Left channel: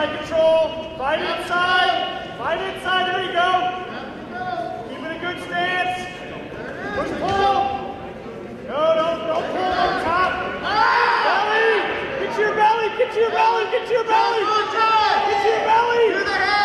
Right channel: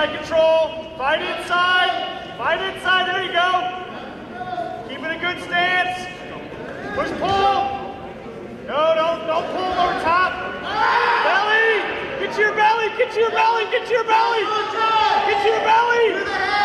inside control. Fight inside. Fight inside. There you go. Keep it a good stance. Push pull. No, don't pull over top. Belly. Get to your belly. Get to your belly. Get to your belly. Get to your belly. To the head.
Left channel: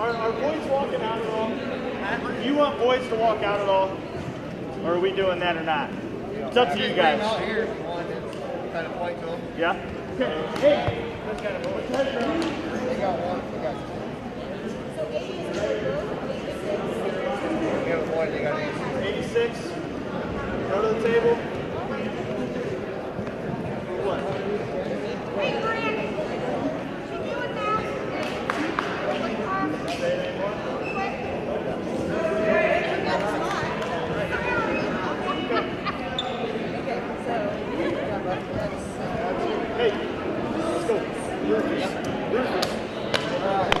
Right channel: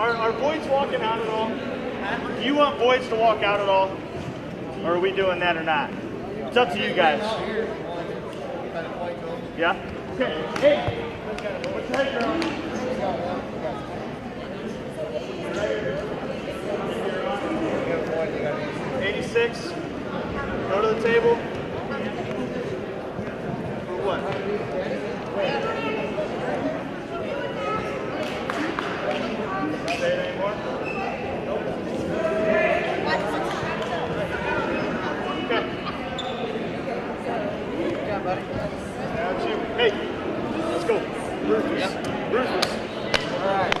Are boys walking out at all? Do you want boys to walk out at all? Or are we doing that or not? It's up to you guys. Yeah? Okay. Hey! What's the head, girl? 86. Go to the table. What? Say it anymore? Okay. Hey, let's go. Yep. Rufus. All right.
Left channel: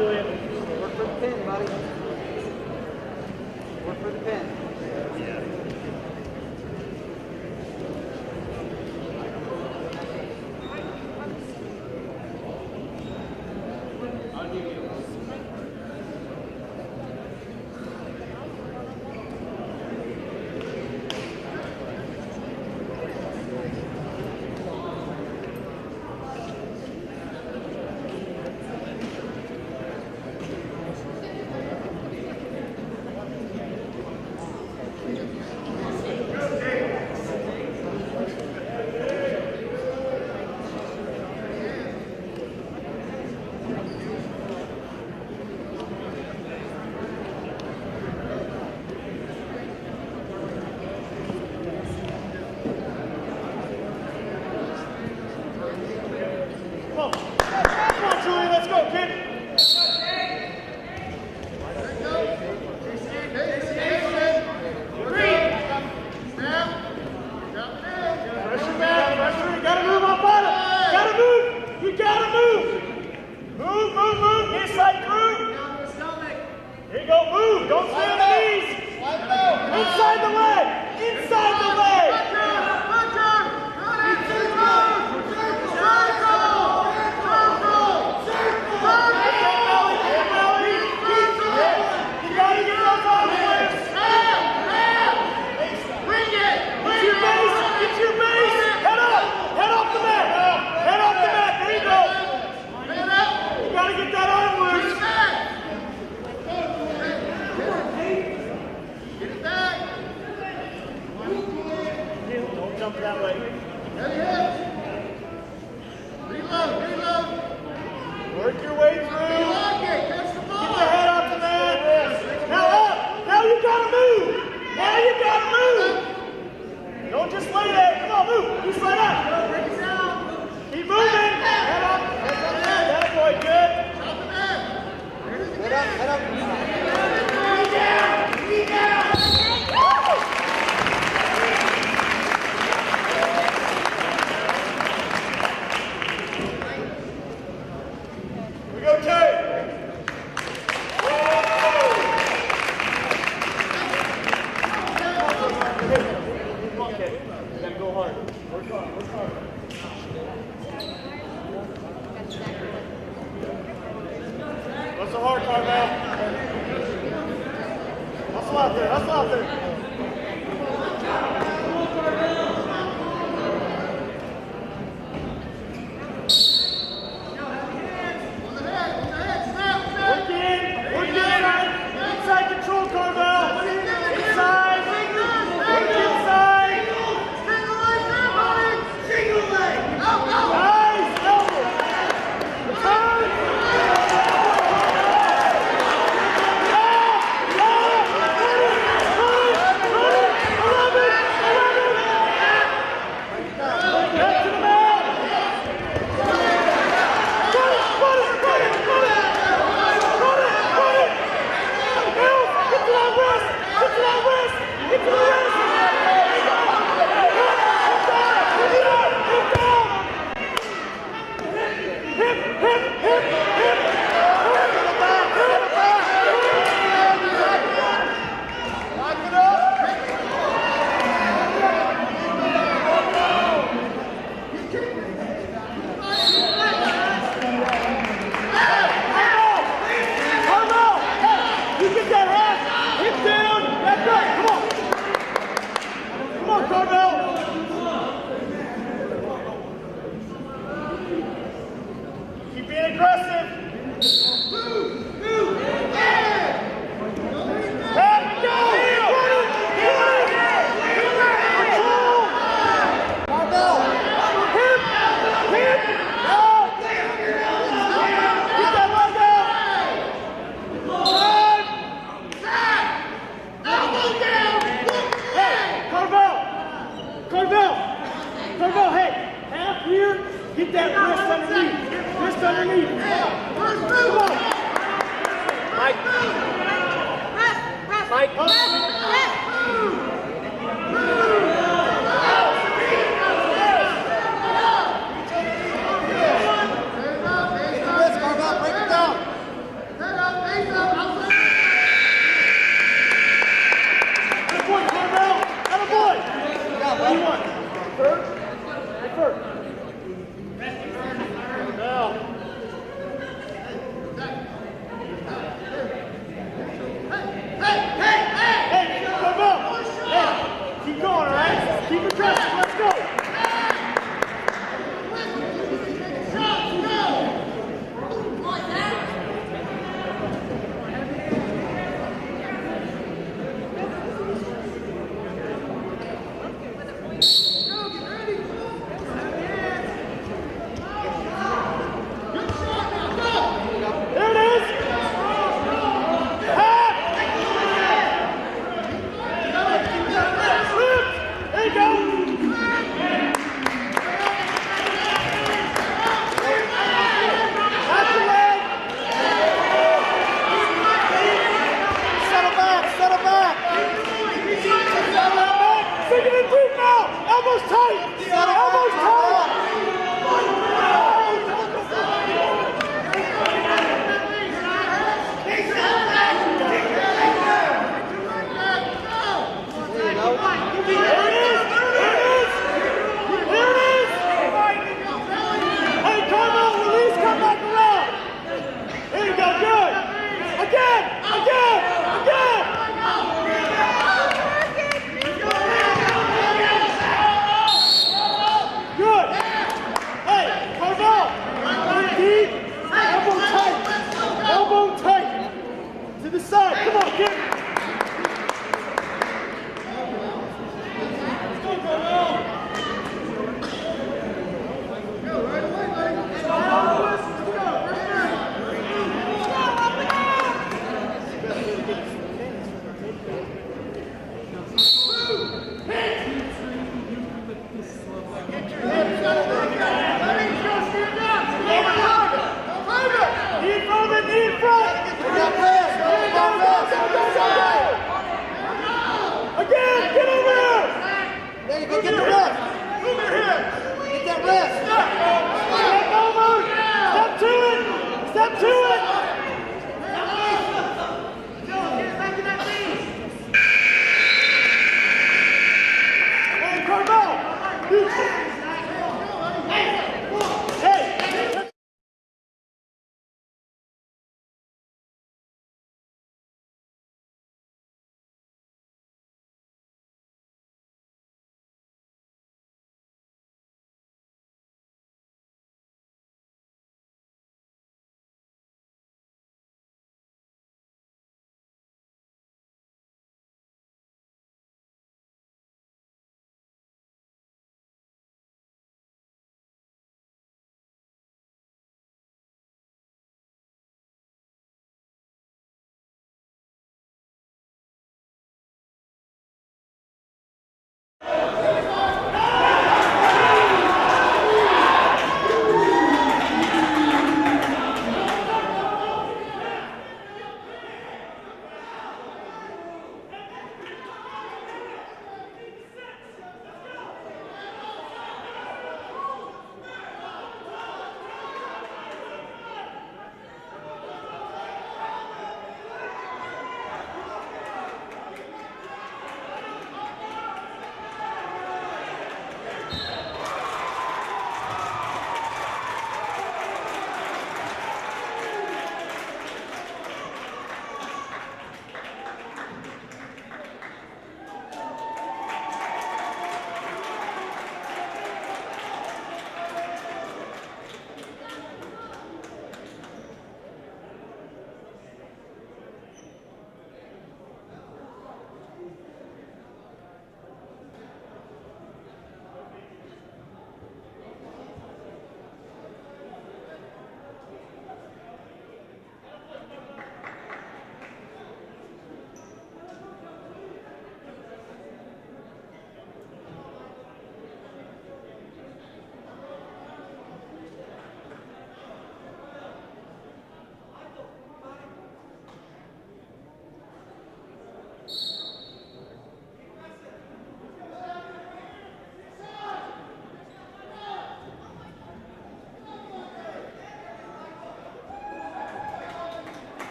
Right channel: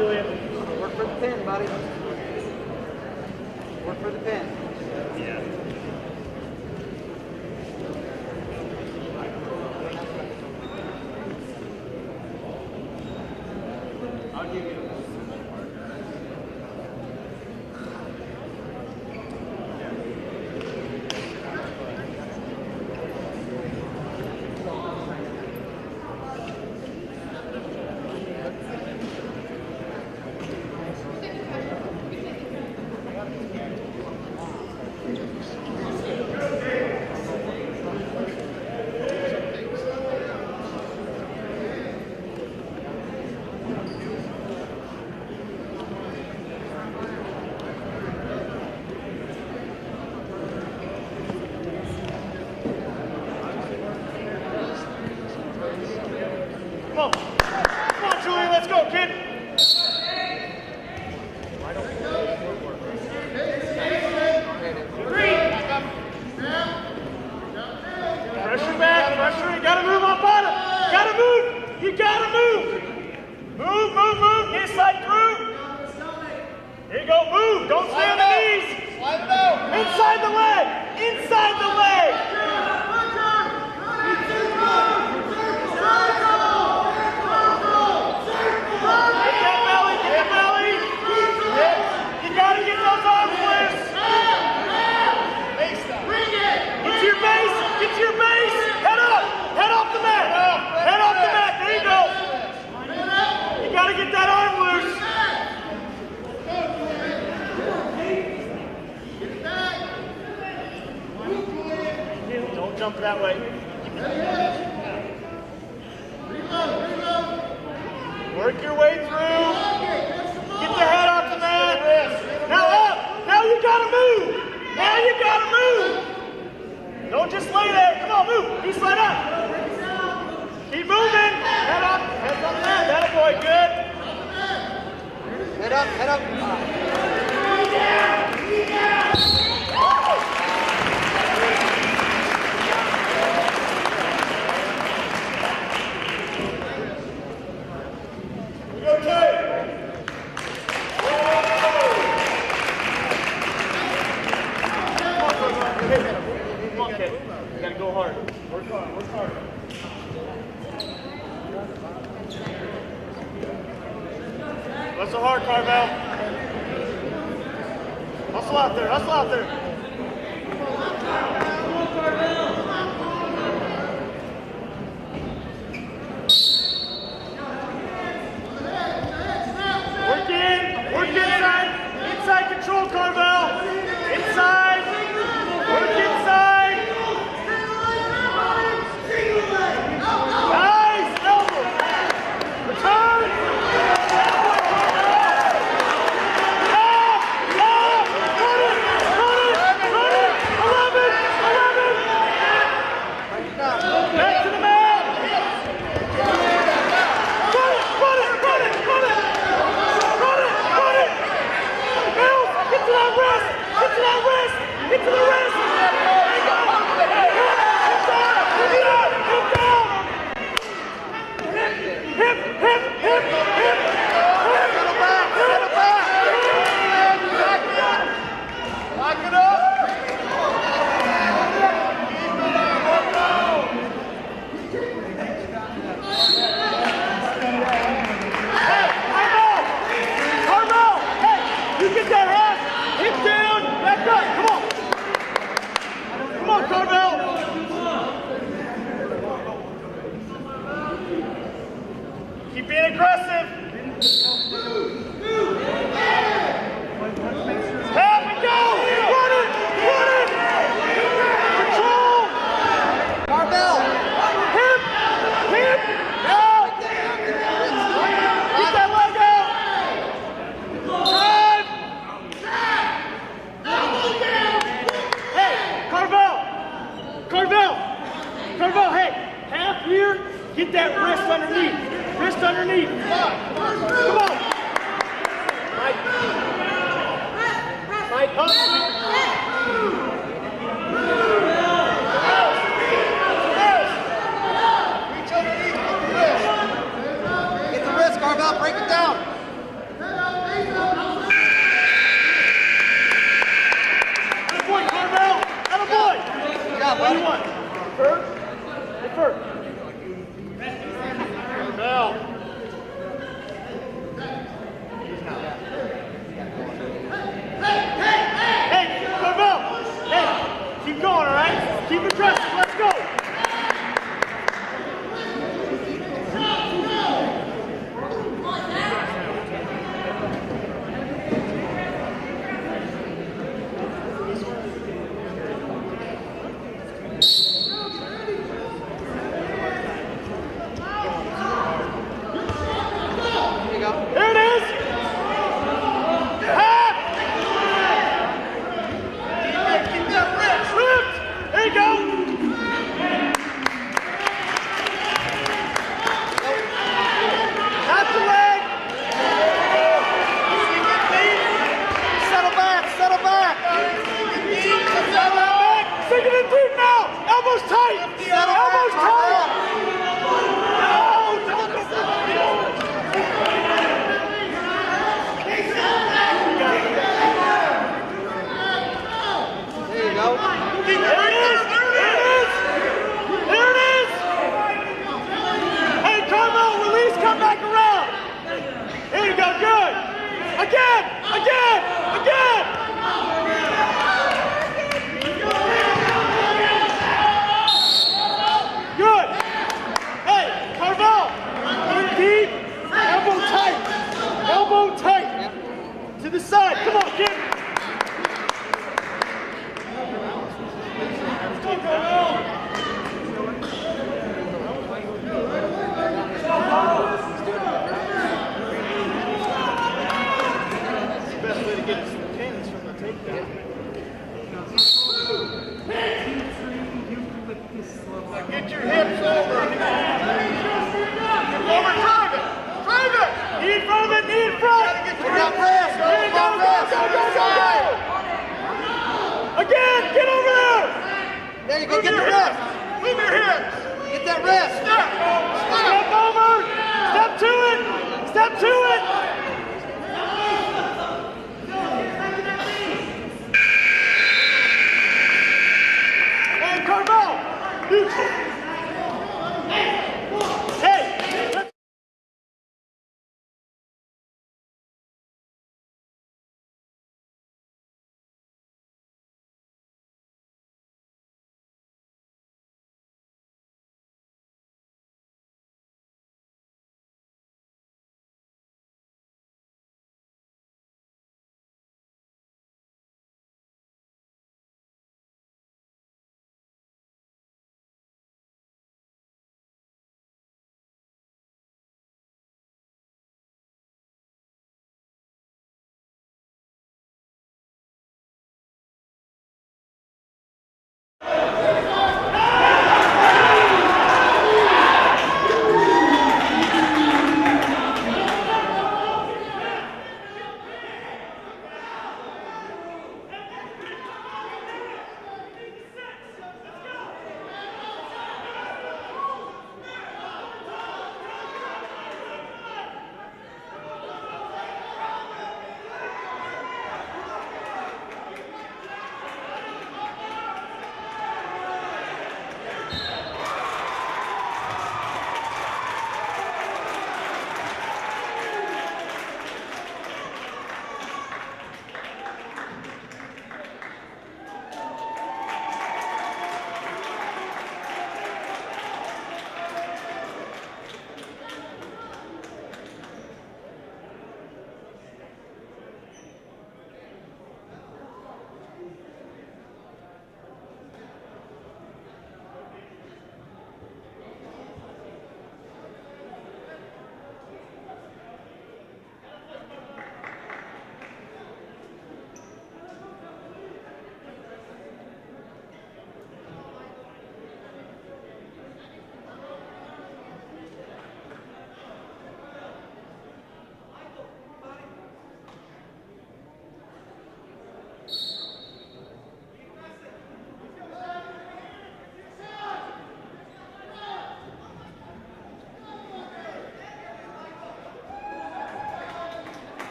Julian. Work for the pin, buddy. Work for the pin. Yeah. I'll give you. Come on, Julian, let's go, kid. Pressure back, pressure. You gotta move on bottom. Gotta move. You gotta move. Move, move, move. Inside through. Here you go. Move. Don't stay on the knees. Inside the leg. Inside the leg. Jump that way. Work your way through. Get your head off the mat. Now up. Now you gotta move. Now you gotta move. Don't just lay there. Come on, move. You slide up. Keep moving. Head up. Head on the mat. That boy, good. Head up, head up. Knee down. Knee down. What's so hard, Carvel? Hustle out there, hustle out there. Work in, inside control, Carvel. Inside, work inside. Nice, elbow. Return. Keep being aggressive. Tap and go. Run it. Control. Barbell. Hip. Out. Keep that leg out. Drive. Hey, Carvel, hey. Half here. Get that wrist underneath. Wrist underneath. Come on. Mike. Get the wrist, Carvel. Break it down. To the side. Come on, kid. Let's go, Carmel. Best way to get some pins from the takedown. Get your hips over. Over target. Target. Knee from it, knee in front. Again, get over there. There you go, get the rest. Move your hips. Get that rest. Step over. Step to it. Step to it. Hey, Carmel.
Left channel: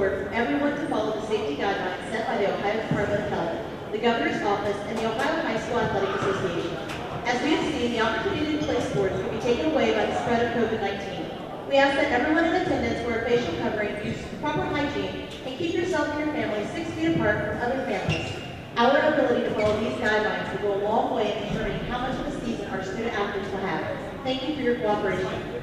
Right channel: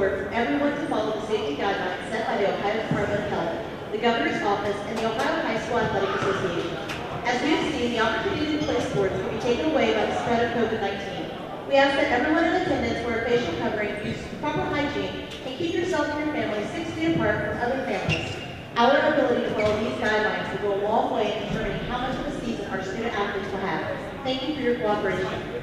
support from everyone to follow the safety guidelines set by the Ohio Department of Health, the Governor's Office, and the Ohio High School Athletic Association. As we have seen, the opportunity to play sports can be taken away by the spread of COVID-19. We ask that everyone in attendance wear a facial covering, use proper hygiene, and keep yourself and your family 6 feet apart from other families. Our ability to follow these guidelines will go a long way in determining how much of a season our student athletes will have. Thank you for your cooperation.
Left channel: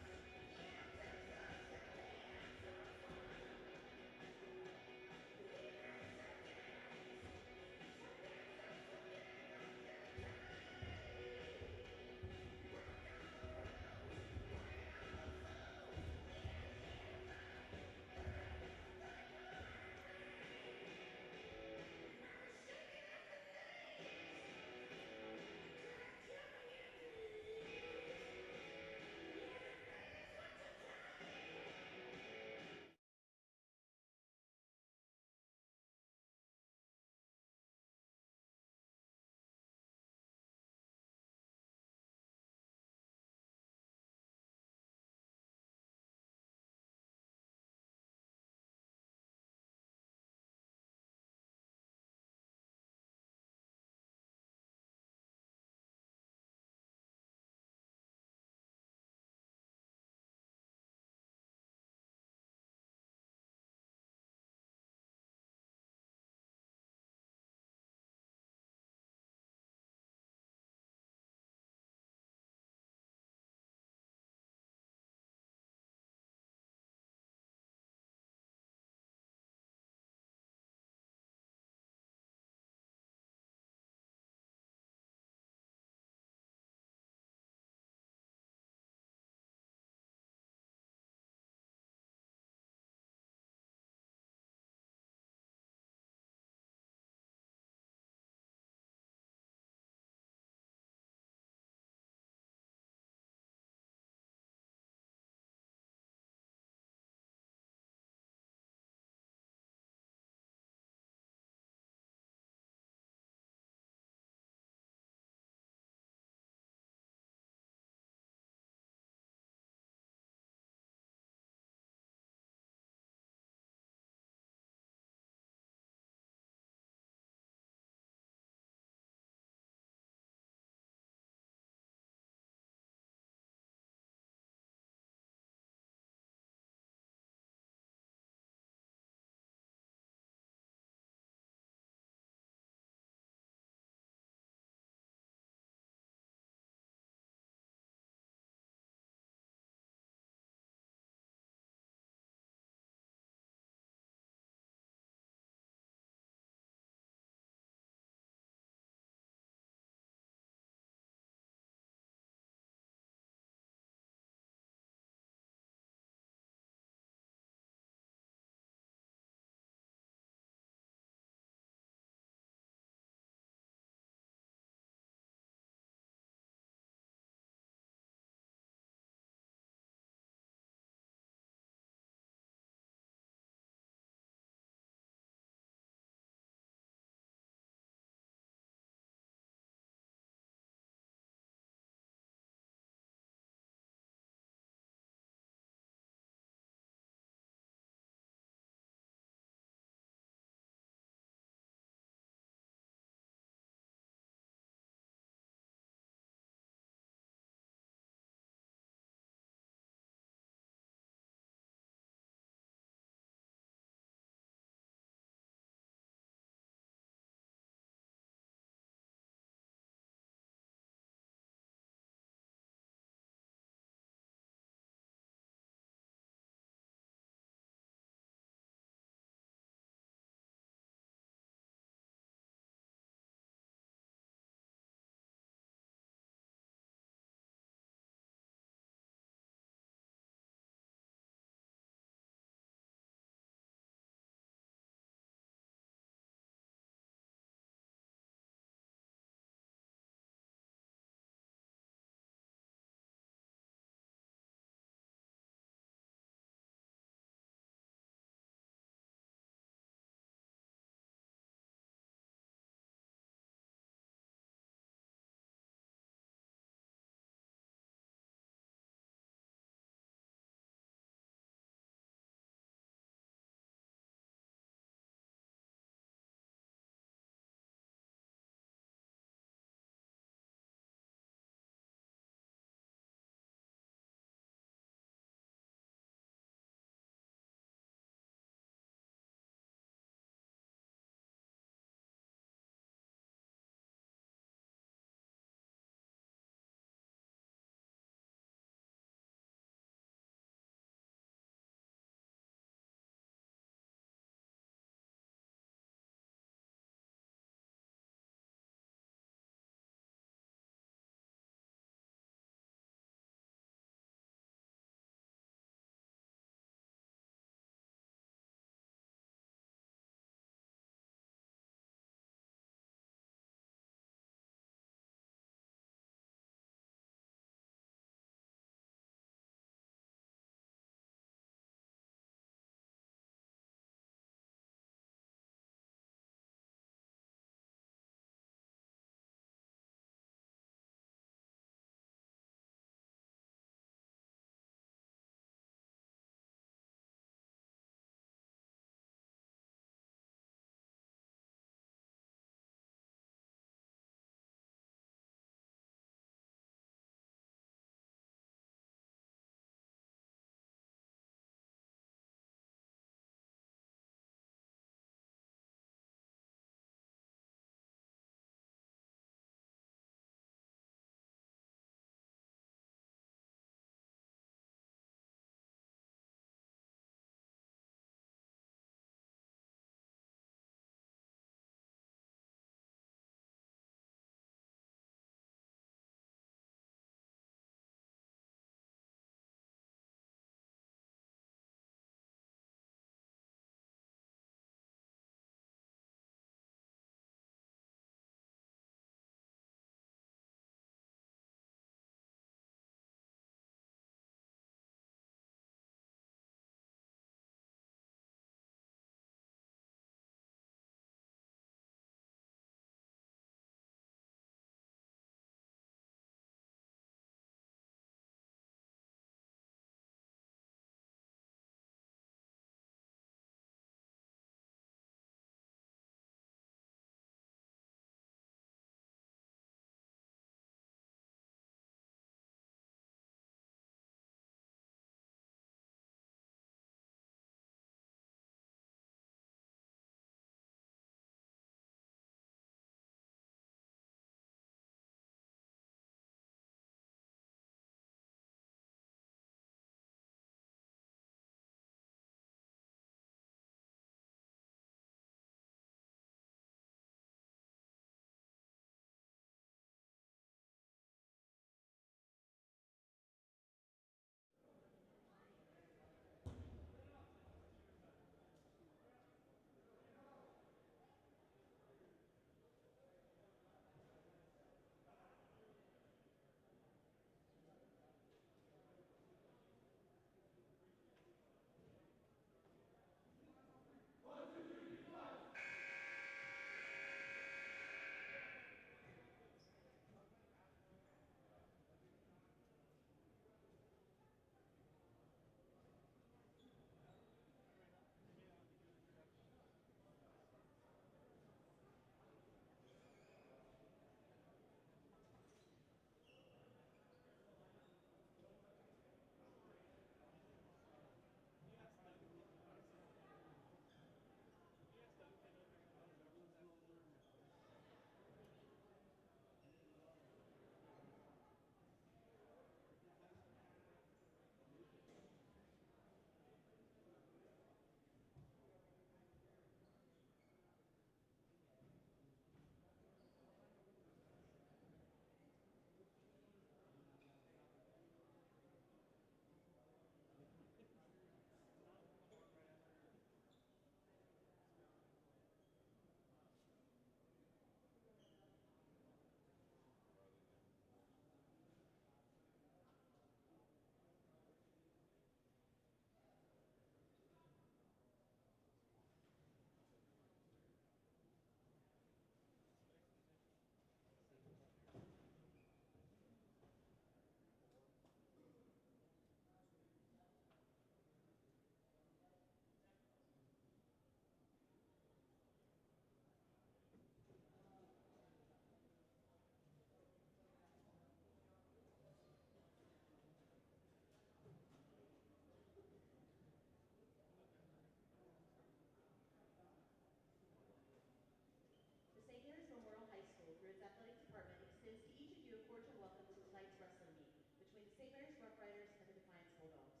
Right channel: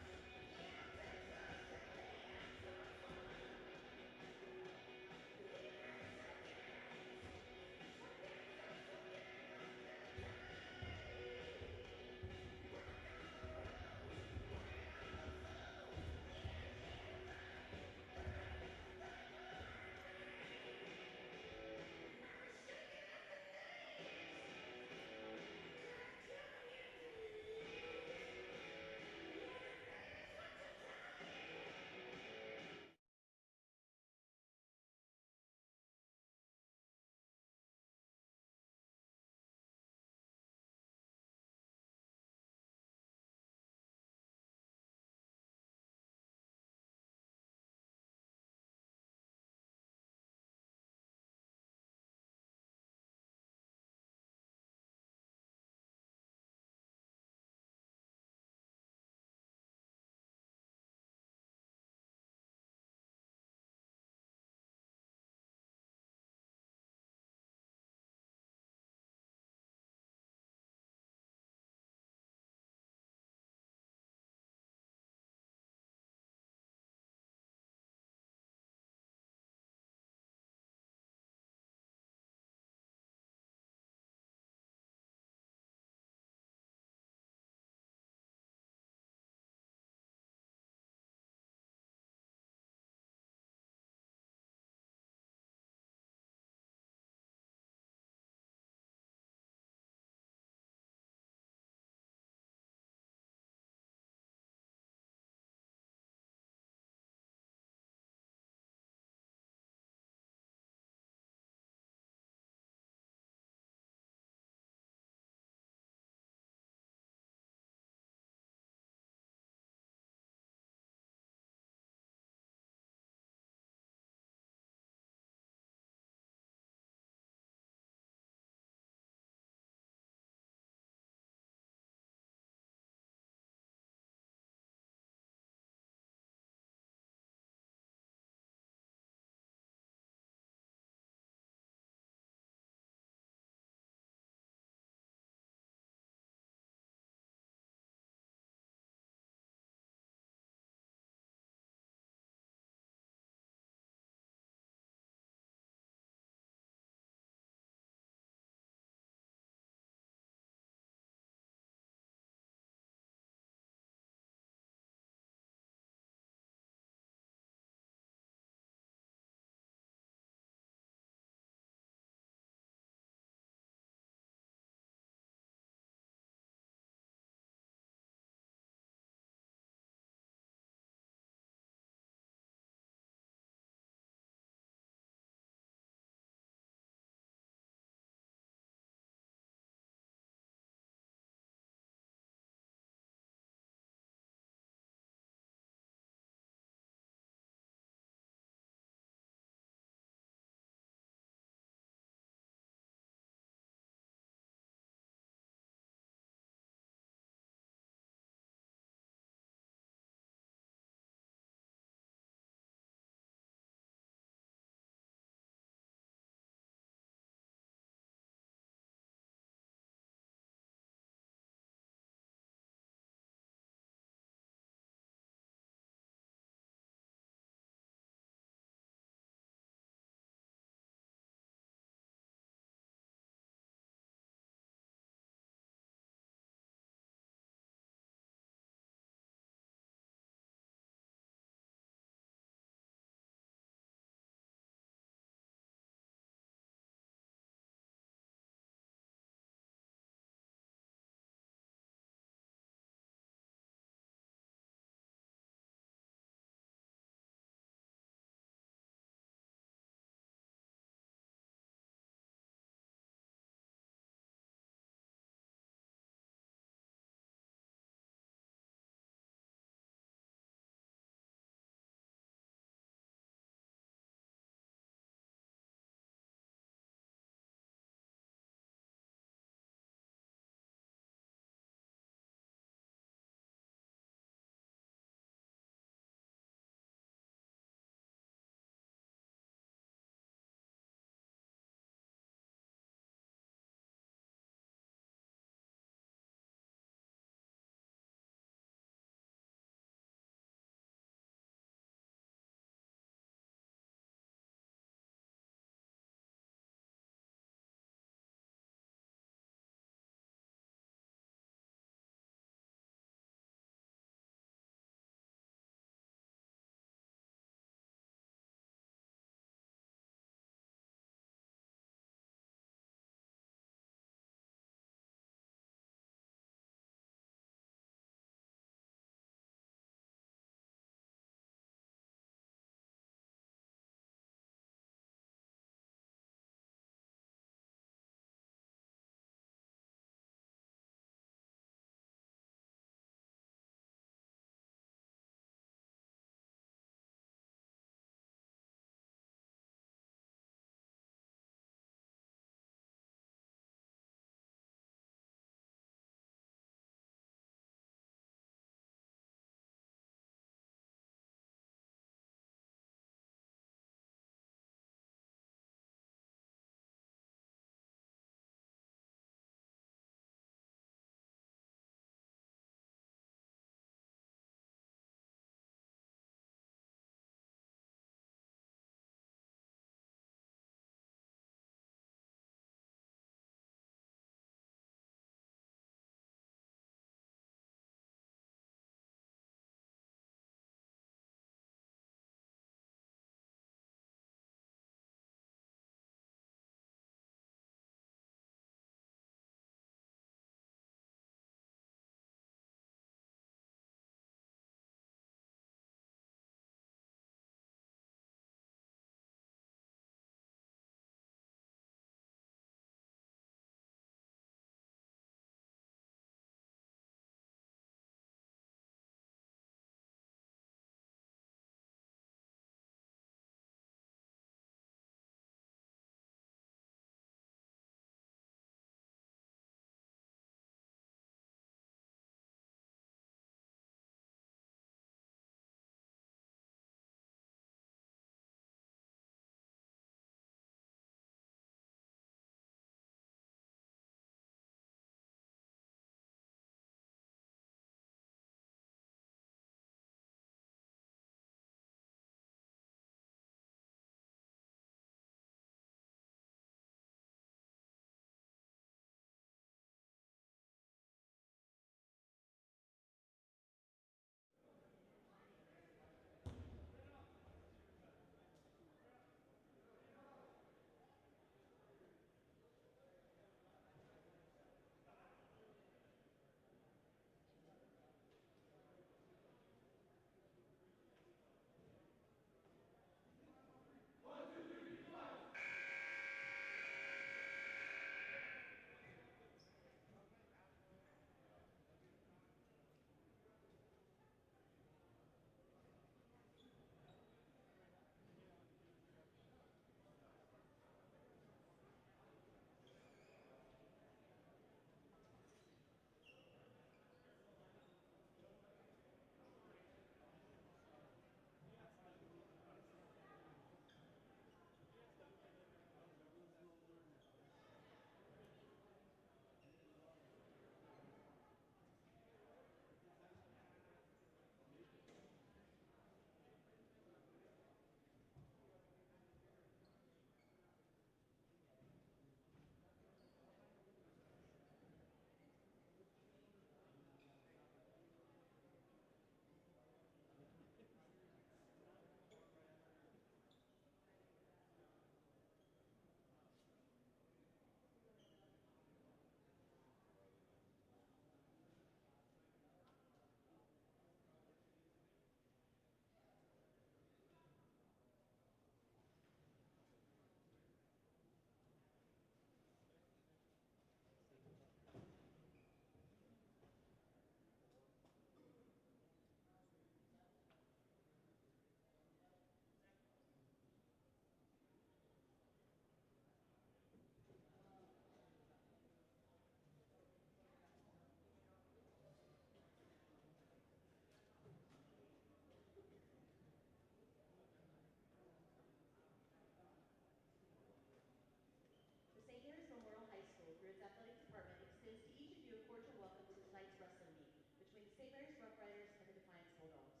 extends to each of you a cordial welcome to tonight's wrestling meet between the St. Mary's Rough Riders and the Defiance Bulldogs.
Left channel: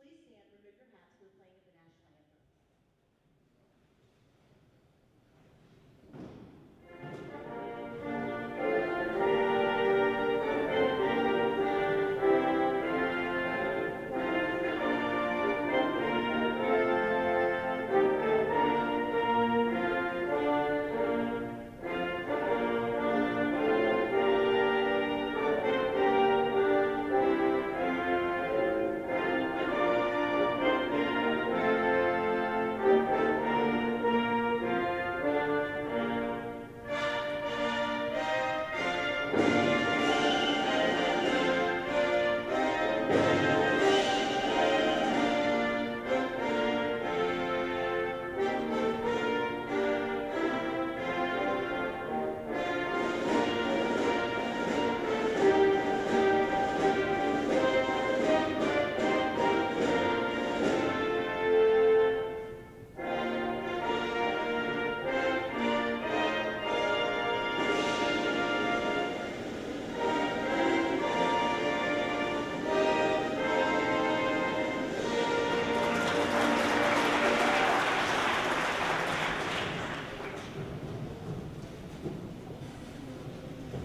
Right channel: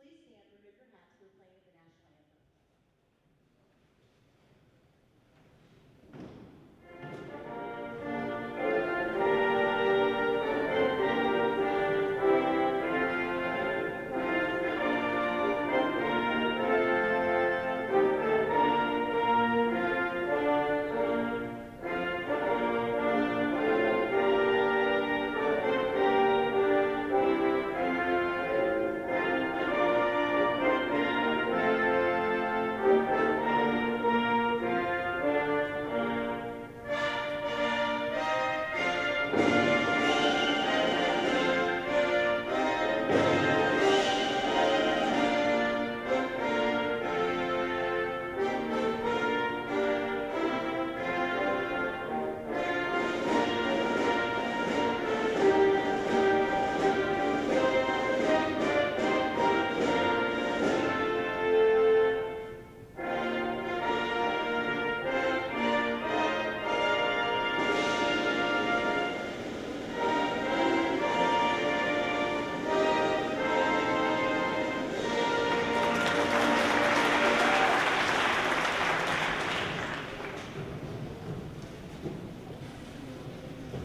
Please stand and remove your hats for the playing of the national anthem.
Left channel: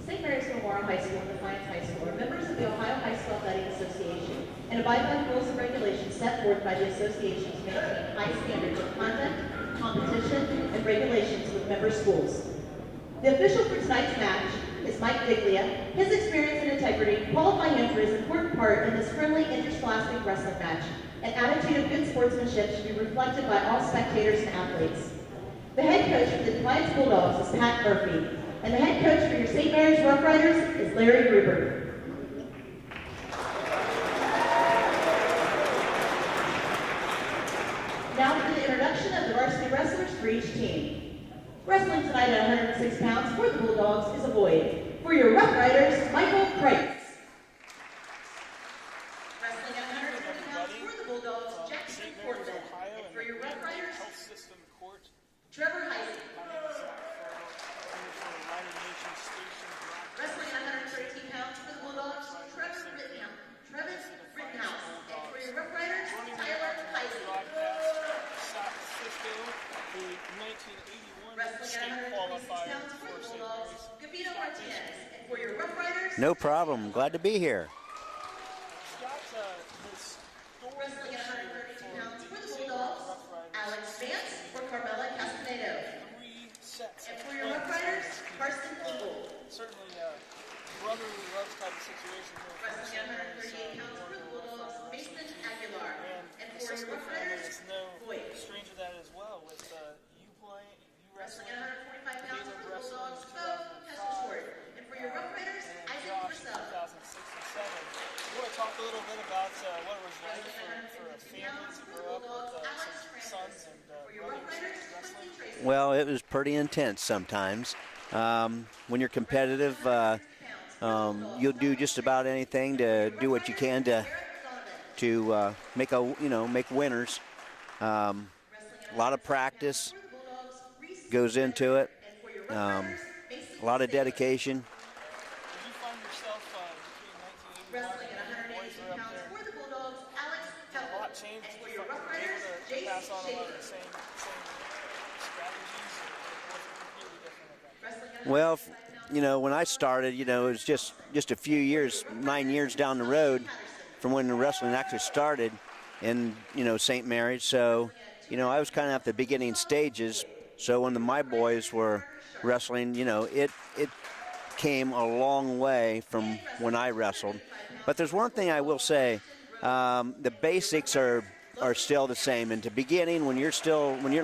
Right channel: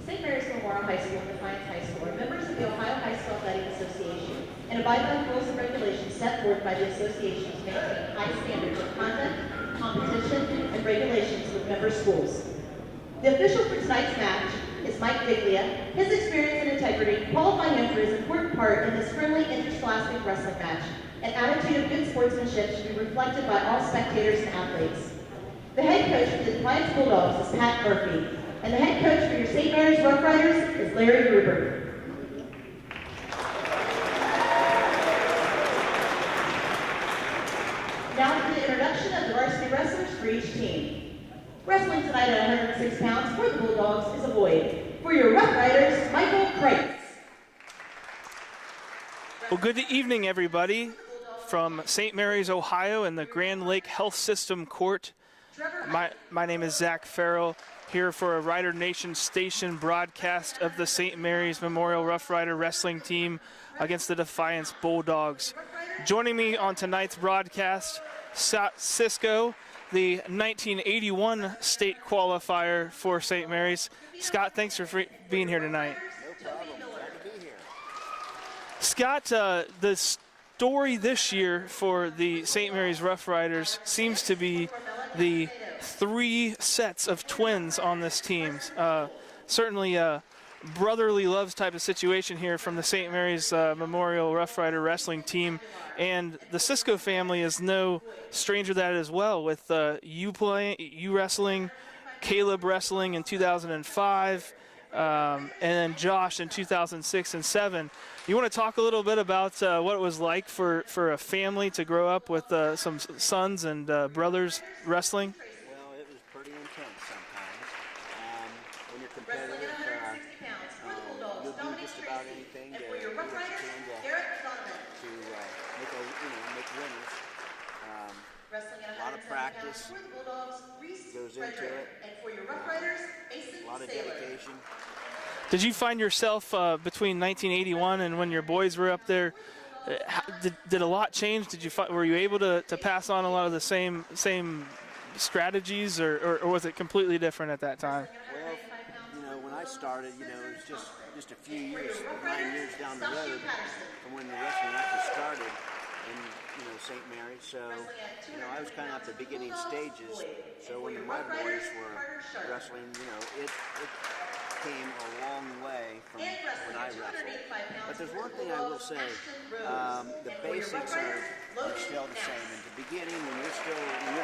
St. Mary's Memorial High School and Defiance High School are members of the Ohio High School Athletic Association and abide by the rules and regulations set forth by the association to maintain high standards of conduct, competition, and regulations with member schools. The official for tonight's match is Mike Biglia. His experience and integrity qualify him for his important part in this friendly interscholastic wrestling match. An attitude of good sportsmanship should be reflected by all spectators and athletes. The head coach for the Defiance Bulldogs is Pat Murphy, and the head coach for your St. Mary's Rough Riders is Larry Gruber. Now for the introduction of the varsity wrestlers for each team. Wrestling tonight at 106 pounds for the Bulldogs is a boy. For your Rough Riders, Michael Kreitz. Well, good evening, everybody, from St. Mary's, Ohio, in the Grand Lake Health System Court. My name is Zach Farrell, here for a Rider Nation Station broadcast of the St. Mary's Memorial Rough Rider Wrestling Team against the Defiance Bulldogs. Joining me on tonight's broadcast, Cisco, the 1981 state qualifier for St. Mary's. Scott, thanks for being here tonight. No problem. Glad to be here. Scott, the story this year for the St. Mary's Rough Riders seems to be the 3 sets of twins on this team. Certainly a brotherly loves type of situation here from the St. Mary's Memorial Rough Rider Wrestling Team. And the Cisco family is no stranger to that as well, with you wrestling, Caleb wrestling in 2005, and then Josh in 2006 and 2007. You want to talk a little bit about what it was like for a family to grow up with some sons and brothers wrestling? Well, it was pretty intense sometimes. When you're competitive, you'll do just about anything to do what you can to make winners. A lot of practice goes into it. A lot of dedication. Did you find yourself between 1981 and when your boys were up there? Did a lot change? Were you able to pass on a lot of the same strategies, or was it completely different at that time? Well, when I started, it was just a few years, 9 years down the road from when the wrestling actually started in St. Mary's. So I was kind of at the beginning stages. So when my boys were wrestling, it came a long way from when I wrestled. But there's one thing I will say, the basics are still the same. And to beginning, when you're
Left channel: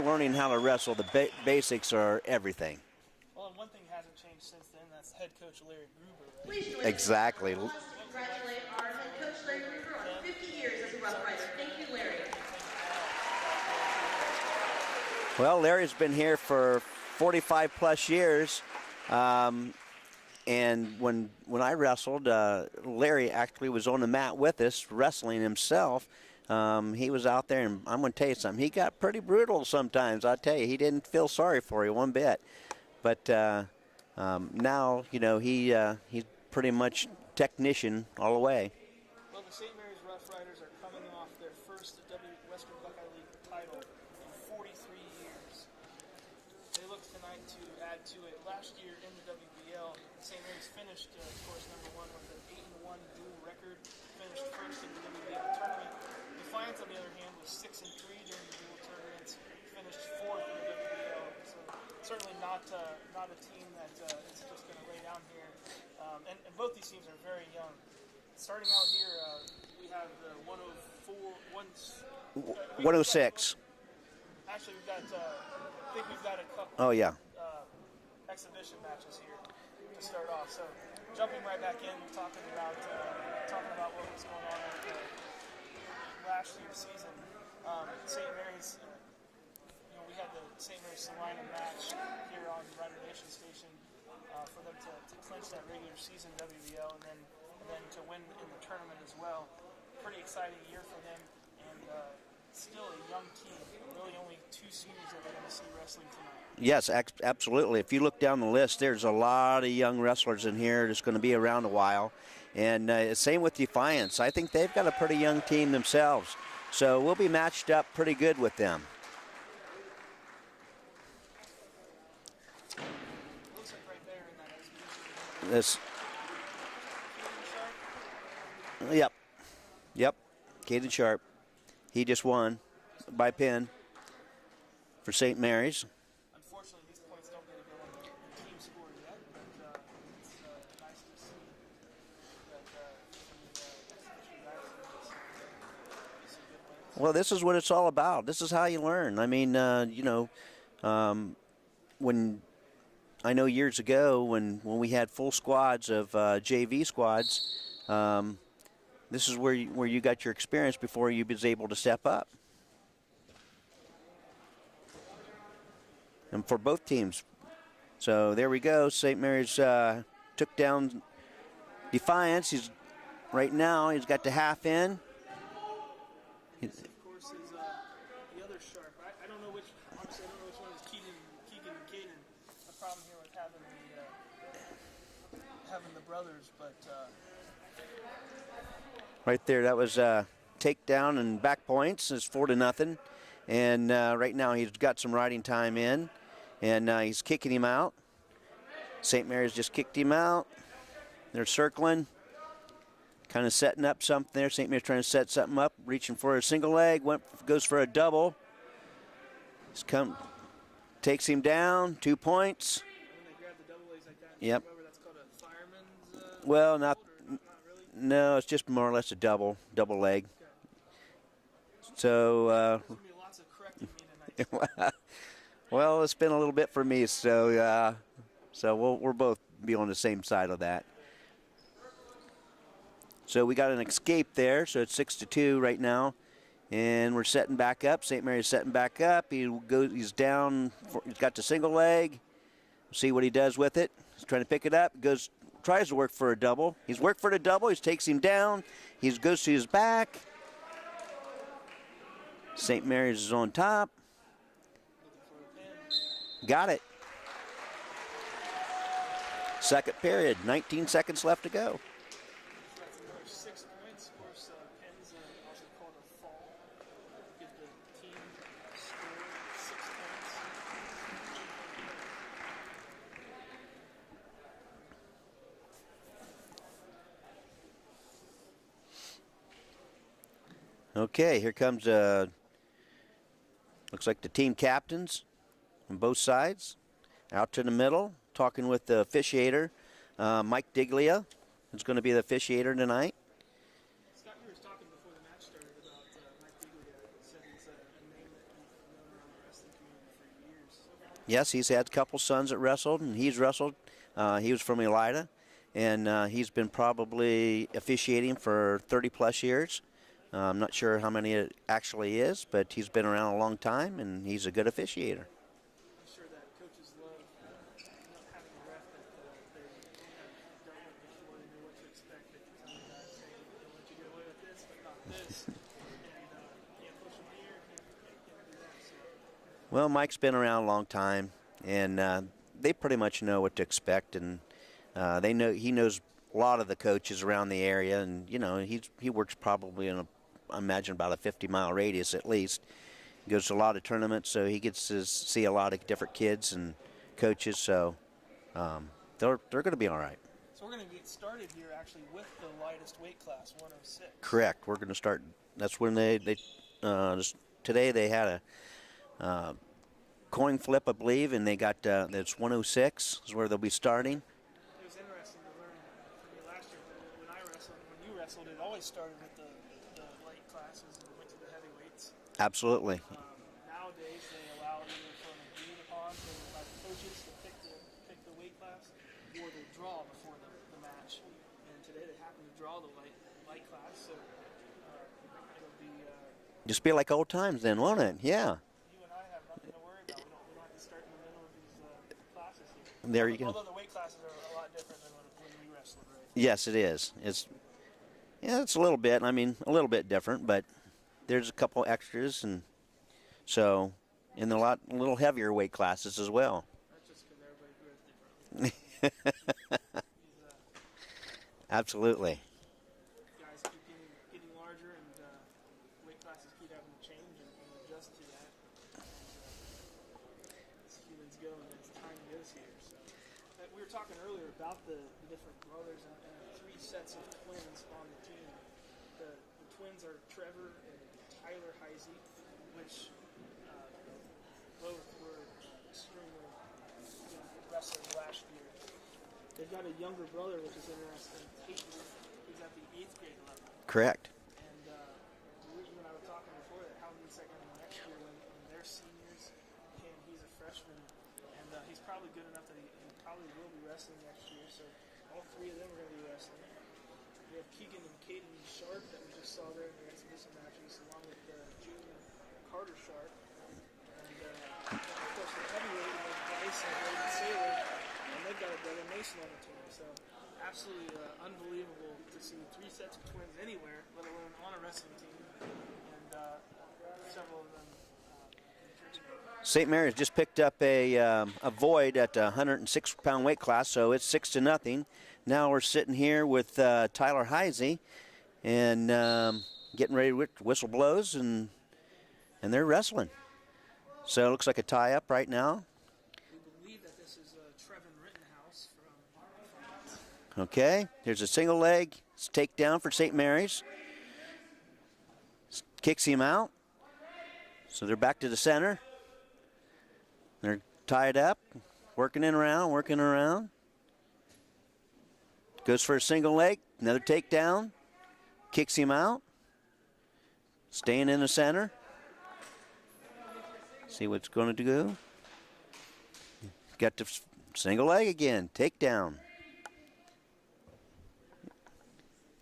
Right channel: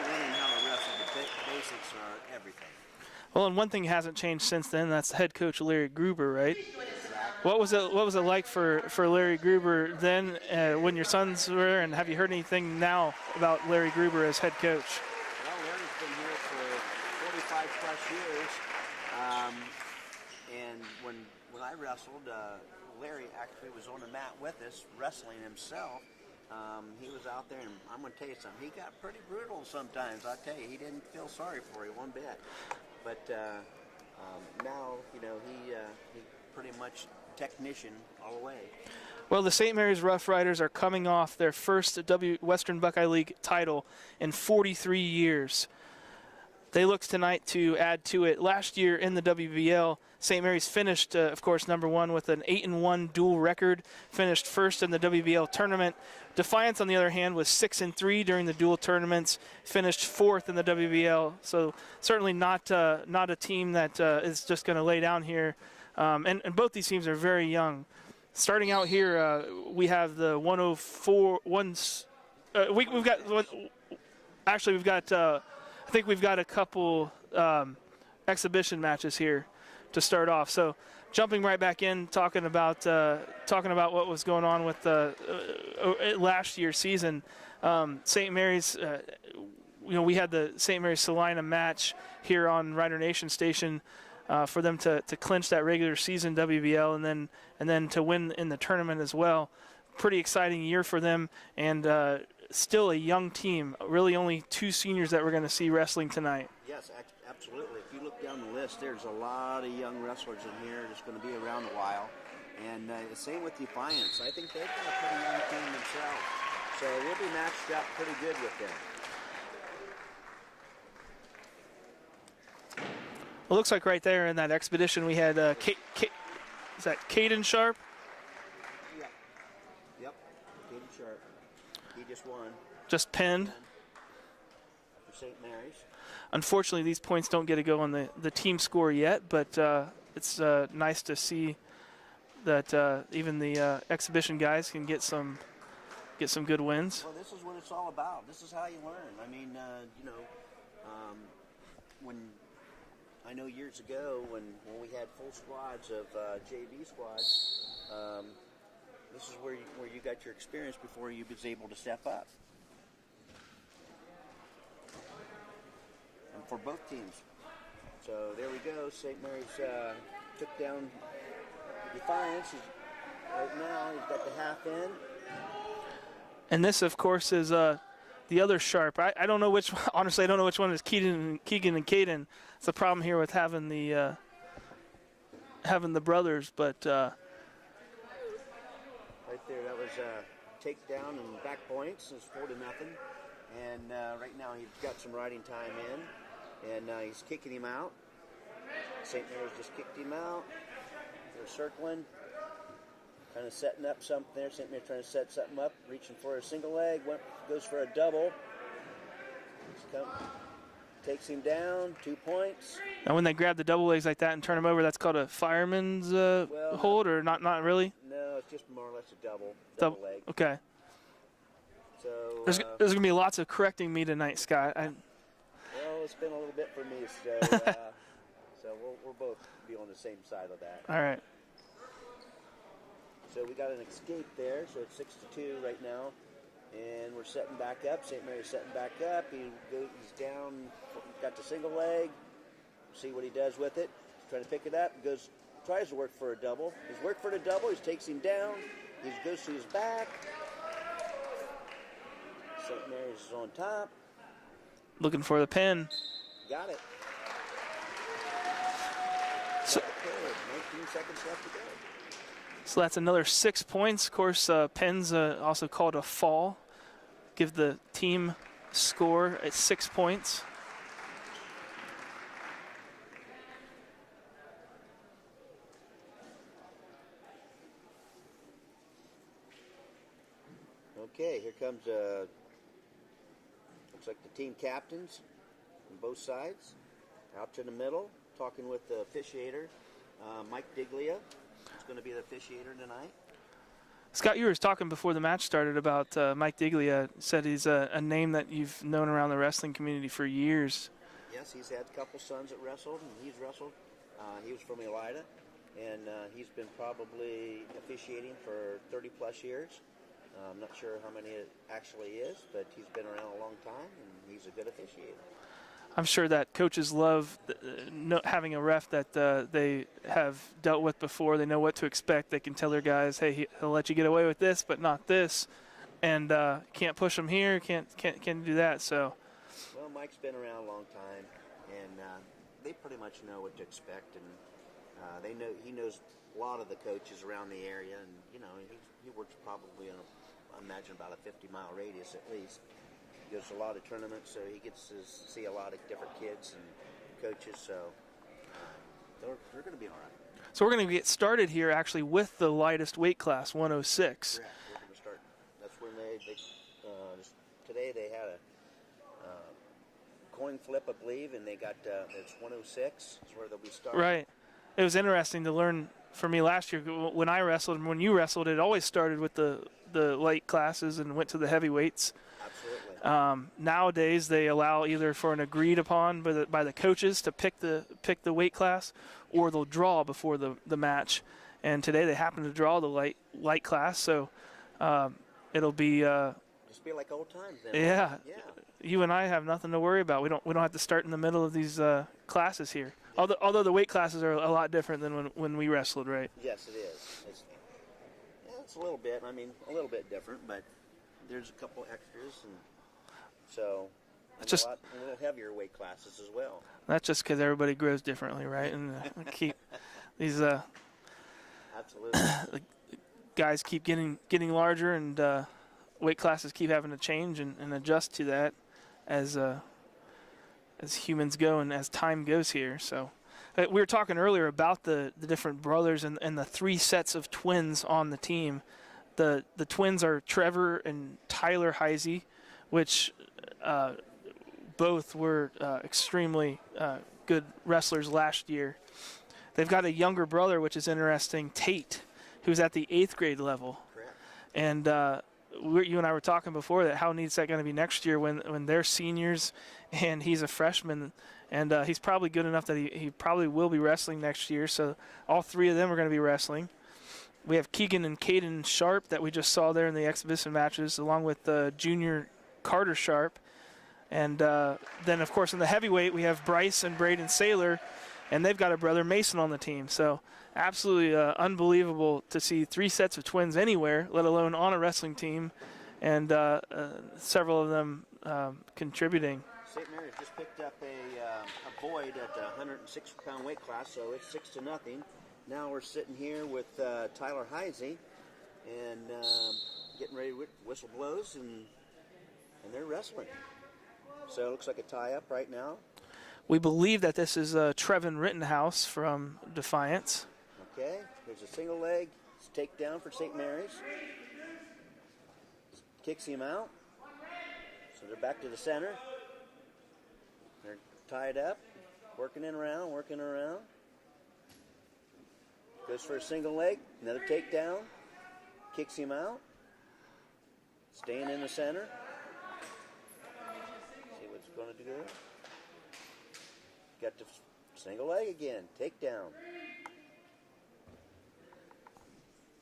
learning how to wrestle, the basics are everything. Well, and one thing hasn't changed since then. That's head coach Larry Gruber, right? Exactly. What was it like for Larry Gruber then when your sons were? And have you heard anything now about Larry Gruber as head coach? Well, Larry's been here for 45 plus years. And when I wrestled, Larry actually was on the mat with us, wrestling himself. He was out there, and I'm going to tell you something. He got pretty brutal sometimes, I tell you. He didn't feel sorry for you one bit. But Now, you know, he's pretty much technician all the way. Well, the St. Mary's Rough Riders are coming off their first Western Buckeye League title in 43 years. They look tonight to add to it. Last year in the WBL, St. Mary's finished, of course, #1 with an 8-1 dual record, finished first in the WBL tournament. Defiance, on the other hand, was 6-3 during the dual tournaments, finished 4th in the WBL. So certainly not a team that is just going to lay down here. And both these teams are very young. Starting out here, we have the 106. Actually, we've got, I think we've got a couple exhibition matches here to start off. So jumping right back in, talking about what was going on with last year's season. St. Mary's, we had the St. Mary's Salina match here on Rider Nation Station for them to clinch that regular season WBL and then to win in the tournament as well. Pretty exciting year for them, and still a young team. Really only 2 seniors that we're going to see wrestling tonight. Yes, absolutely. If you look down the list, there's a lot of young wrestlers in here that's going to be around a while. And same with Defiance. I think they've got a pretty young team themselves. So we'll be matched up pretty good with them. It looks like right there in that expedition we had, is that Caden Sharp? Yep. Caden Sharp. He just won. Just by pin for St. Mary's. Unfortunately, these points don't get to go on the team score yet, but it's nice to see that even the exhibition guys can get some good wins. Well, this is what it's all about. This is how you learn. I mean, when I know years ago when we had full squads of JV squads, this is where you got your experience before you was able to step up. And for both teams. So there we go. St. Mary's took down Defiance. Right now he's got the half in. And this, of course, is the other Sharp. I don't know which. Honestly, I don't know which one is Keegan and Caden. It's the problem here with having the brothers, but. Right there, that was takedown and back points. It's 4-0, and right now he's got some riding time in, and he's kicking him out. St. Mary's just kicked him out. They're circling, kind of setting up something there. St. Mary's trying to set something up, reaching for a single leg, goes for a double. Takes him down, 2 points. And when they grab the double legs like that and turn them over, that's called a fireman's hold, or not really? No, it's just more or less a double leg. Okay. So there's going to be lots of correcting me tonight, Scott. Well, it's been a little bit for me, so we'll both be on the same side of that. All right. So we got an escape there, so it's 6-2 right now. And we're setting back up. St. Mary's setting back up. He's down. He's got the single leg. See what he does with it. He's trying to pick it up. Tries to work for a double. He's worked for the double. He takes him down. He goes to his back. St. Mary's is on top. Looking for the pin. Got it. Second period. 19 seconds left to go. So that's another 6 points. Of course, pins also called a fall. Give the team score at 6 points. Okay, here comes, looks like the team captains on both sides. Out to the middle, talking with the officiator, Mike Diglia. Who's going to be the officiator tonight. Scott, you were talking before the match started about Mike Diglia. Said he's a name that you've known around the wrestling community for years. Yes, he's had a couple sons that wrestled, and he's wrestled. He was from Elida, and he's been probably officiating for 30-plus years. I'm not sure how many it actually is, but he's been around a long time, and he's a good officiator. I'm sure that coaches love having a ref that they have dealt with before. They know what to expect. They can tell their guys, hey, he'll let you get away with this, but not this. And can't push him here, can't do that. So, well, Mike's been around a long time, and they pretty much know what to expect, and he knows a lot of the coaches around the area, and he works probably in I imagine about a 50-mile radius at least. He goes to a lot of tournaments, so he gets to see a lot of different kids and coaches. So they're going to be all right. So we're going to get started here actually with the lightest weight class, 106. Correct. We're going to start. That's when today they had a coin flip, I believe, and they got that's 106 is where they'll be starting. Right. It was interesting to learn for me last year when I wrestled and when you wrestled. It always started with the light classes and went to the heavyweights. Absolutely. Nowadays they allow either for an agreed upon by the coaches to pick the weight class, or they'll draw before the match. And today they happen to draw the light class, so it'll be just be like old times then, won't it? Yeah. You and I have nothing to worry about. We don't have to start in the middle of these classes here. Although the weight classes are a lot different than when we wrestled, right? Yes, it is. It's a little bit. I mean, a little bit different, but there's a couple extras, and so a little heavier weight classes as well. That's just because everybody grows differently, right? And keep these absolutely guys keep getting larger, and weight classes keep having to change and adjust to that as humans go and as time goes here. So we were talking earlier about the different brothers and the 3 sets of twins on the team. The twins are Trevor and Tyler Heisey, which both were extremely good wrestlers last year. They've got a younger brother, which is interesting, Tate, who's at the 8th grade level. Correct. And you and I were talking before that how neat is that going to be next year when they're seniors and he's a freshman, and he's probably good enough that he probably will be wrestling next year. So all 3 of them are going to be wrestling. We have Keegan and Caden Sharp that we just saw there in the exhibition matches, along with junior Carter Sharp. And then, of course, in the heavyweight, we have Bryce and Braden Saylor, and they've got a brother Mason on the team. So absolutely unbelievable to see 3 sets of twins anywhere, let alone on a wrestling team, and several of them contributing. St. Mary's just picked up a void at 106-pound weight class, so it's 6-0. Now we're sitting here with Tyler Heisey, and getting ready to whistle blows, and they're wrestling. So it looks like a tie-up right now. We believe that this is Trevin Rittenhouse from Defiance. Okay, here's a single leg. It's takedown for St. Mary's. Kicks him out. So they're back to the center. They're tied up, working around. Goes for a single leg, another takedown. Kicks him out. Staying in the center. See what's going to do. Got the single leg again, takedown.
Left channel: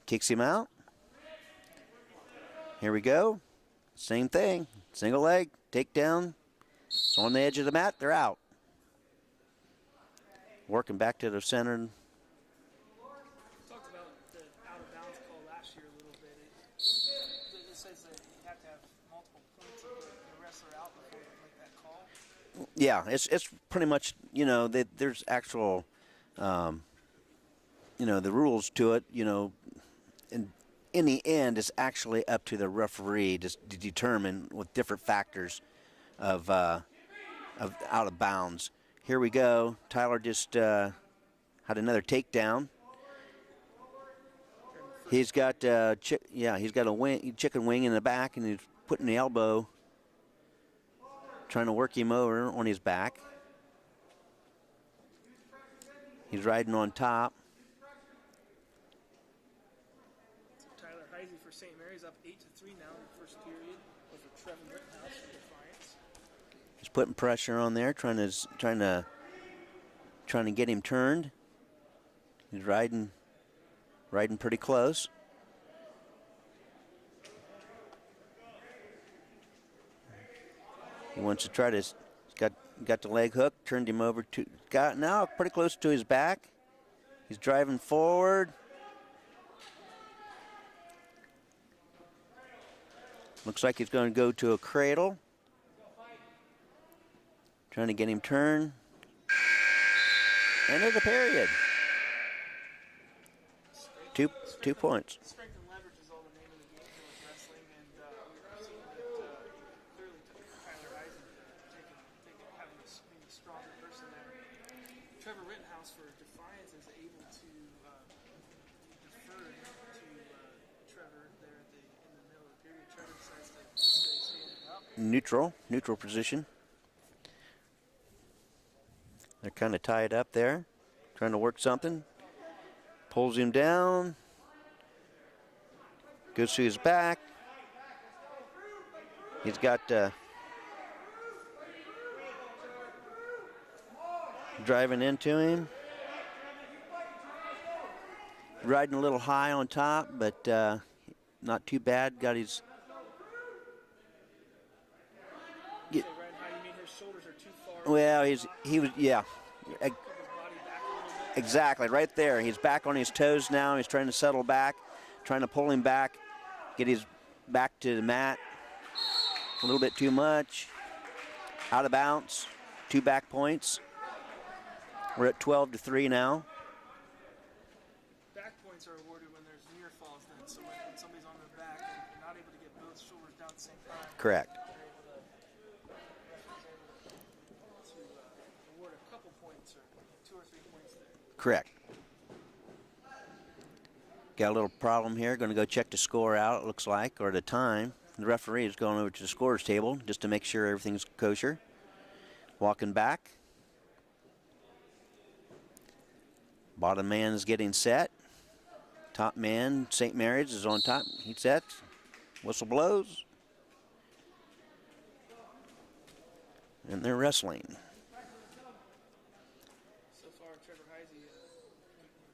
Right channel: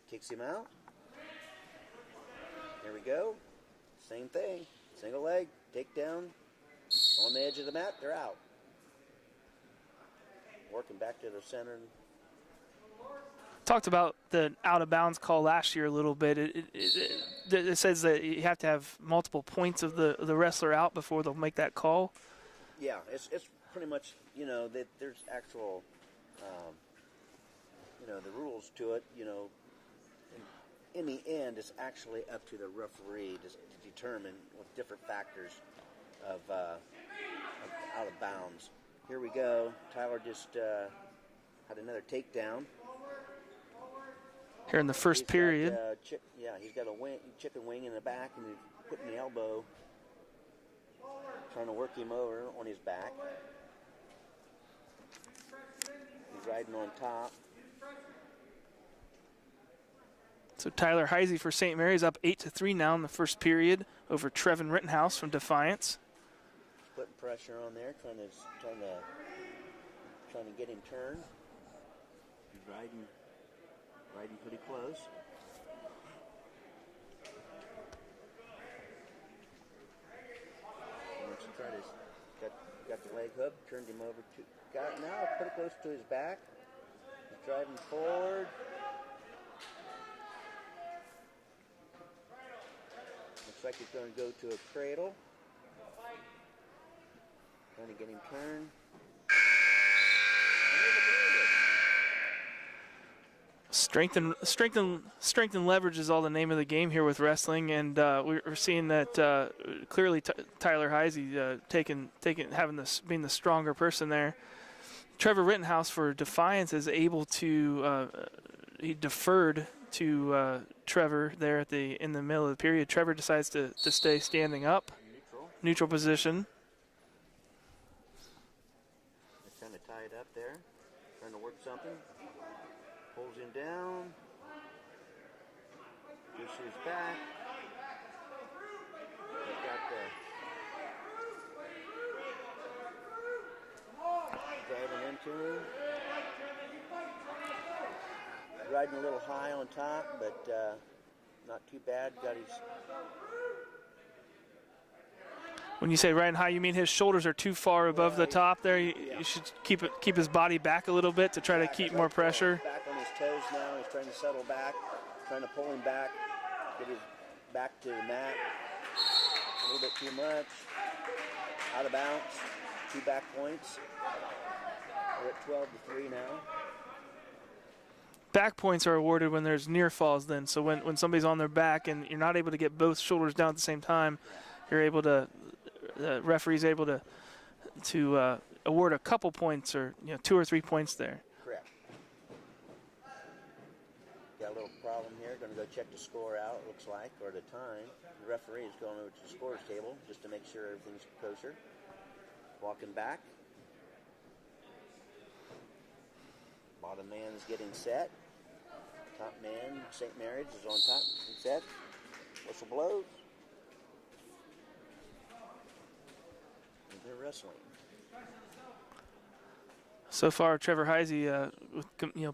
Kicks him out. Here we go. Same thing. Single leg, takedown. On the edge of the mat, they're out. Working back to the center. Talked about the out-of-bounds call last year a little bit. It says that you have to have multiple points of the wrestler out before they'll make that call. Yeah, it's pretty much, there's actual, the rules to it, and in the end, it's actually up to the referee to determine with different factors of out of bounds. Here we go. Tyler just had another takedown. Here in the first period. He's got a chicken wing in the back, and he's putting the elbow, trying to work him over on his back. He's riding on top. So Tyler Heisey for St. Mary's up 8-3 now in the first period over Trevin Rittenhouse from Defiance. He's putting pressure on there, trying to get him turned. He's riding pretty close. He wants to try to, got the leg hook, turned him over to, got now pretty close to his back. He's driving forward. Looks like he's going to go to a cradle. Trying to get him turned. End of the period. Strength Two and points. leverage is all the name of the game here with wrestling, and we're seeing that clearly Tyler Heisey being the stronger person there. Trevor Rittenhouse for Defiance is able to he deferred to Trevor there in the middle of the period. Trevor decides to stay standing up. Neutral Position. They're kind of tied up there, trying to work something. Pulls him down. Goes to his back. He's got driving into him. Riding a little high on top, but not too bad. Got his. When you say riding high, you mean his shoulders are too far above the top there? Yeah. You should keep his body back a little bit to try to keep right more pressure. There. He's back on his toes now. He's trying to settle back, trying to pull him back, get his back to the mat. A little bit too much. Out of bounds. 2 back points. We're at 12-3 now. Back points are awarded when there's near falls then. So when somebody's on their back and you're not able to get both shoulders down at the same time. Correct. You're able to, the referee's able to award a couple points or 2 or 3 points there. Correct. Got a little problem here. Going to go check the score out, it looks like, or the time. The referee is going over to the scorer's table just to make sure everything's kosher. Walking back. Bottom man is getting set. Top man, St. Mary's, is on top. He's set. Whistle blows. And they're wrestling. So far, Trevor Heisey with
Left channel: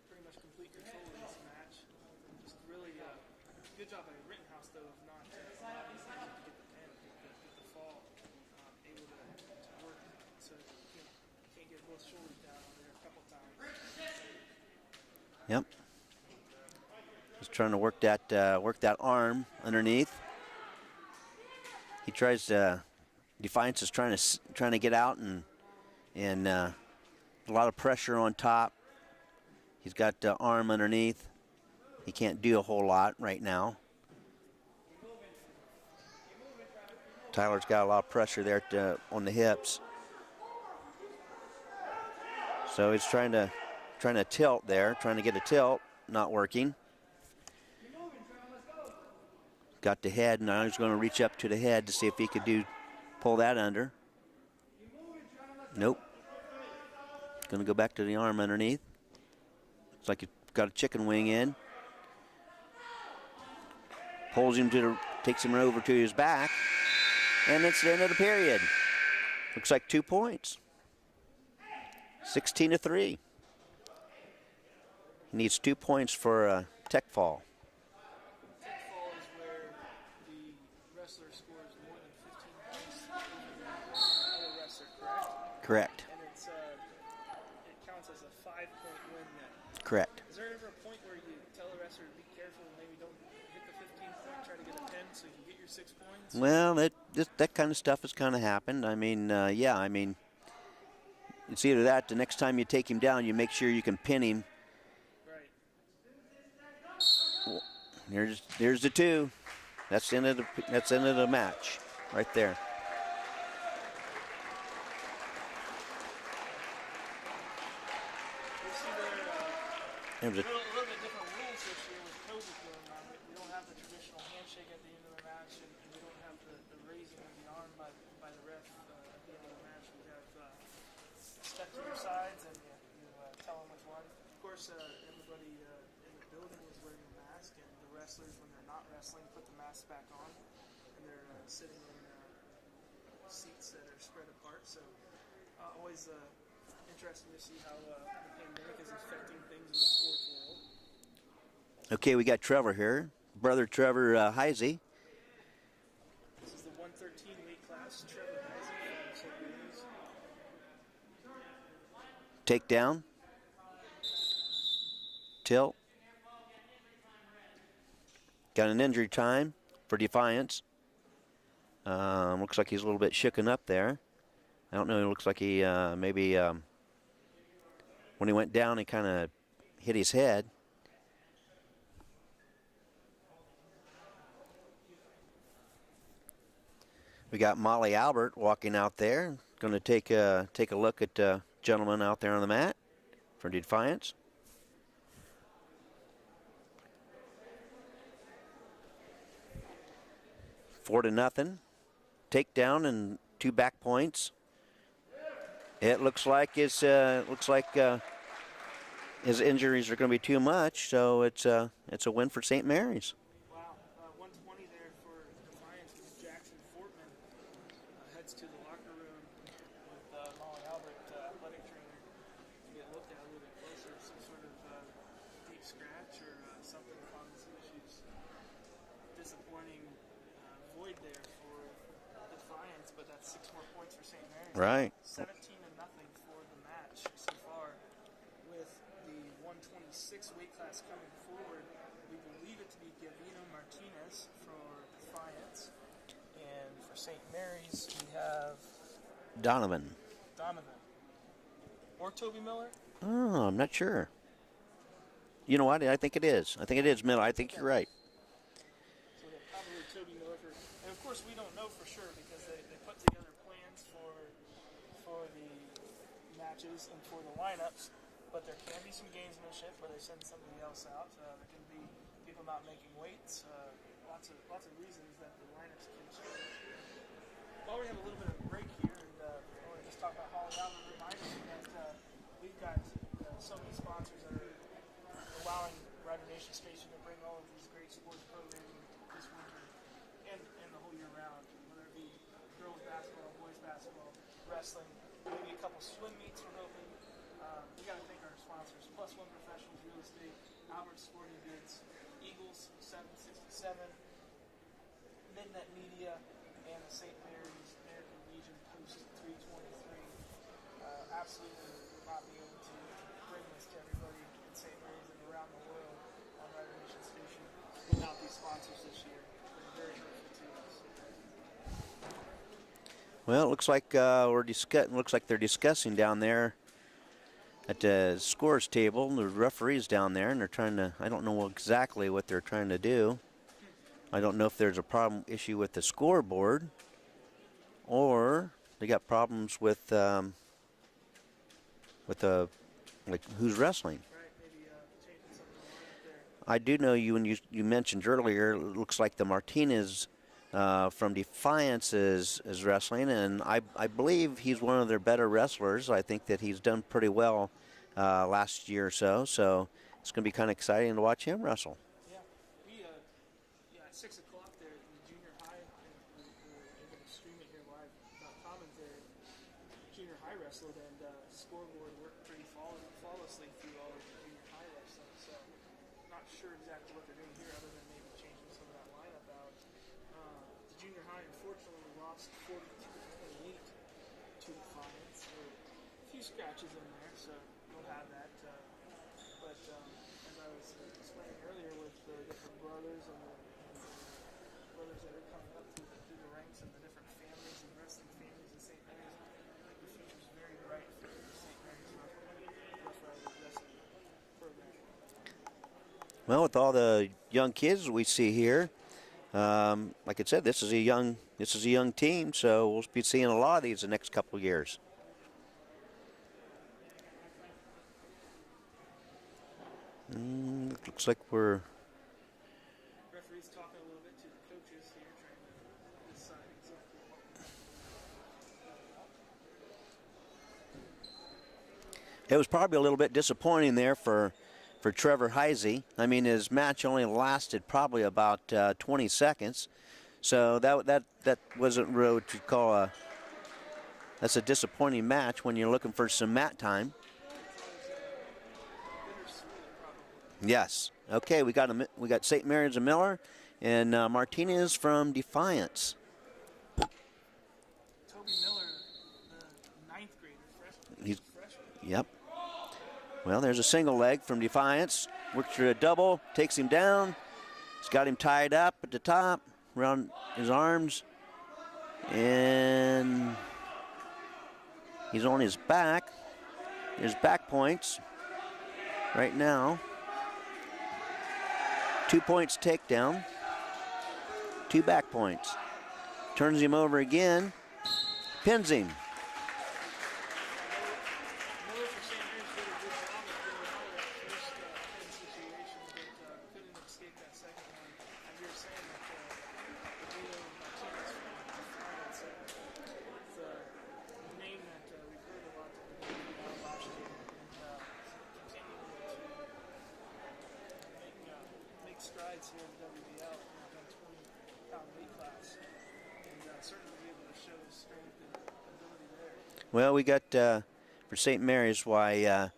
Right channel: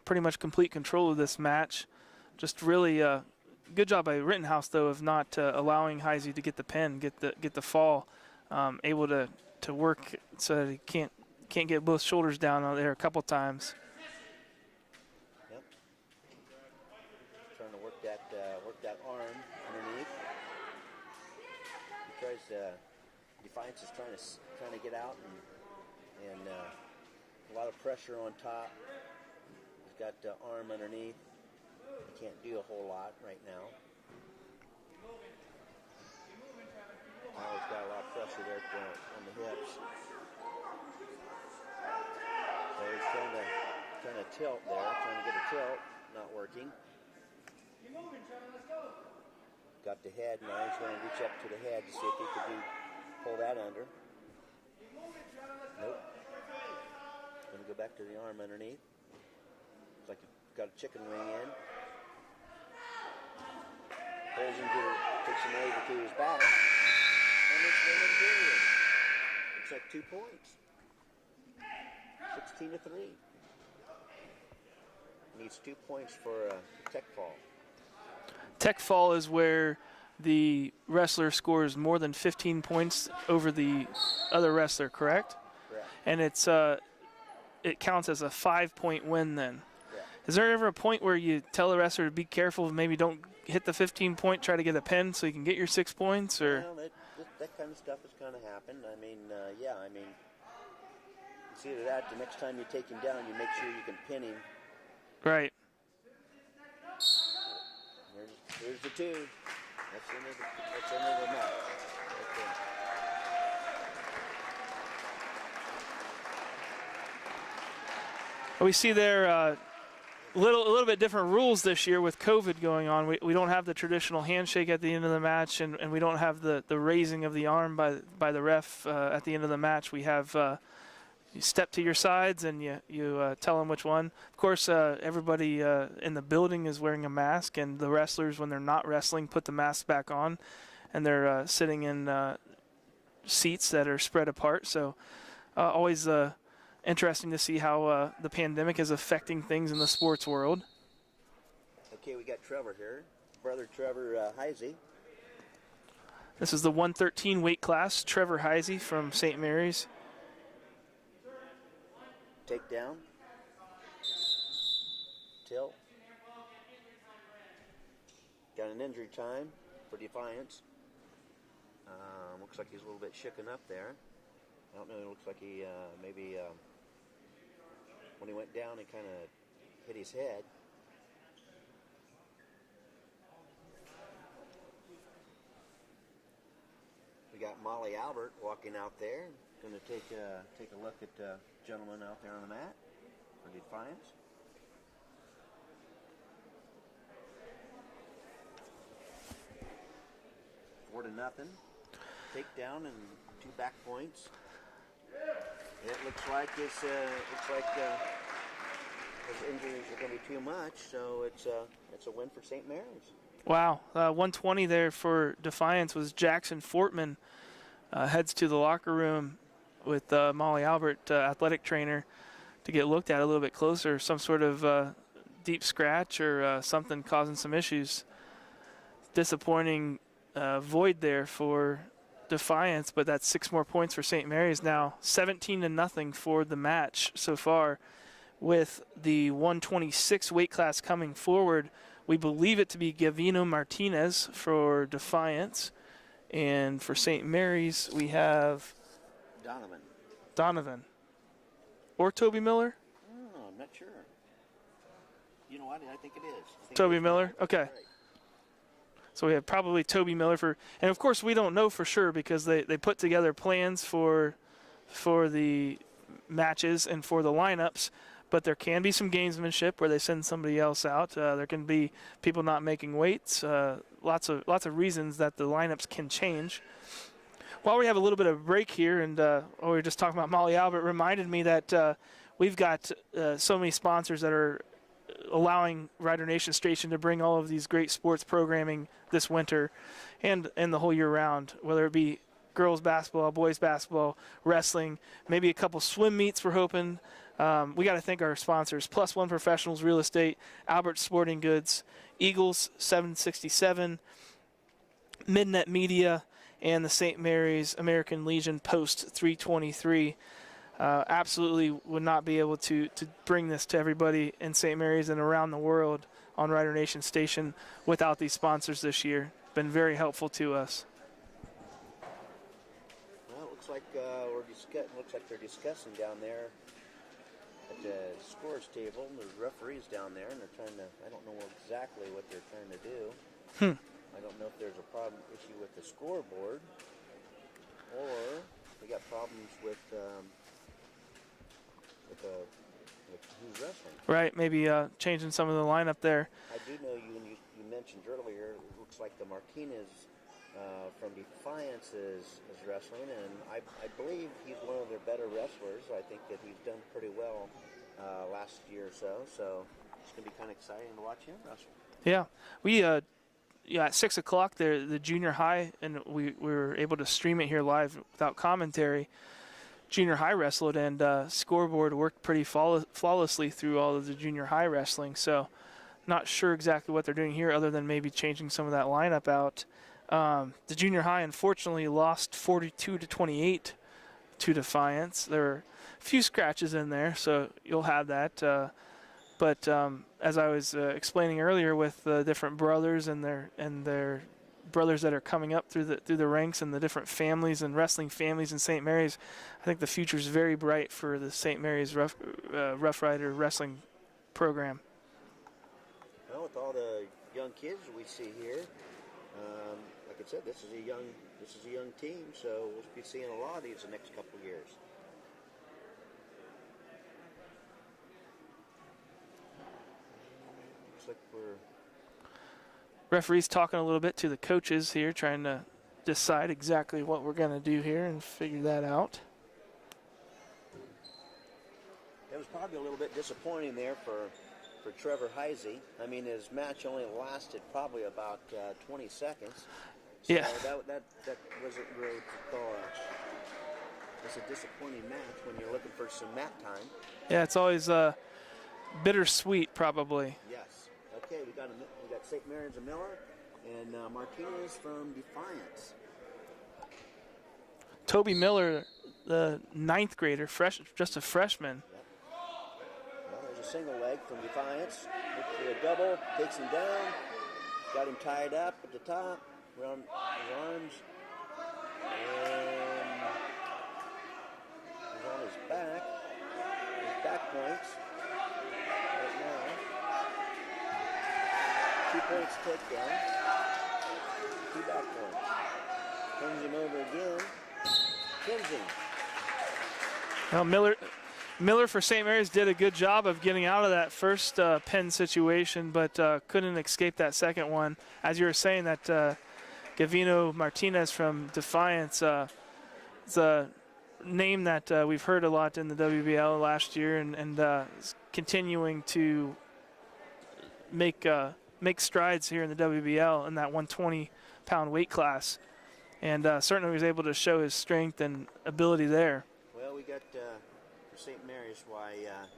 pretty much complete control of this match. Just really good job by Rittenhouse though of not allowing Heisey to get the pin, get the fall, able to work so that he can't get both shoulders down on there a couple times. Yep. He's trying to work that arm underneath. He tries to. Defiance is trying to get out and a lot of pressure on top. He's got the arm underneath. He can't do a whole lot right now. Tyler's got a lot of pressure there on the hips. So he's trying to tilt there, trying to get a tilt, not working. Got the head, now he's going to reach up to the head to see if he could pull that under. Nope. Going to go back to the arm underneath. It's like he's got a chicken wing in. Pulls him takes him over to his back. And it's the end of the period. Looks like 2 points. 16-3. Needs 2 points for a tech fall. Tech fall is where the wrestler scores more than 15 points over the other wrestler, correct? Correct. And it counts as a 5-point win then. Correct. Is there ever a point where you tell the wrestler to be careful, maybe don't hit the 15-point, try to get a pin so you can get your 6 points? Or? Well, that kind of stuff has kind of happened. I mean, it's either that, the next time you take him down, you make sure you can pin him. Right. There's the 2. That's the end of the match, right there. We see there a little bit different rules this year with COVID going on. We don't have the traditional handshake at the end of the match, and we don't have the raising of the arm by the ref at the end of the match. We have you step to your sides and you tell them which one. Of course, everybody in the building is wearing a mask, and the wrestlers, when they're not wrestling, put the mask back on, and they're sitting in seats that are spread apart. So always interesting to see how the pandemic is affecting things in the sports world. Okay, we got Trevor here, brother Trevor Heisey. This is the 113 weight class. Trevor Heisey from St. Mary's. Takedown. Tilt. Got an injury time for Defiance. Looks like he's a little bit shooken up there. I don't know, it looks like he maybe when he went down, he kind of hit his head. We got Molly Albert walking out there. Going to take a look at the gentleman out there on the mat for Defiance. Four to nothing. Takedown and 2 back points. It looks like his injuries are going to be too much, so it's a win for St. Mary's. Wow, 120 there for Defiance was Jackson Fortman. Heads to the locker room with Molly Albert, athletic trainer, to get looked at a little bit closer. Some sort of deep scratch or something causing some issues. Disappointing void there for Defiance, but that's 6 more points for St. Mary's now. 17-0 for the match so far. With the 126 weight class coming forward, we believe it to be Gavino Martinez for Defiance. And for St. Mary's, we have Donovan. Or Toby Miller? Oh, I'm not sure. You know what? I think it is. I think Toby it is Miller. Miller? I think Okay. you're right. So we have probably Toby Miller for, and of course we don't know for sure because they put together plans for the matches and for the lineups, but there can be some gamesmanship where they send somebody else out. There can be people not making weights. Lots of reasons that the lineups can change. While we have a little bit of break here, and we were just talking about Molly Albert, reminded me that we've got so many sponsors that are allowing Rider Nation Station to bring all of these great sports programming this winter and the whole year round, whether it be girls basketball, boys basketball, wrestling, maybe a couple swim meets we're hoping. We got to thank our sponsors: Plus One Professionals Real Estate, Albert Sporting Goods, Eagles 767, Midnet Media, and the St. Mary's American Legion Post 323. Absolutely would not be able to bring this to everybody in St. Mary's and around the world on Rider Nation Station without these sponsors this year. Been very helpful to us. Well, it looks like they're discussing down there at the scores table. The referees down there, and they're trying to. I don't know exactly what they're trying to do. I don't know if there's a issue with the scoreboard, or they got problems with like who's wrestling. Right, maybe changing some of the lineup there. I do know when you mentioned earlier, it looks like the Martinez from Defiance is wrestling, and I believe he's one of their better wrestlers. I think that he's done pretty well last year or so, so it's going to be kind of exciting to watch him wrestle. Yeah, we at 6 o'clock there, the junior high, and we were able to stream it here live without commentary. Junior high wrestled, and scoreboard worked pretty flawlessly through all of the junior high wrestling. So not sure exactly what they're doing here other than maybe changing some of that lineup out. The junior high unfortunately lost 42-28 to Defiance. There were a few scratches in there, so you'll have that. But as I was explaining earlier, with the different brothers and their brothers that are coming up through the ranks and the different families and wrestling families in St. Mary's, I think the future is very bright for the St. Mary's Rough Rider wrestling program. Well, with all the young kids we see here, like I said, this is a young team, so we'll be seeing a lot of these the next couple of years. Looks like we're referees talking a little bit to the coaches here, trying to decide exactly what we're going to do here and figure that out. It was probably a little bit disappointing there for Trevor Heisey. I mean, his match only lasted probably about 20 seconds. So that wasn't really to call that's a disappointing match when you're looking for some mat time. Yeah, it's always bittersweet, probably. Yes. Okay, we got St. Mary's and Miller, and Martinez from Defiance. Toby Miller, the 9th grader, a freshman. Yep. Well, there's a single leg from Defiance. Works through a double, takes him down. He's got him tied up at the top, around his arms. And he's on his back. There's back points right now. 2 points takedown. 2 back points. Turns him over again. Pins him. Well, Miller for St. Mary's did a good job of getting out of that first pin situation, but couldn't escape that second one. As you were saying, that Gavino Martinez from Defiance is a name that we've heard a lot in the WBL last year, and is continuing to make strides here in the WBL in that 120-pound weight class, and certainly was able to show his strength and ability there. Well, we got for St. Mary's, why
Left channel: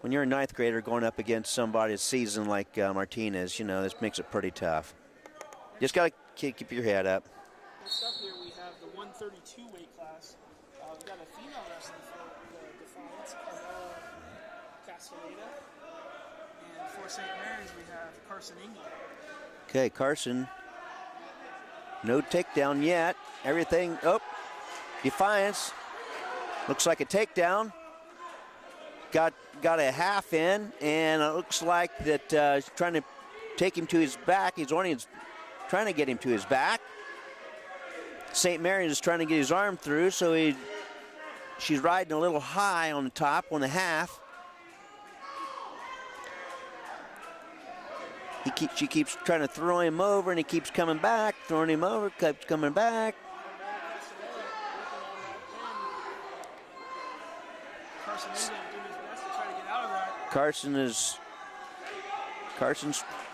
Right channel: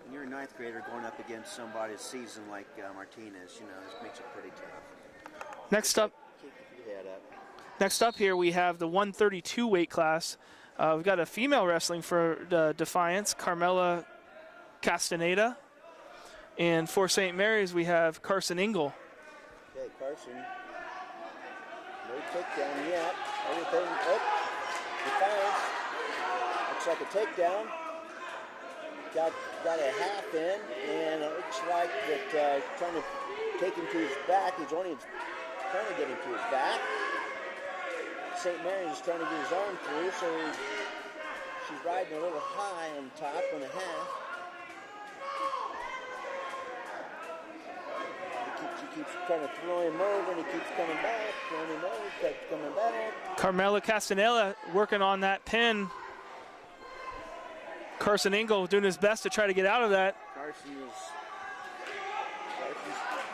when you're a 9th grader going up against somebody seasoned like Martinez, you know, this makes it pretty tough. Just gotta keep your head up. Next up here, we have the 132 weight class. We've got a female wrestling for Defiance, Carmela Castaneda. And for St. Mary's, we have Carson Engel. Okay, Carson. No takedown yet. Everything, oh, Defiance. Looks like a takedown. Got a half in, and it looks like that he's trying to take him to his back. He's only trying to get him to his back. St. Mary's is trying to get his arm through, so she's riding a little high on the top on the half. She keeps trying to throw him over, and he keeps coming back, throwing him over, keeps coming back. Carmela Castaneda working on that pin. Carson Engel doing his best to try to get out of that. Carson's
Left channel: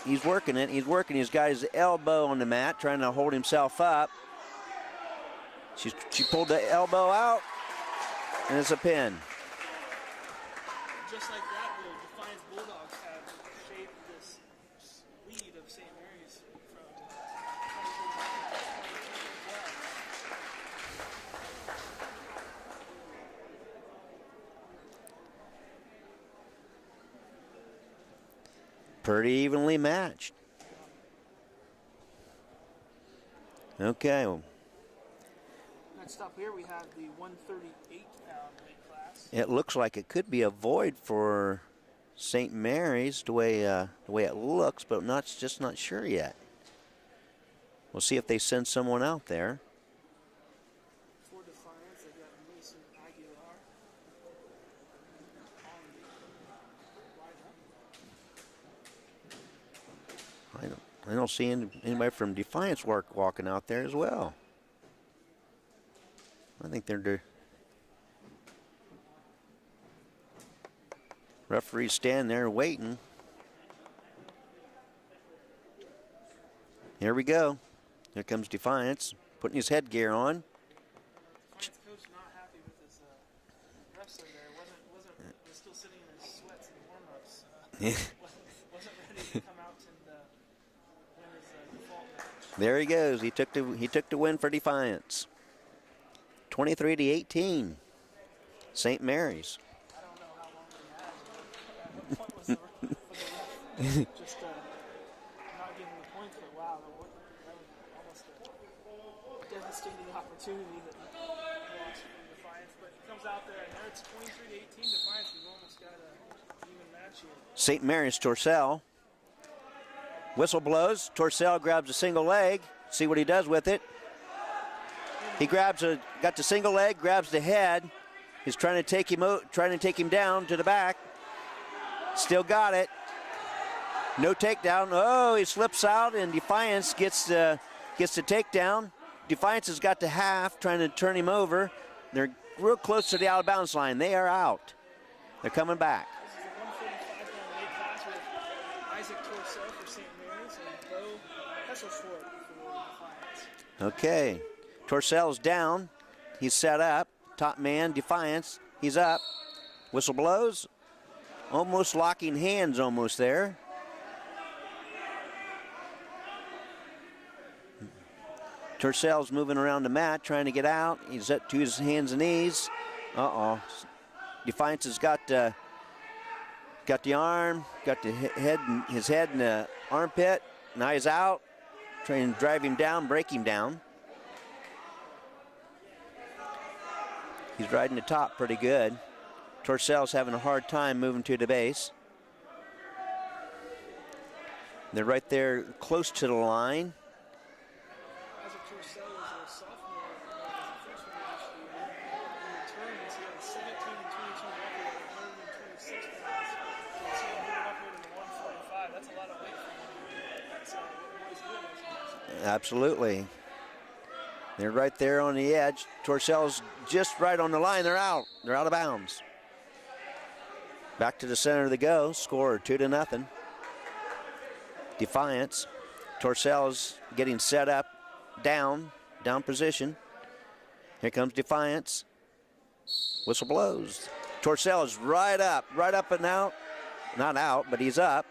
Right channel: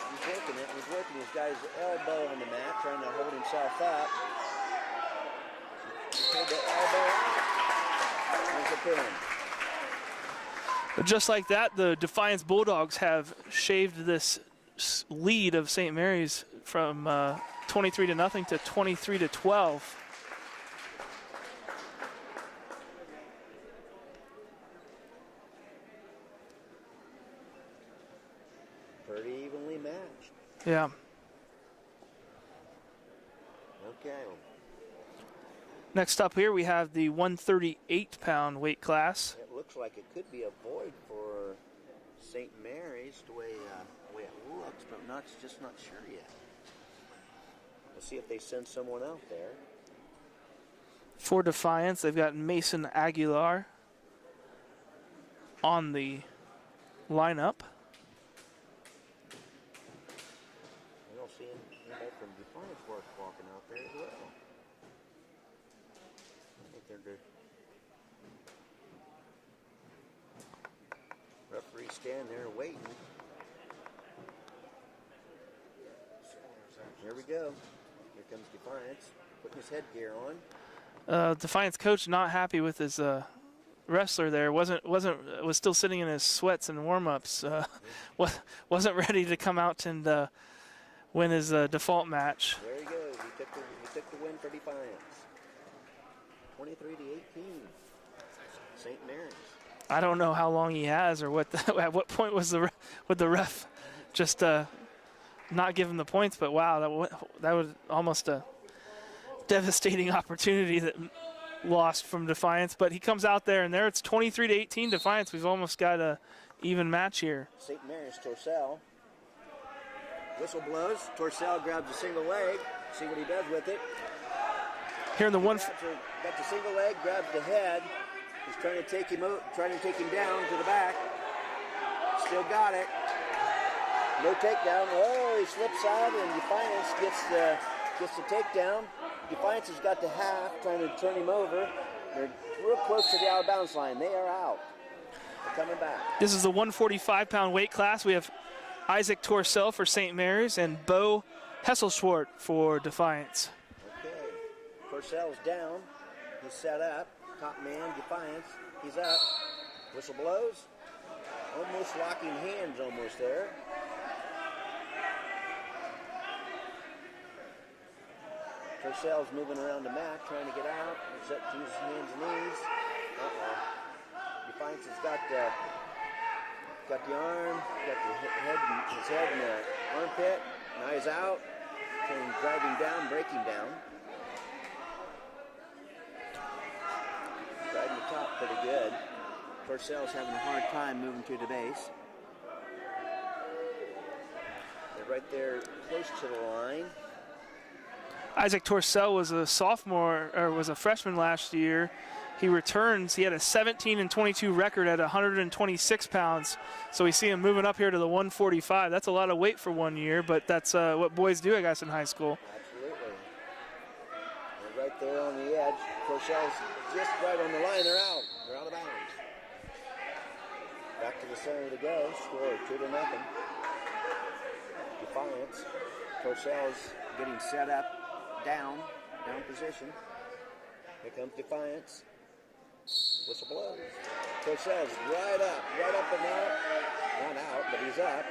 he's working it. He's working. He's got his elbow on the mat, trying to hold himself up. She pulled the elbow out, and it's a pin. Just like that, the Defiance Bulldogs have shaved this lead of St. Mary's from 23-0 to 23-12. Pretty evenly matched. Yeah. Okay. Well, next up here, we have the 138-pound weight class. it looks like it could be a void for St. Mary's the way it looks, but just not sure yet. We'll see if they send someone out there. For Defiance, they've got Mason Aguilar on the lineup. I don't see anybody from Defiance walking out there as well. I think they're referees stand there waiting. Here we go. Here comes Defiance, putting his headgear on. Defiance coach not happy with his wrestler there. Was still sitting in his sweats and warm-ups. Wasn't ready to come out and win his default match. There he goes. He took the win for Defiance. 23-18. St. Mary's. I don't know how long he has, or at what point was the ref just not give him the points. But wow, that was almost a devastating opportunity that lost from Defiance. But he comes out there, and there it's 23-18 Defiance. We've almost got a even match here. St. Mary's Torcell. Whistle blows. Torcell grabs a single leg. See what he does with it. Here in the got the single leg, grabs the head. He's trying to take him down to the back. Still got it. No takedown. Oh, he slips out, and Defiance gets the takedown. Defiance has got the half, trying to turn him over. They're real close to the out of bounds line. They are out. They're coming back. This is the 145-pound weight class. We have Isaac Torcell for St. Mary's and Bo Hesselschwart for Defiance. Okay. Torcell's down. He's set up. Top man, Defiance. He's up. Whistle blows. Almost locking hands almost there. Torcell's moving around the mat, trying to get out. He's up to his hands and knees. Uh-oh. Defiance has got the arm, got his head in the armpit. Now he's out. Trying to drive him down, break him down. He's riding the top pretty good. Torcell's having a hard time moving to the base. They're right there close to the line. Isaac Torcell was a sophomore, or was a freshman last year. He returns. He had a 17-22 record at 126 pounds. So we see him moving up here to the 145. That's a lot of weight for 1 year, but that's what boys do, I guess, in high school. Absolutely. They're right there on the edge. Torcell's just right on the line. They're out. They're out of bounds. Back to the center of the go. Score 2-0. Defiance. Torcell's getting set up down position. Here comes Defiance. Whistle blows. Torcell's right up and out. Not out, but he's up.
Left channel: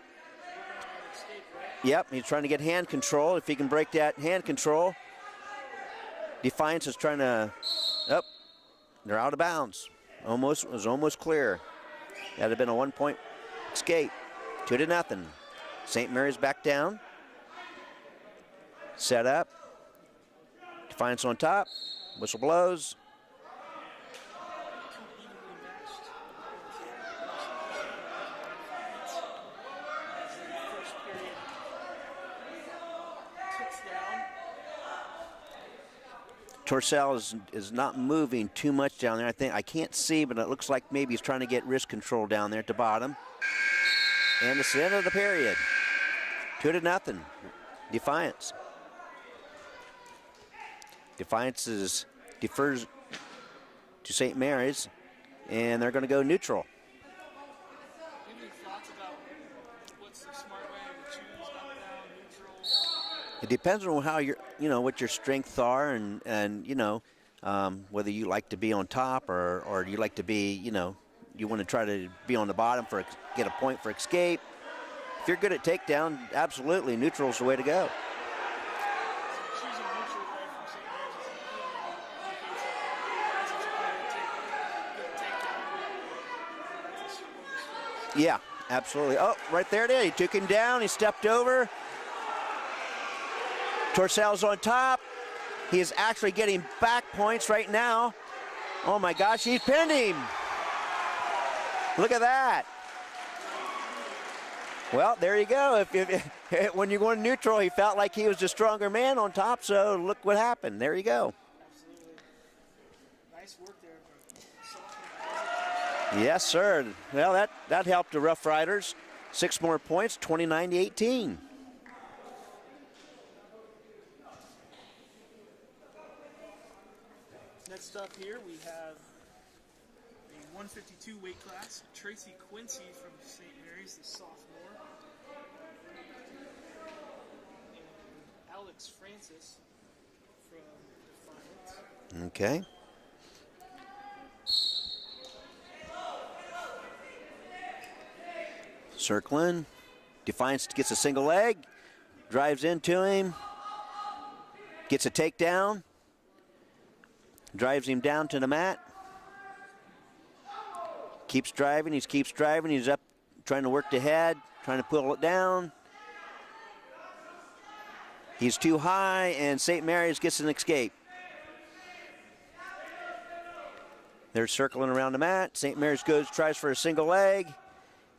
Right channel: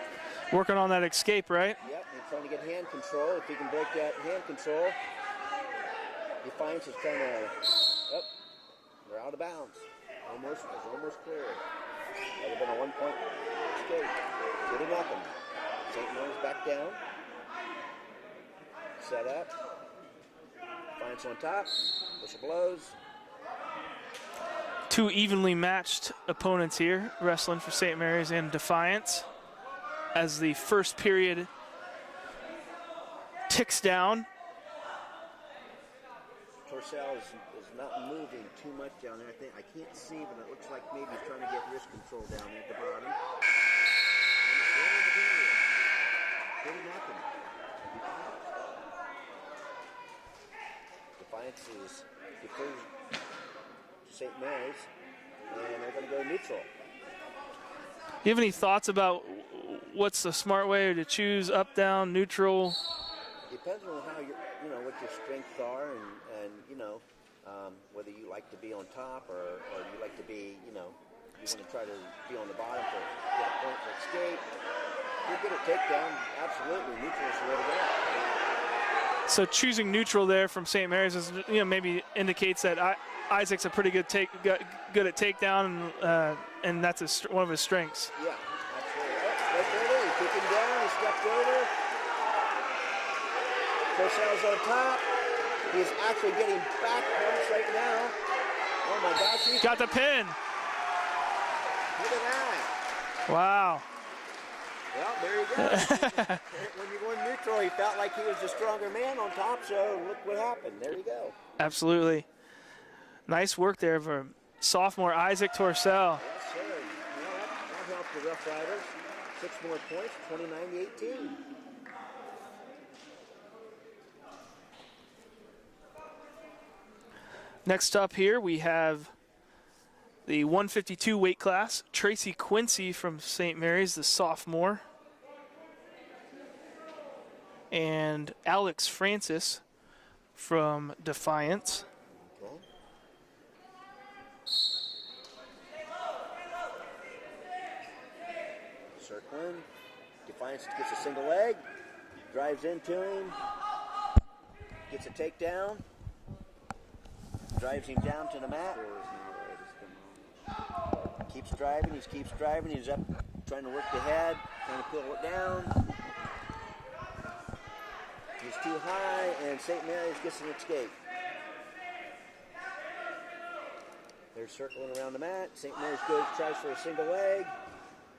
Working on that escape, right? Yep, he's trying to get hand control. If he can break that hand control. Defiance is trying to, they're out of bounds. It was almost clear. That'd have been a 1-point escape. 2-0. St. Mary's back down. Set up. Defiance on top. Whistle blows. Two evenly matched opponents here, wrestling for St. Mary's and Defiance. As the first period ticks down. Torcell is not moving too much down there. I can't see, but it looks like maybe he's trying to get wrist control down there at the bottom. And it's the end of the period. 2-0. Defiance. Defiance defers to St. Mary's, and they're going to go neutral. You have any thoughts about what's the smart way to choose, up, down, neutral? It depends on how what your strengths are, and whether you like to be on top or you like to be, you want to try to be on the bottom get a point for escape. If you're good at takedown, absolutely, neutral is the way to go. So choosing neutral there from St. Mary's is, maybe indicates that Isaac's a pretty good at takedown, and that's one of his strengths. Yeah, absolutely. Oh, right there it is. He took him down. He stepped over. Torcell's on top. He's actually getting back points right now. Oh my gosh, he's got pinning. The pin. Look at that. Wow. Well, there you go. When you're going neutral, he felt like he was the stronger man on top, so look what happened. There you go. Absolutely. Nice work there for sophomore Isaac Torcell. Yes, sir. Well, that helped the Rough Riders. 6 more points, 29-18. Next up here, we have the 152 weight class. Tracy Quincy from St. Mary's, the sophomore. And Alex Francis from Defiance. Okay. Circling. Defiance gets a single leg. Drives into him. Gets a takedown. Drives him down to the mat. Keeps driving, he's up trying to work the head, trying to pull it down. He's too high, and St. Mary's gets an escape. They're circling around the mat. St. Mary's tries for a single leg,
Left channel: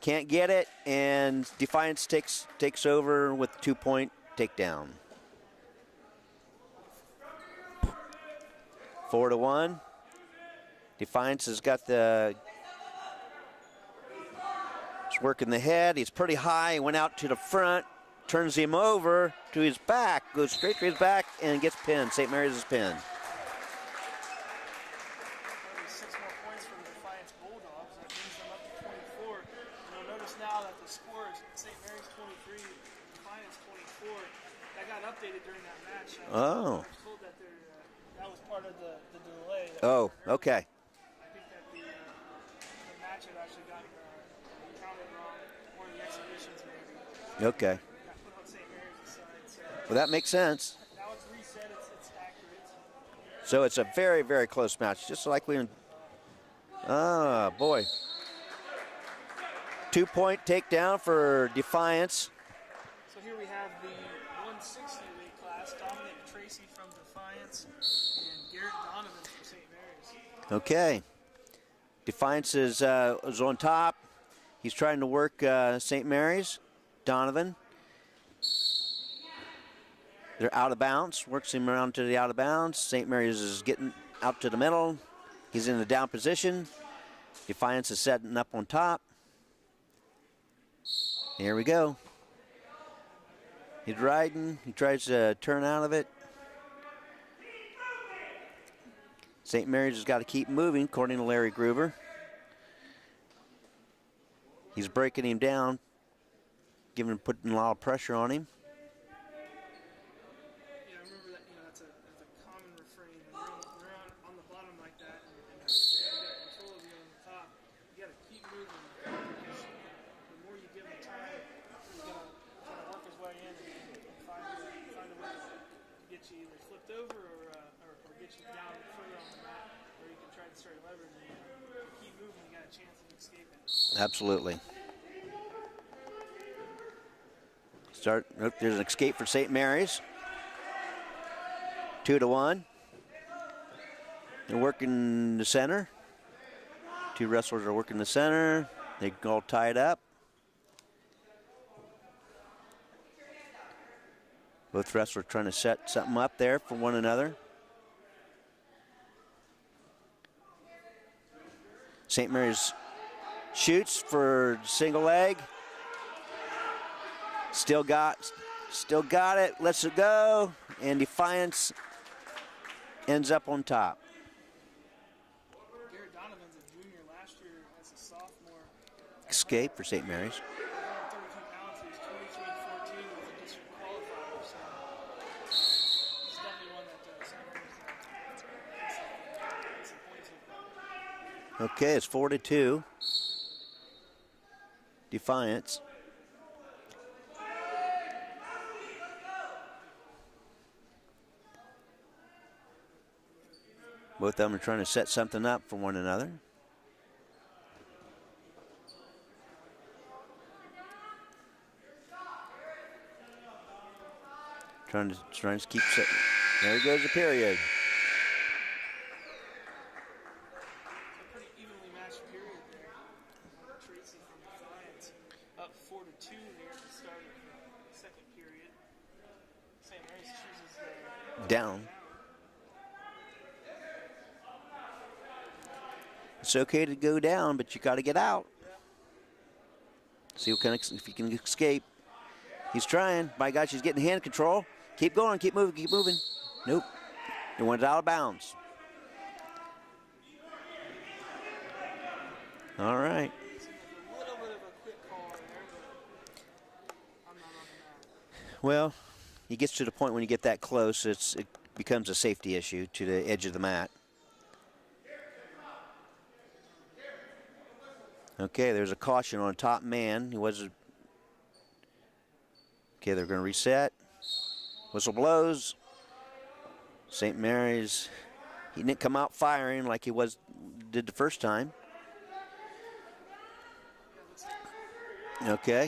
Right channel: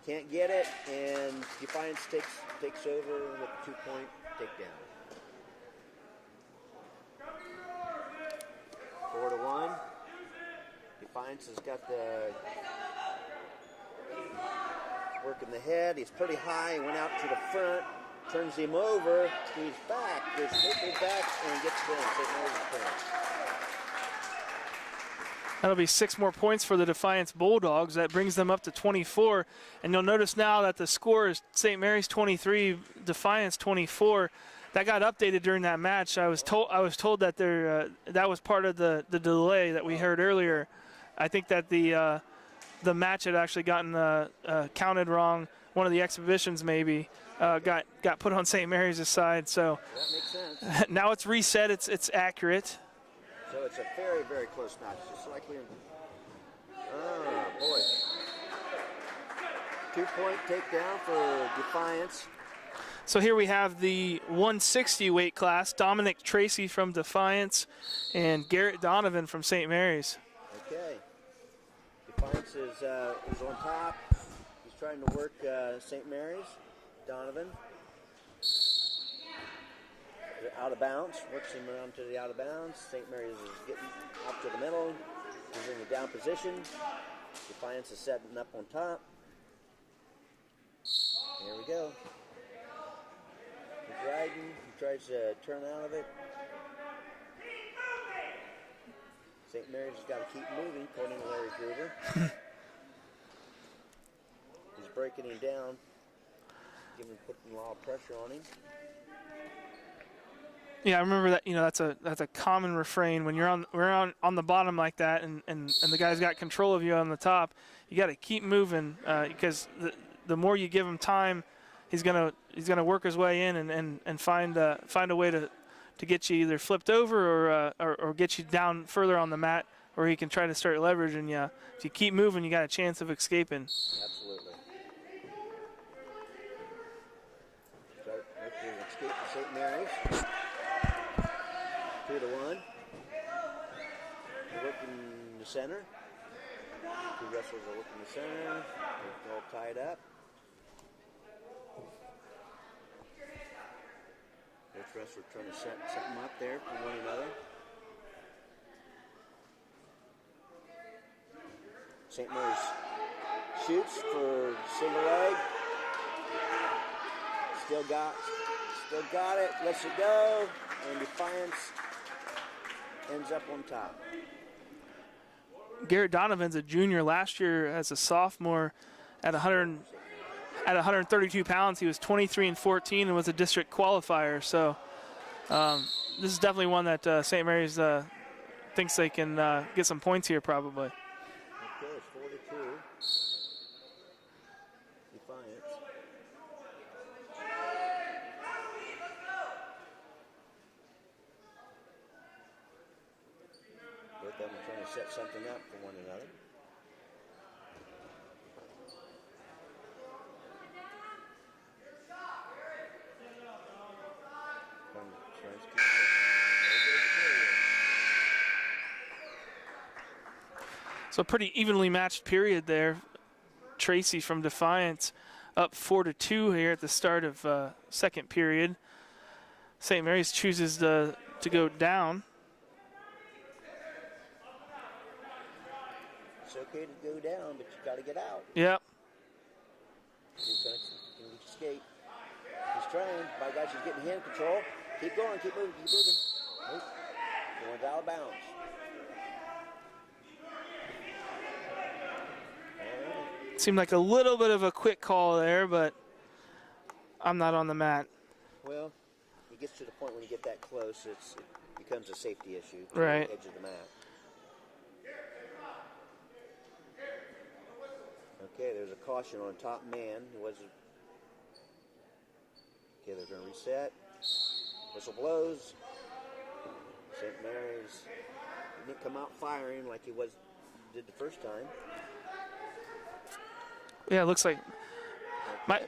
can't get it, and Defiance takes over with a 2-point takedown. 4-1. Defiance has got he's working the head. He's pretty high. He went out to the front, turns him over to his back, goes straight to his back, and gets pinned. St. Mary's is pinned. That'll be 6 more points for the Defiance Bulldogs. That brings them up to 24. And you'll notice now that the score is St. Mary's 23, Defiance 24. That got updated during that match. I was told that that was part of the delay that we heard earlier. Okay. I think that the match had actually gotten counted wrong. One of the exhibitions maybe got put on St. Mary's side. So well, that makes sense. Now it's reset. It's accurate. So it's a very, very close match, just like we. Ah, boy. 2-point takedown for Defiance. So here we have the 160 weight class, Dominic Tracy from Defiance and Garrett Donovan from St. Mary's. Okay. Defiance is on top. He's trying to work St. Mary's. Donovan. They're out of bounds. Works him around to the out of bounds. St. Mary's is getting out to the middle. He's in the down position. Defiance is setting up on top. Here we go. He's riding. He tries to turn out of it. St. Mary's has got to keep moving, according to Larry Gruber. He's breaking him down, putting a lot of pressure on him. Yeah, I remember that. You know, that's a common refrain when you're on the bottom like that, and the guy's got control of you on the top. You got to keep moving because the more you give him time, he's gonna work his way in and find a way to get you either flipped over or get you down further on the mat, or he can try to start leveraging you. If you keep moving, you got a chance of escaping. Absolutely. There's an escape for St. Mary's. 2-1. They're working the center. Two wrestlers are working the center. They all tied up. Both wrestlers trying to set something up there for one another. St. Mary's shoots for single leg. Still got it. Lets it go. And Defiance ends up on top. Garrett Donovan's a junior. Last year as a sophomore at Escape for St. Mary's. At 132 pounds, he was 23-14 and was a district qualifier. So this is definitely one that St. Mary's thinks they can get some points here probably. Okay, it's 4-2. Defiance. Both of them are trying to set something up for one another. Trying to keep set. There goes the period. So pretty evenly matched period there. Tracy from Defiance up 4-2 here at the start of second period. St. Mary's chooses to go down. It's okay to go down, but you got to get out. Yep. See if he can escape. He's trying. My gosh, he's getting hand control. Keep going, keep moving, keep moving. Nope. It went out of bounds. All right. Seemed like a little bit of a quick call there, but I'm not on the mat. Well, he gets to the point when you get that close, it becomes a safety issue to the edge of the mat. Okay, there's a caution on top man. Okay, they're going to reset. Whistle blows. St. Mary's, he didn't come out firing like he did the first time. Yeah, it looks like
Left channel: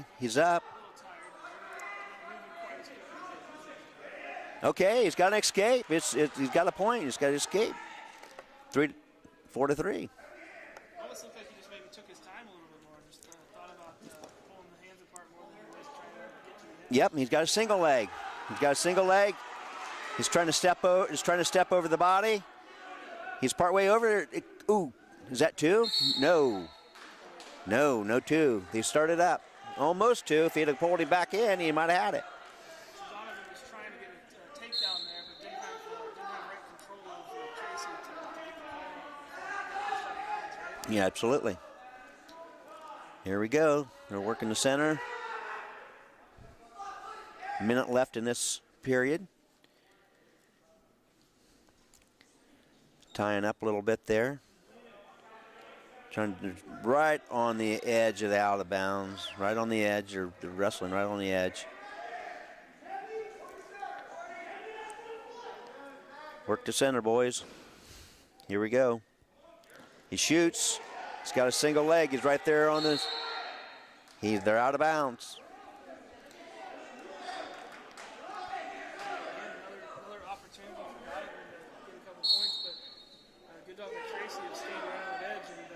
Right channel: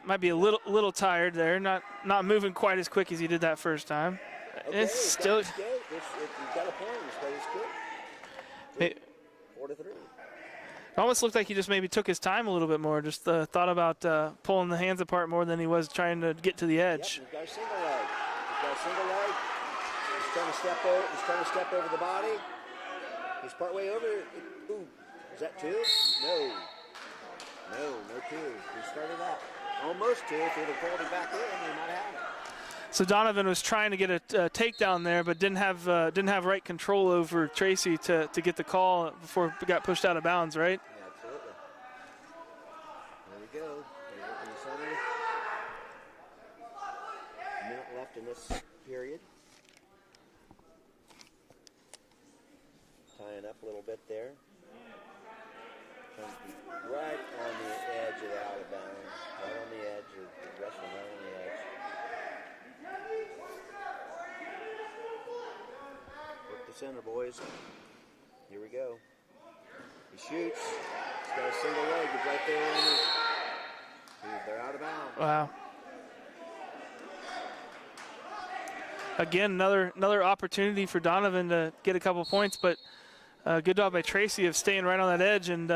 might be a little tired there. Not moving quite as quick as he did that first time. Okay, he's got to escape. He's got a point. He's got to escape. 4-3. It almost looked like he just maybe took his time a little bit more. Just thought about pulling the hands apart more than he was trying to get to the edge. Yep, and he's got a single leg. He's trying to step over. He's trying to step over the body. He's partway over. Ooh, is that two? No, two. He started up. Almost two. If he'd have pulled him back in, he might have had it. So Donovan was trying to get a takedown there, but didn't have right control over Tracy to get the call before it got pushed out of bounds, right? Yeah, absolutely. Here we go. They're working the center. A minute left in this period. Tying up a little bit there. Trying to right on the edge of the out of bounds, right on the edge, or the wrestling right on the edge. Work the center, boys. Here we go. He shoots. He's got a single leg. He's right there on his. They're out of bounds. Wow. Again, another opportunity for Donovan to get a couple points, but Good job by Tracy of staying right on that edge and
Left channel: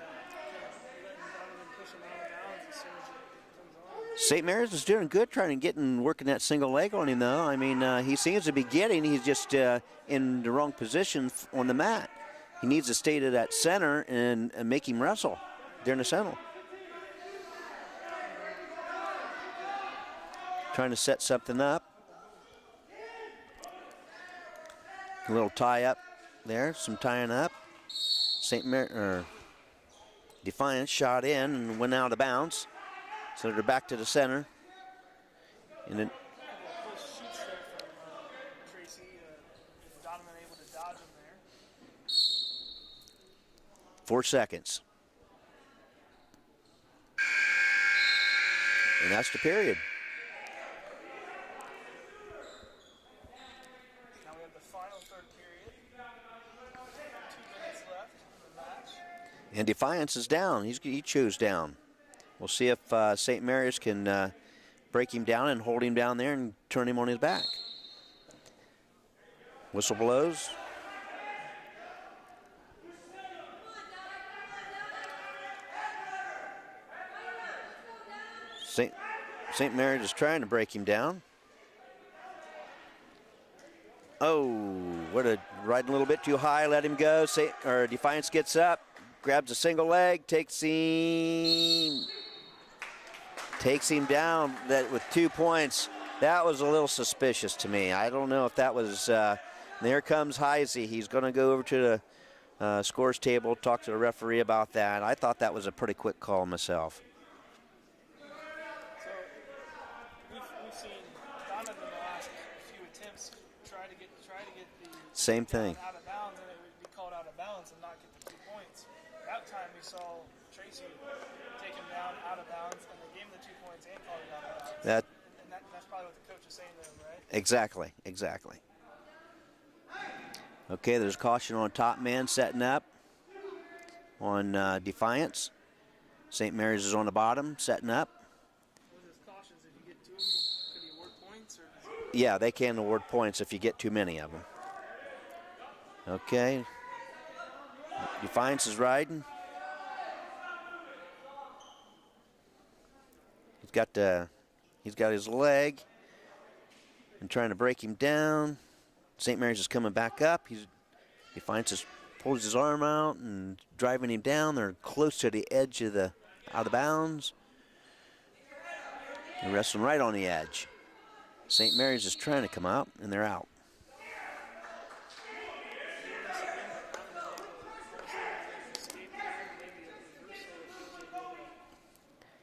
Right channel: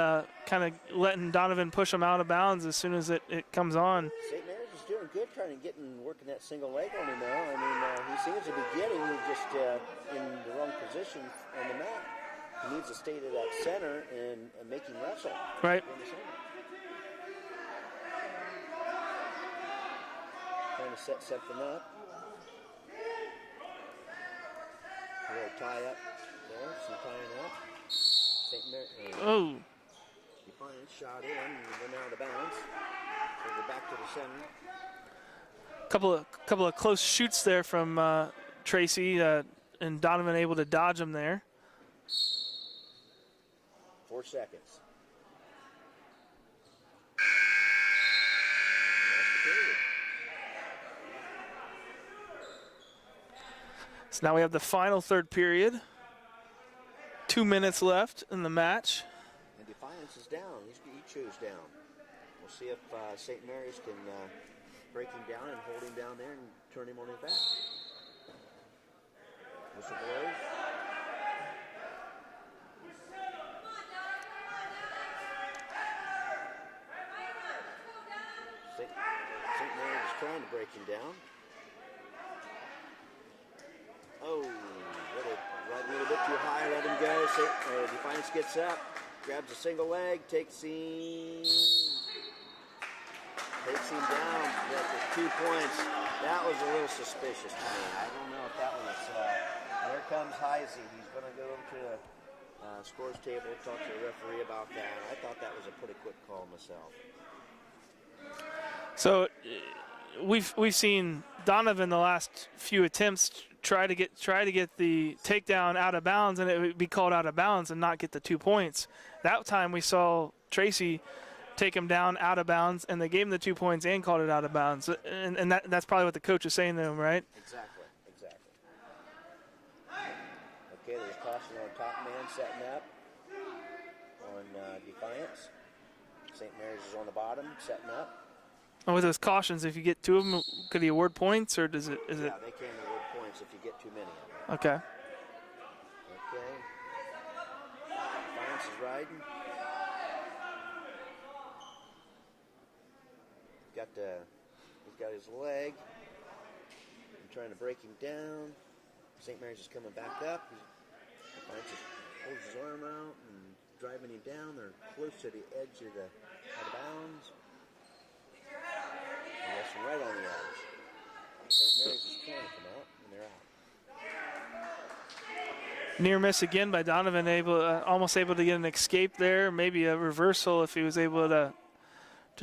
kind of letting Donovan push him out of bounds as soon as it comes on. St. Mary's is doing good trying to get and working that single leg on him, though. I mean, he seems to be getting. He's just in the wrong position on the mat. He needs to stay to that center and make him wrestle right there in the center. Trying to set something up. A little tie up there, some tying up. Defiance shot in and went out of bounds. So they're back to the center. Couple of close shoots there from Tracy and Donovan able to dodge him there. 4 seconds. And that's the period. So now we have the final third period. 2 minutes left in the match. And Defiance is down. He chose down. We'll see if St. Mary's can break him down and hold him down there and turn him on his back. Whistle blows. St. Mary's is trying to break him down. Oh, right a little bit too high, let him go. Defiance gets up, grabs a single leg, takes him down with 2 points. That was a little suspicious to me. I don't know if that was, there comes Heisey. He's gonna go over to the scores table, talk to the referee about that. I thought that was a pretty quick call myself. So we've seen Donovan the last few attempts try to get the takedown out of bounds, and it would be called out of bounds and not get the 2 points. That time we saw Tracy take him down out of bounds, and they gave him the 2 points and called it out of bounds. That's probably what the coach is saying to him, right? Exactly. Okay, there's caution on top man setting up on Defiance. St. Mary's is on the bottom setting up. And with those cautions, if you get 2 of them, could he award points, or does it? Yeah, they can award points if you get too many of them. Okay. Okay. Defiance is riding. He's got his leg and trying to break him down. St. Mary's is coming back up. Defiance is pulls his arm out and driving him down. They're close to the edge of the out of bounds. They're wrestling right on the edge. St. Mary's is trying to come out, and they're out. Near miss again by Donovan, almost able to get an escape there, maybe a reversal if he was able to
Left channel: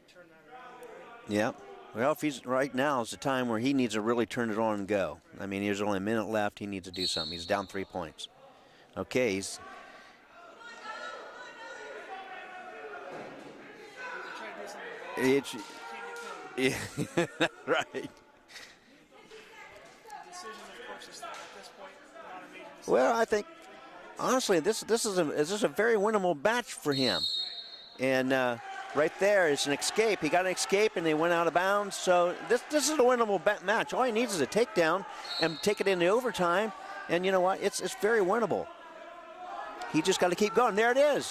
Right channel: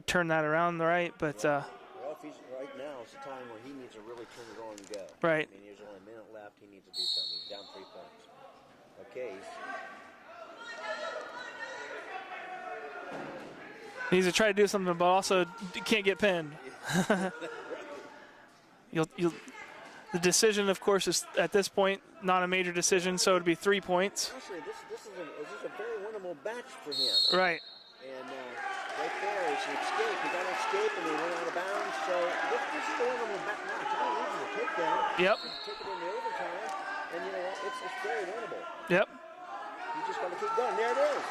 turn that around right. But yeah. Well, if he's right now is the time where he needs to really turn it on and go. Right. I mean, there's only a minute left. He needs to do something. He's down 3 points. Okay, he needs to try to do something, but also can't get pinned. Yeah, right. The decision, of course, is at this point not a major decision, so it'd be 3 points. Honestly, this is a very winnable match for him. Right. And right there is an escape. He got an escape, and they went out of bounds. So this is a winnable match. All he needs is a takedown and take it into overtime. And you know what? It's very winnable. Yep. He just got to keep going. There it is.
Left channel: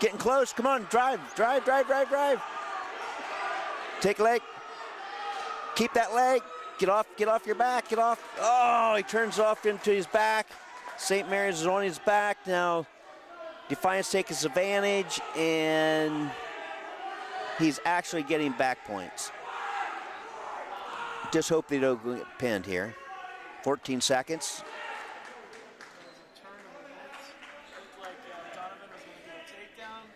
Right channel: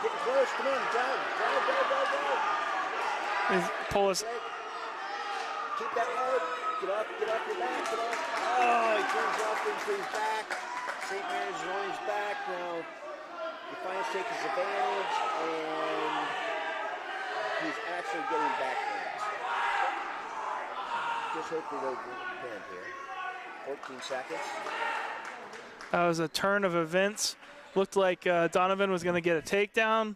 Getting close. Come on, drive. Take leg. Keep that leg. Get off your back. Get off. Oh, he turns off into his back. St. Mary's is on his back now. Defiance takes advantage, and he's actually getting back points. Just hope they don't get pinned here. 14 seconds. That was a turn of events. Looked like Donovan was going to get a takedown,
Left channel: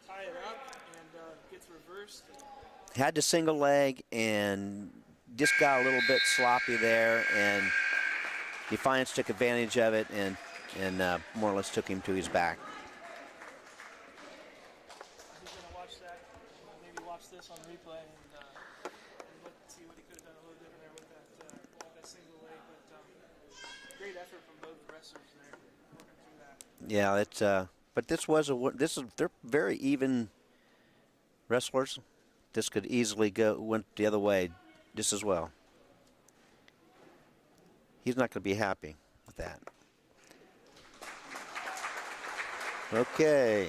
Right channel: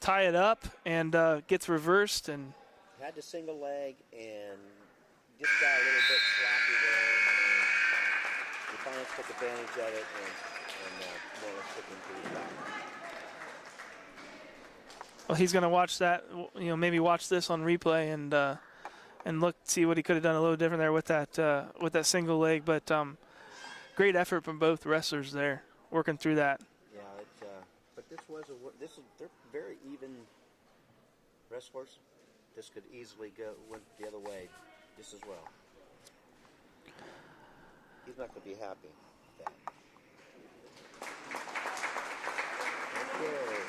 tie it up, and gets reversed. And had the single leg and just got a little bit sloppy there, and Defiance took advantage of it and more or less took him to his back. Well, he's going to watch that, maybe watch this on replay and look, see what he could have done a little different there with that single leg. But great effort from both wrestlers there, working through that. Yeah, but they're very even wrestlers. This could easily went the other way just as well. He's not going to be happy with that. Okay.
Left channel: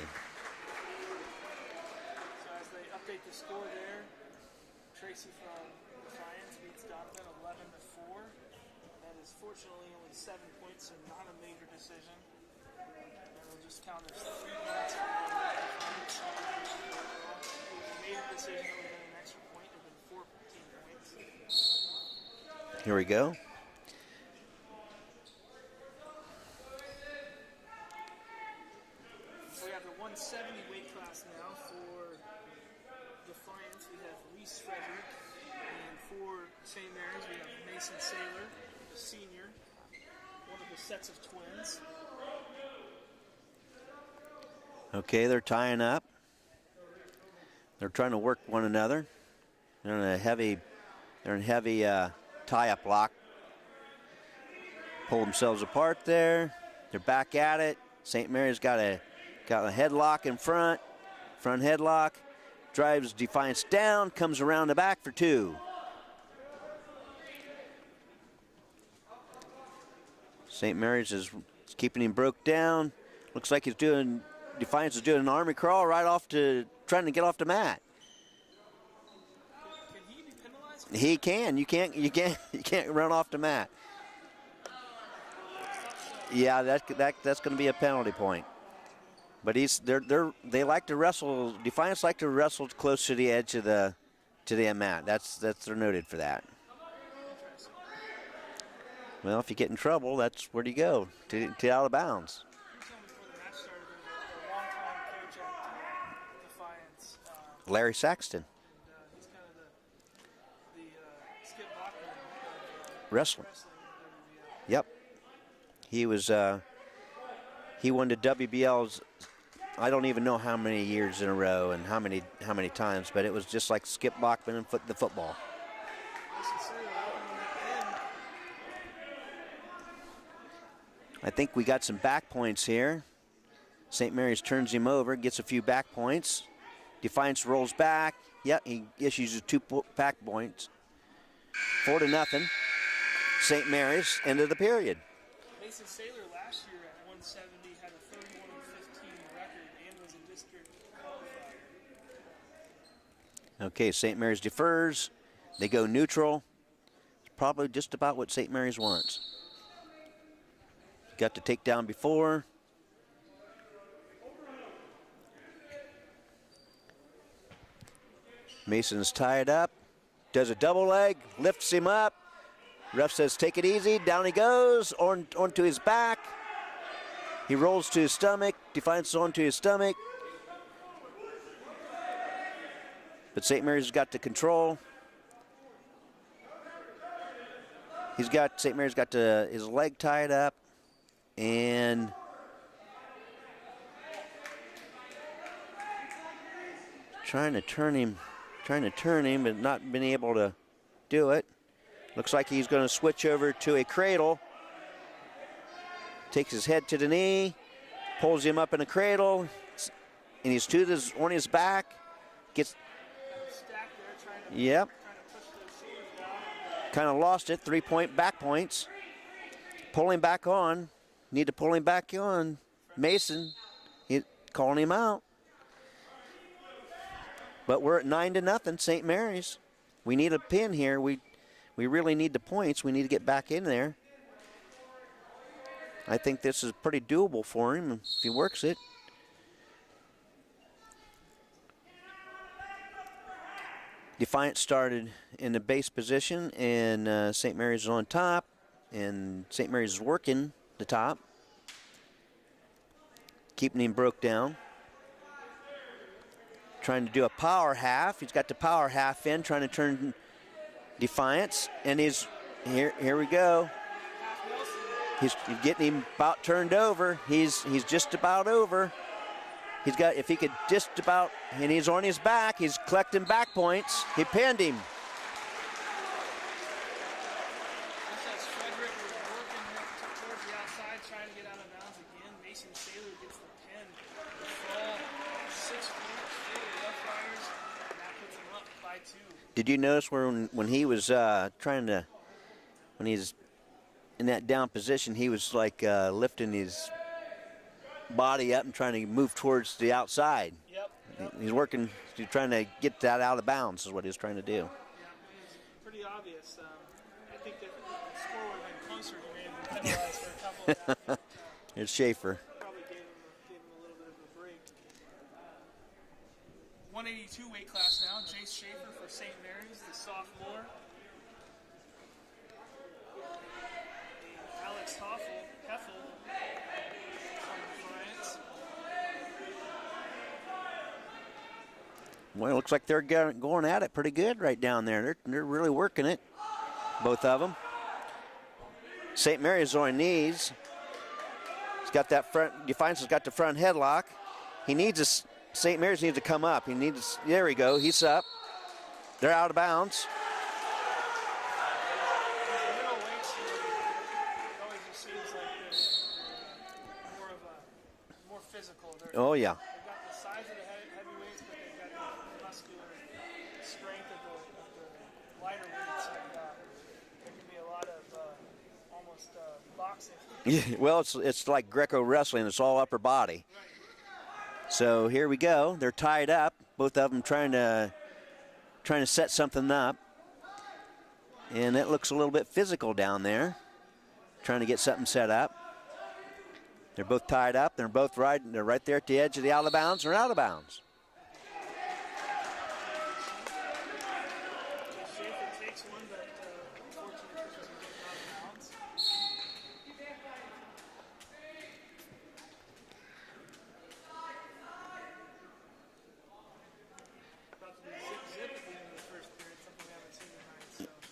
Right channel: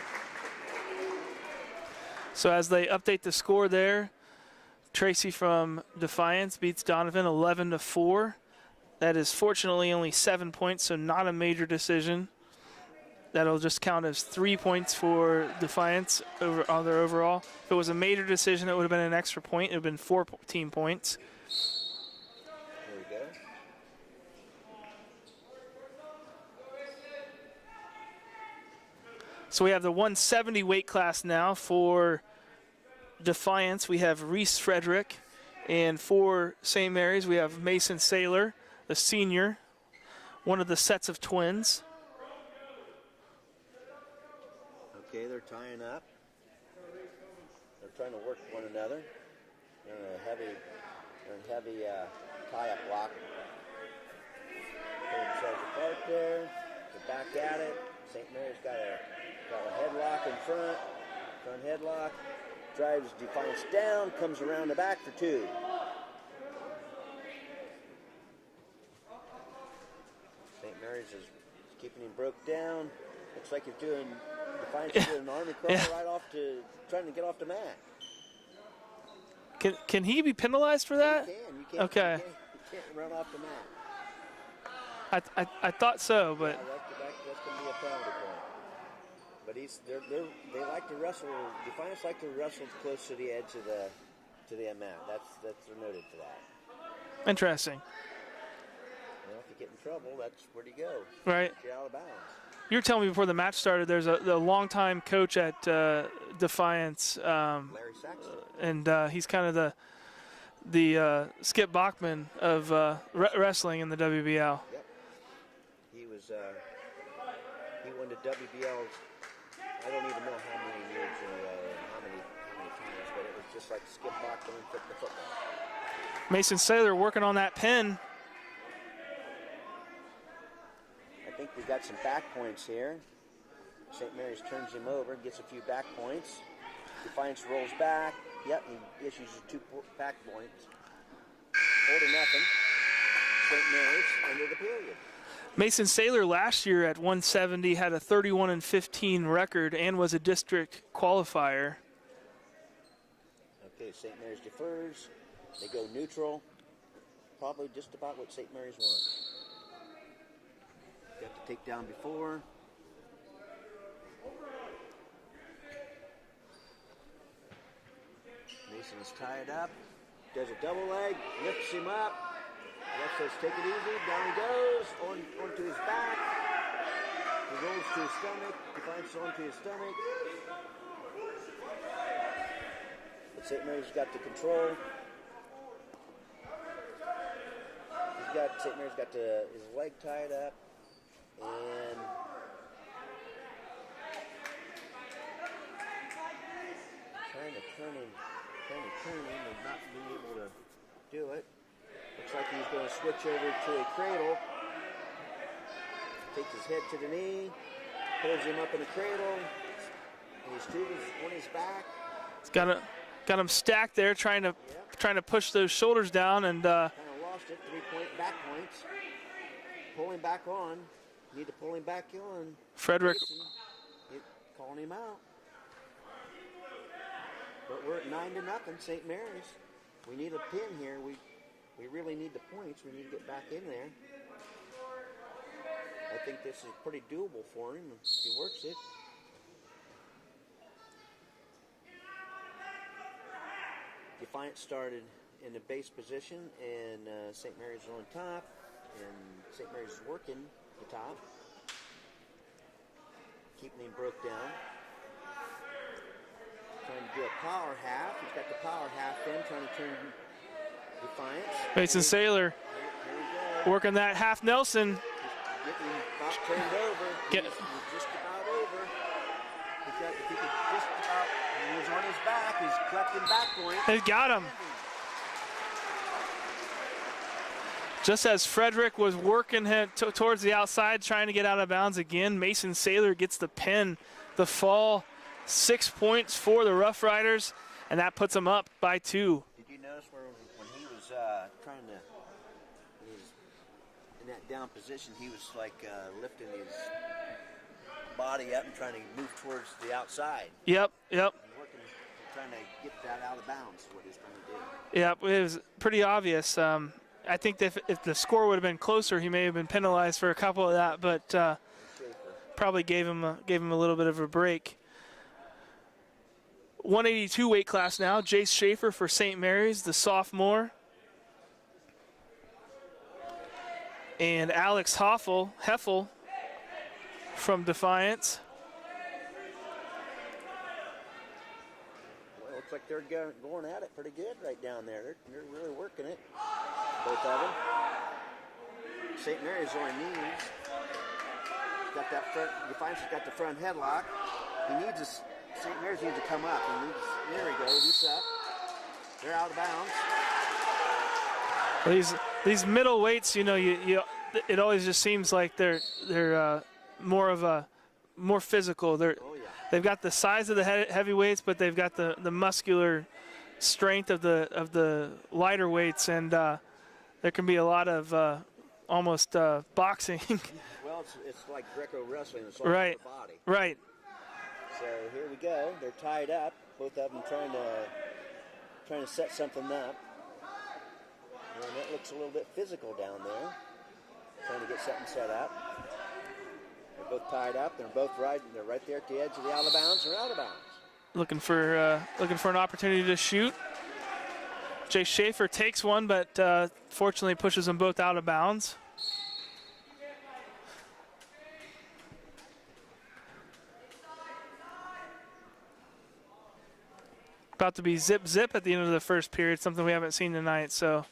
So as they update the score there, Tracy from Defiance beats Donovan 11-4. That is fortunately only 7 points, so not a major decision. That'll just count as 3 points for Defiance on their overall. If it was a major decision, it would have been an extra point. It would have been 14 points. Here we go. So we have the 170 weight class now for Defiance. We have Reese Frederick. And for St. Mary's, we have Mason Saylor, the senior, one of the sets of twins. Okay, they're tying up. They're trying to work one another. They're in a heavy tie-up lock. Pull themselves apart there. They're back at it. St. Mary's got a headlock in front headlock. Drives Defiance down, comes around the back for 2. St. Mary's is keeping him broke down. Looks like Defiance is doing an army crawl right off to trying to get off the mat. Can he be penalized for that? He can. You can't. Okay. You can't run off the mat. I thought so. Yeah, that's going to be a penalty point. But they like to wrestle. Defiance like to wrestle close to the edge of the mat. They're noted for that. Interesting. Well, if you get in trouble, that's where you go. Right. To out of bounds. You were telling me before the match started, there's a longtime coach at Defiance. Larry Saxton. And he's kind of the Skip Bachman of wrestling in the WBL. Yep. He was. He won the WBL's. I don't even know how many years in a row and how many times, but it was just like Skip Bachman and the football. Mason Saylor working on that pin. I think we got some back points here. St. Mary's turns him over, gets a few back points. Defiance rolls back. Yep, he issues his 2 back points. 4-0. St. Mary's, end of the period. Mason Saylor last year at 170 had a 31-15 record and was a district qualifier. Okay, St. Mary's defers. They go neutral. It's probably just about what St. Mary's wants. Got the takedown before. Mason's tied up. Does a double leg, lifts him up. Ref says take it easy. Down he goes, onto his back. He rolls to his stomach. Defiance onto his stomach. But St. Mary's has got the control. St. Mary's got his leg tied up. And trying to turn him, but not been able to do it. Looks like he's going to switch over to a cradle. Takes his head to the knee, pulls him up in a cradle, and he's on his back. Got him stacked there, trying to push those shoulders down, and kind of lost it. 3-point back points. Pull him back on. Need to pull him back on. Frederick. Mason, calling him out. But we're at 9-0, St. Mary's. We need a pin here. We really need the points. We need to get back in there. I think this is pretty doable for him if he works it. Defiance started in the base position, and St. Mary's is on top, and St. Mary's is working the top, keeping him broke down. Trying to do a power half. He's got the power half in, trying to turn Defiance. Mason Saylor. Here we go. Working that half Nelson. He's getting him about turned over. He's just about over. If he could just about, and he's on his back. He's collecting back points. He pinned him. Just as Frederick was working him towards the outside, trying to get out of bounds again, Mason Saylor gets the pin, the fall. 6 points for the Rough Riders, and that puts them up by 2. Did you notice when he was when he's in that down position, he was like lifting body up and trying to move towards the outside. Yep. He's working, trying to get that out of bounds is what he's trying to do. Yep, it was pretty obvious. I think that if the score would have been closer, he may have been penalized for a couple of that, but it's Schaefer. Probably gave him a little bit of a break. 182 weight class now. Jace Schaefer for St. Mary's, the sophomore. And Alex Heffel from Defiance. Well, it looks like they're going at it pretty good right down there. They're really working it, both of them. St. Mary's on knees. He's got that front, Defiance has got the front headlock. He needs a, St. Mary's needs to come up. He needs, there we go, he's up. They're out of bounds. These middle weights, you know, it always just seems like they're more physical. Oh yeah. They've got the size of the heavyweights, but they've got the muscular strength of the lighter weights, and there can be a lot of almost boxing. Yeah, well, it's like Greco wrestling. It's all right. upper body. Right. So here we go. They're tied up. Both of them trying to set something up. And it looks a little bit physical down there, trying to get something set up. They're both tied up. They're both they're right there at the edge of the out of bounds. They're out of bounds. Looking for an opportunity to shoot. Jay Schaefer takes one, but fortunately pushes them both out of bounds. About to be zip at the end of the first period, something we haven't seen tonight. So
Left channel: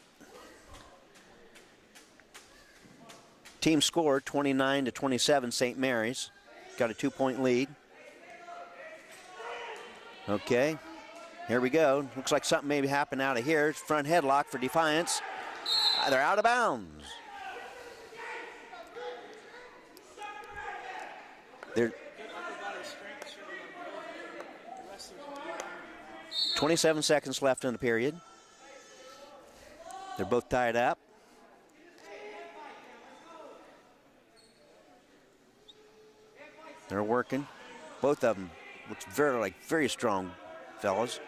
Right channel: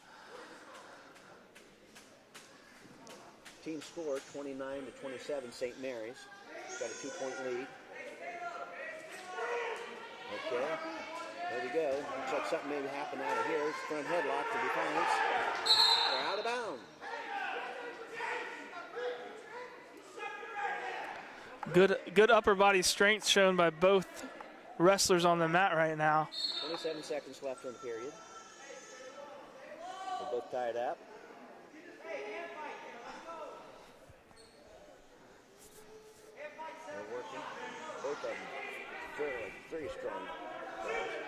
team score 29-27, St. Mary's. Got a 2-point lead. Okay, here we go. Looks like something may happen out of here. Front headlock for Defiance. They're out of bounds. Good upper body strength shown by both wrestlers on the mat right now. 27 seconds left in the period. They're both tied up. They're working. Both of them looks very strong fellas.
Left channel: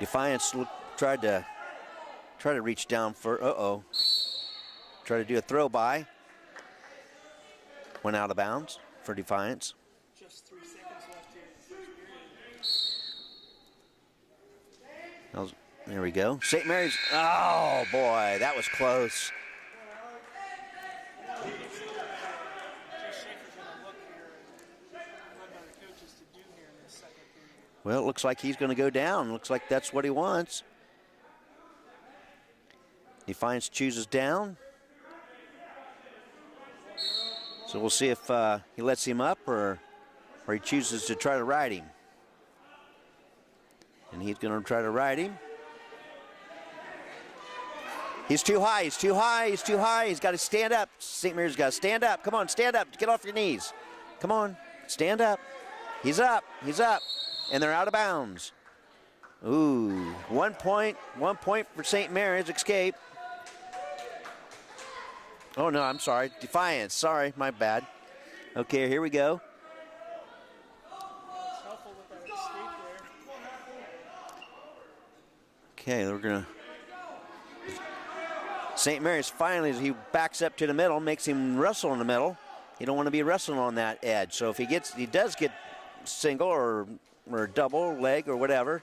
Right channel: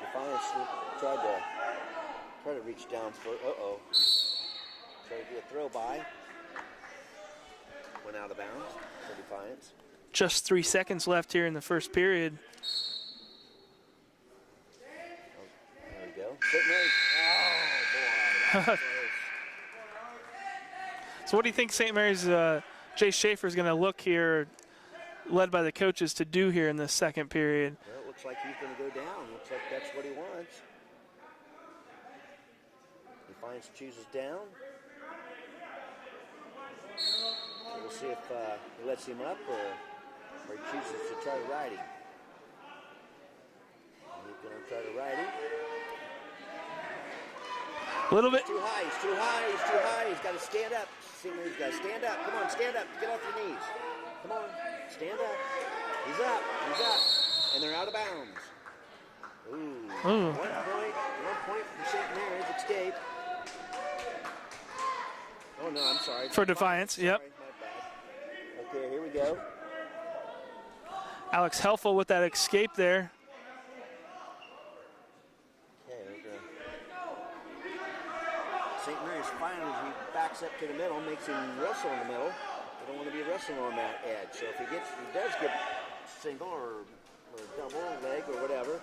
Defiance tried to reach down for try to do a throw by. Went out of bounds for Defiance. Just 3 seconds left here in the first period. There we go. St. Mary's. Oh boy, that was close. So what do you think St. Mary's Jay Schaefer is going to look here, led by the coaches, to do here in this second period? Well, it looks like he's going to go down. Looks like that's what he wants. Defiance chooses down. So we'll see if he lets him up or he chooses to try to ride him. And he's going to try to ride him. He's too high, he's too high, he's too high. He's got to stand up. St. Mary's got to stand up. Come on, stand up. Get off your knees. Come on, stand up. He's up, he's up. And they're out of bounds. Ooh. 1 point for St. Mary's escape. Oh no, I'm sorry. For Defiance. Sorry, yep. My bad. Okay, here we go. Alex Helfel with that escape there. Okay, we're gonna. St. Mary's finally, as he backs up to the middle, makes him wrestle in the middle. You don't want to be wrestling on that edge. So if he does get single or double leg or whatever,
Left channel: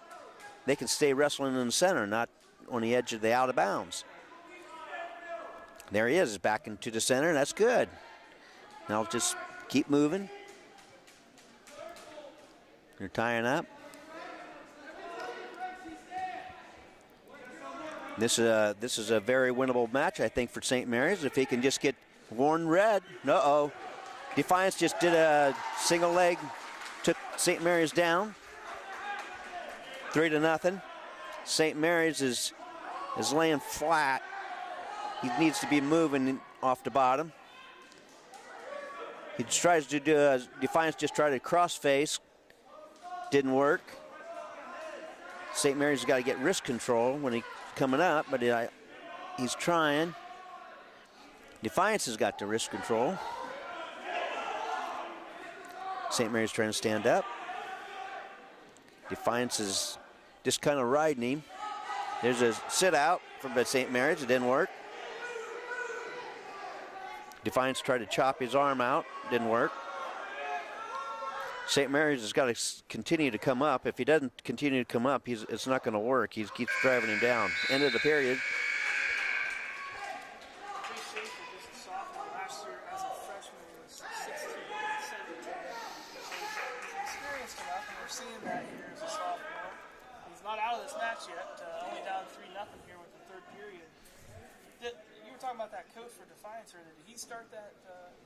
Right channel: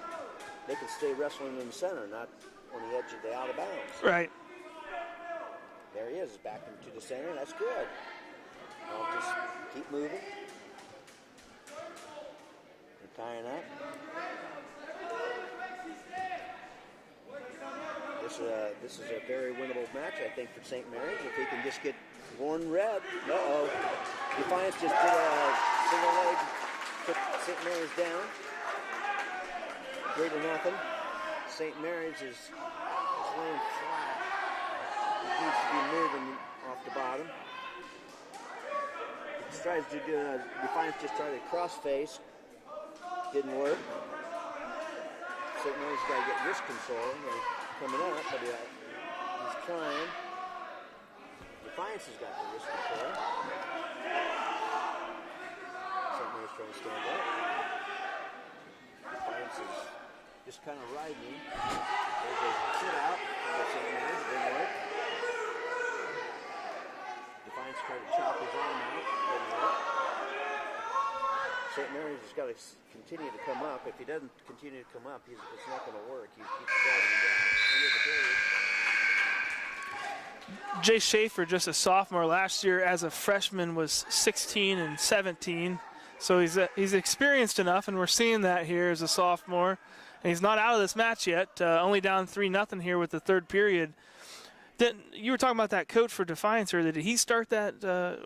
they can stay wrestling in the center, not on the edge of the out of bounds. Right. There he is, back into the center. That's good. Now just keep moving. They're tying up. This is a very winnable match, I think, for St. Mary's. If he can just get worn red. Uh-oh. Defiance just did a single leg, took St. Mary's down. 3-0. St. Mary's is laying flat. He needs to be moving off the bottom. He tries to do Defiance just tried to cross face. Didn't work. St. Mary's got to get wrist control when he coming up, but he's trying. Defiance has got the wrist control. St. Mary's trying to stand up. Defiance is just kind of riding him. There's a sit out from St. Mary's. It didn't work. Defiance tried to chop his arm out. Didn't work. St. Mary's has got to continue to come up. If he doesn't continue to come up, it's not going to work. He keeps driving him down. End of the period. Jay Schaefer, just a sophomore last year as a freshman, was 16 and 17. So he's experienced enough, and we're seeing that here as a sophomore. And he's not out of this match yet, only down 3-0 here with the third period. You were talking about that coach for Defiance earlier. Did he start that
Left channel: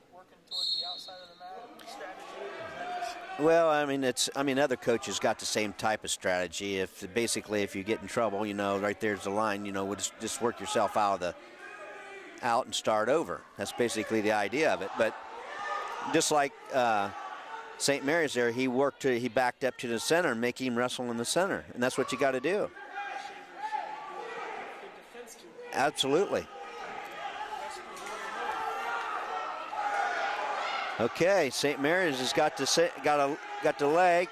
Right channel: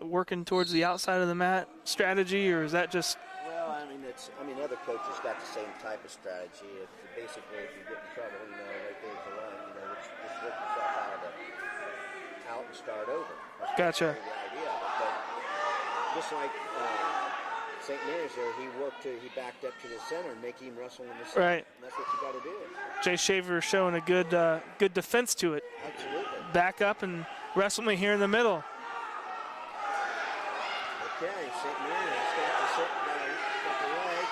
working towards the outside of the mat strategy, or is that just? Well, other coaches got the same type of strategy. If you get in trouble, right there's the line. Just work yourself out and start over. That's basically the idea of it. But just like St. Mary's there, he backed up to the center and make him wrestle in the center, and that's what you got to do. Jay Shaver showing a good defense to it. Absolutely. Back up and wrestle me here in the middle. Okay, St. Mary's has got the leg.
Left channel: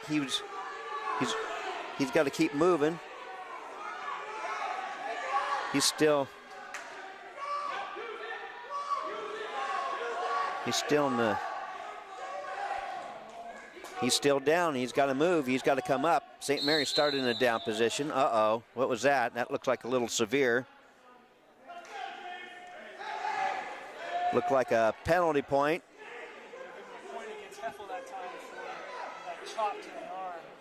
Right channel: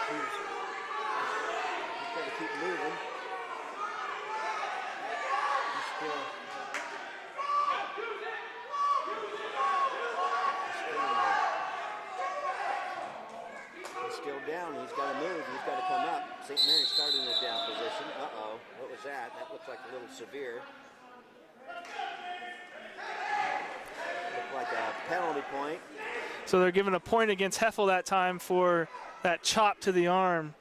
He's got to keep moving. He's still in the. He's still down. He's got to move. He's got to come up. St. Mary's started in a down position. Uh-oh. What was that? That looked like a little severe. Looked like a penalty point. So they're giving a point against Heffel that time for that chop to the arm.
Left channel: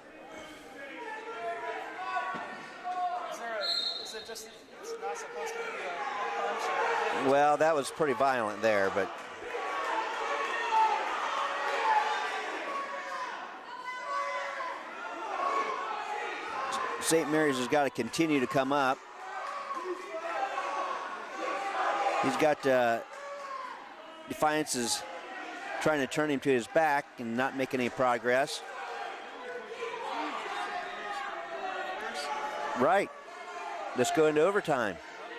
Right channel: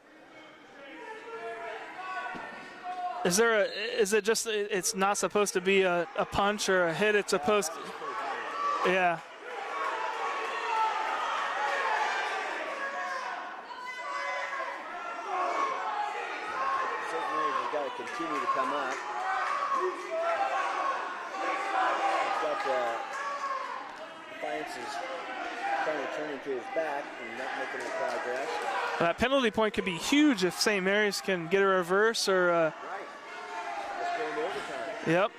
Is it just, it's not supposed to be a punch or a hit? It's well, that was pretty violent there. Yeah. St. Mary's has got to continue to come up. He's got Defiance is trying to turn him to his back and not making any progress. That penalty point could be huge if St. Mary's can get a reverse or right. Just go into overtime. Yep.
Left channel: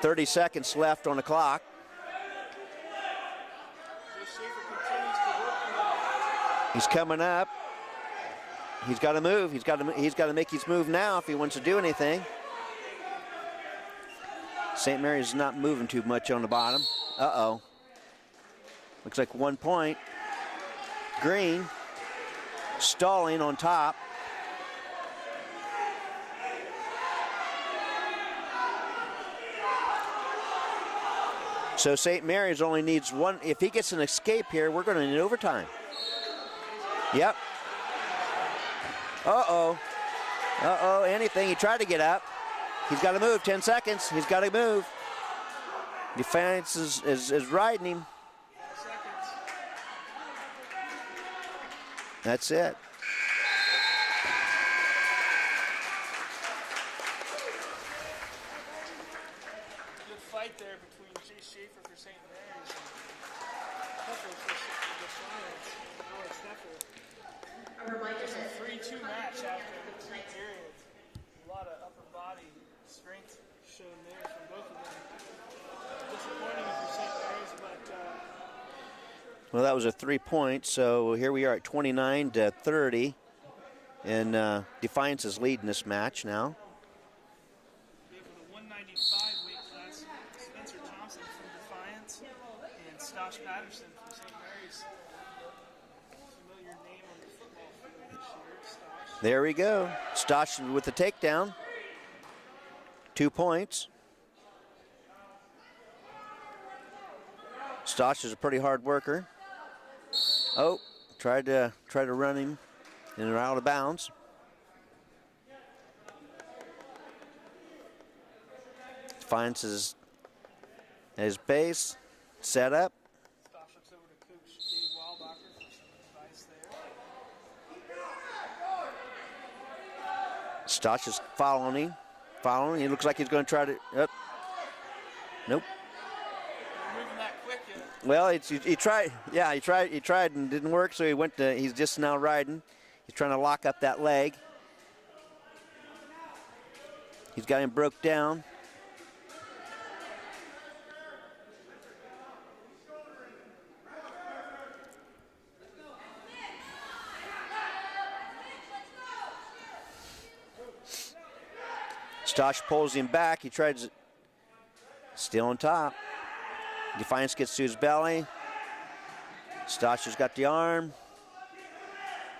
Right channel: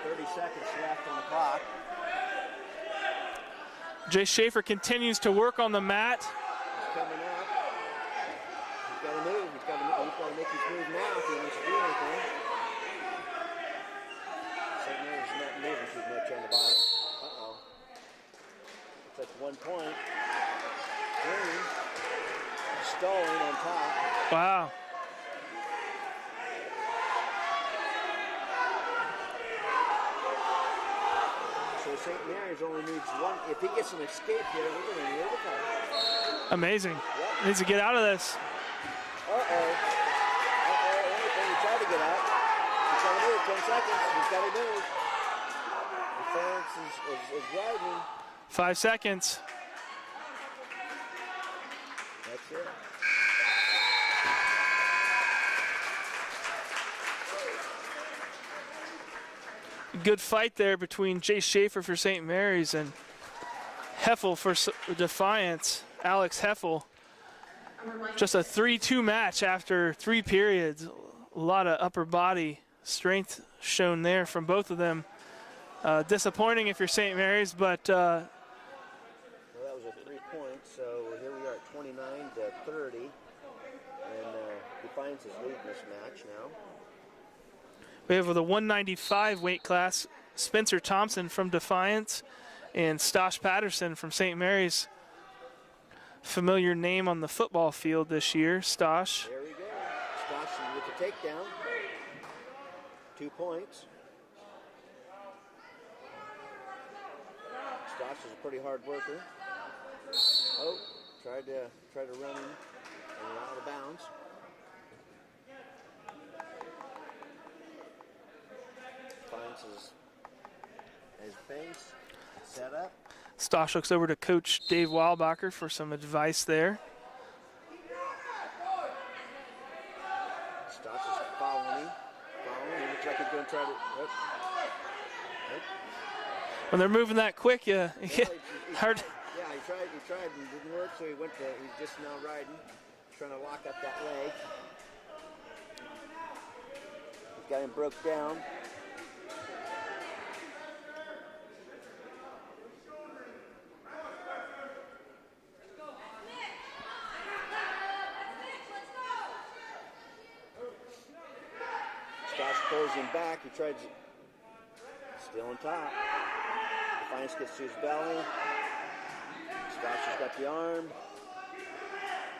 30 seconds left on the clock. Jay Schaefer continues to work on the mat. He's coming up. He's got to move. He's got to make his move now if he wants to do anything. St. Mary's is not moving too much on the bottom. Uh-oh. Looks like 1 point. Green stalling on top. Wow. So St. Mary's only needs one. If he gets an escape here, we're going to need overtime. Amazing. Yep. Needs to get out of this. Uh-oh. Uh-oh, anything. He tried to get out. He's got to move. 10 seconds. He's got to move. Defiance is riding him. 5 seconds. That's it. Good fight there between Jay Schaefer for St. Mary's and Heffel for Defiance. Alex Heffel. Just a 3-2 match after 3 periods. A lot of upper body strength shown there from both of them. Disappointing if you're St. Mary's, but well, that was a 3 point, so here we are at 29-30, and Defiance is leading this match now. We have the 195 weight class, Spencer Thompson from Defiance and Stosh Patterson from St. Mary's. Familiar name on the football field this year, Stosh. There we go. Stosh with the takedown. 2 points. Stosh is a pretty hard worker. Oh, tried to run him and they're out of bounds. Defiance is at his base, set up. Stosh looks over to Coach Dave Weilbacher for some advice there. Stosh is following him. He looks like he's going to try to. Nope. When they're moving that quick, yeah. Well, he tried. Yeah, he tried and didn't work. So he went to. He's just now riding. He's trying to lock up that leg. He's got him broke down. Stosh pulls him back. He tries, still on top. Defiance gets to his belly. Stosh has got the arm.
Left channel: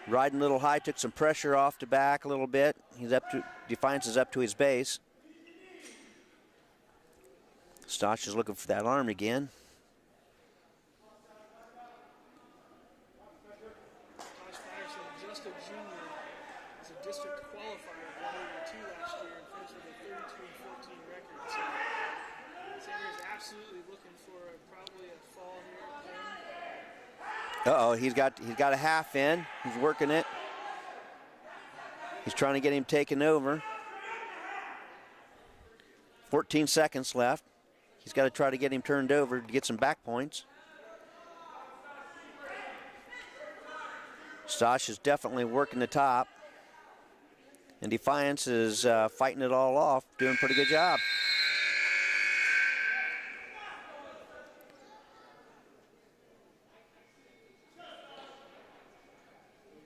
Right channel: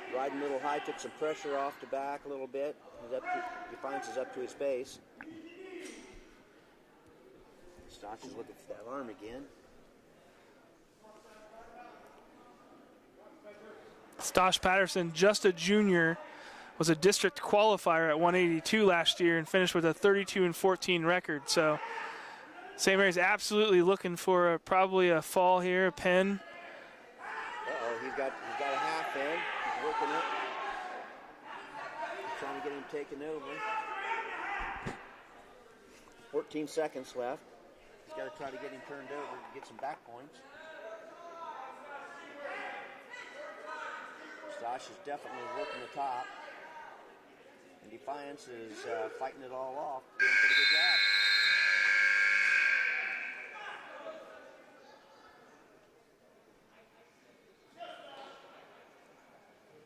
Riding a little high, took some pressure off the back a little bit. Defiance is up to his base. Stosh is looking for that arm again. Stosh Patterson, just a junior, was a district qualifier at 182 last year and finished with a 32-14 record. So St. Mary's absolutely looking for probably a fall here, a pin. Uh-oh, he's got a half in. He's working it. He's trying to get him taken over. 14 seconds left. He's got to try to get him turned over to get some back points. Stosh is definitely working the top. And Defiance is fighting it all off, doing a pretty good job.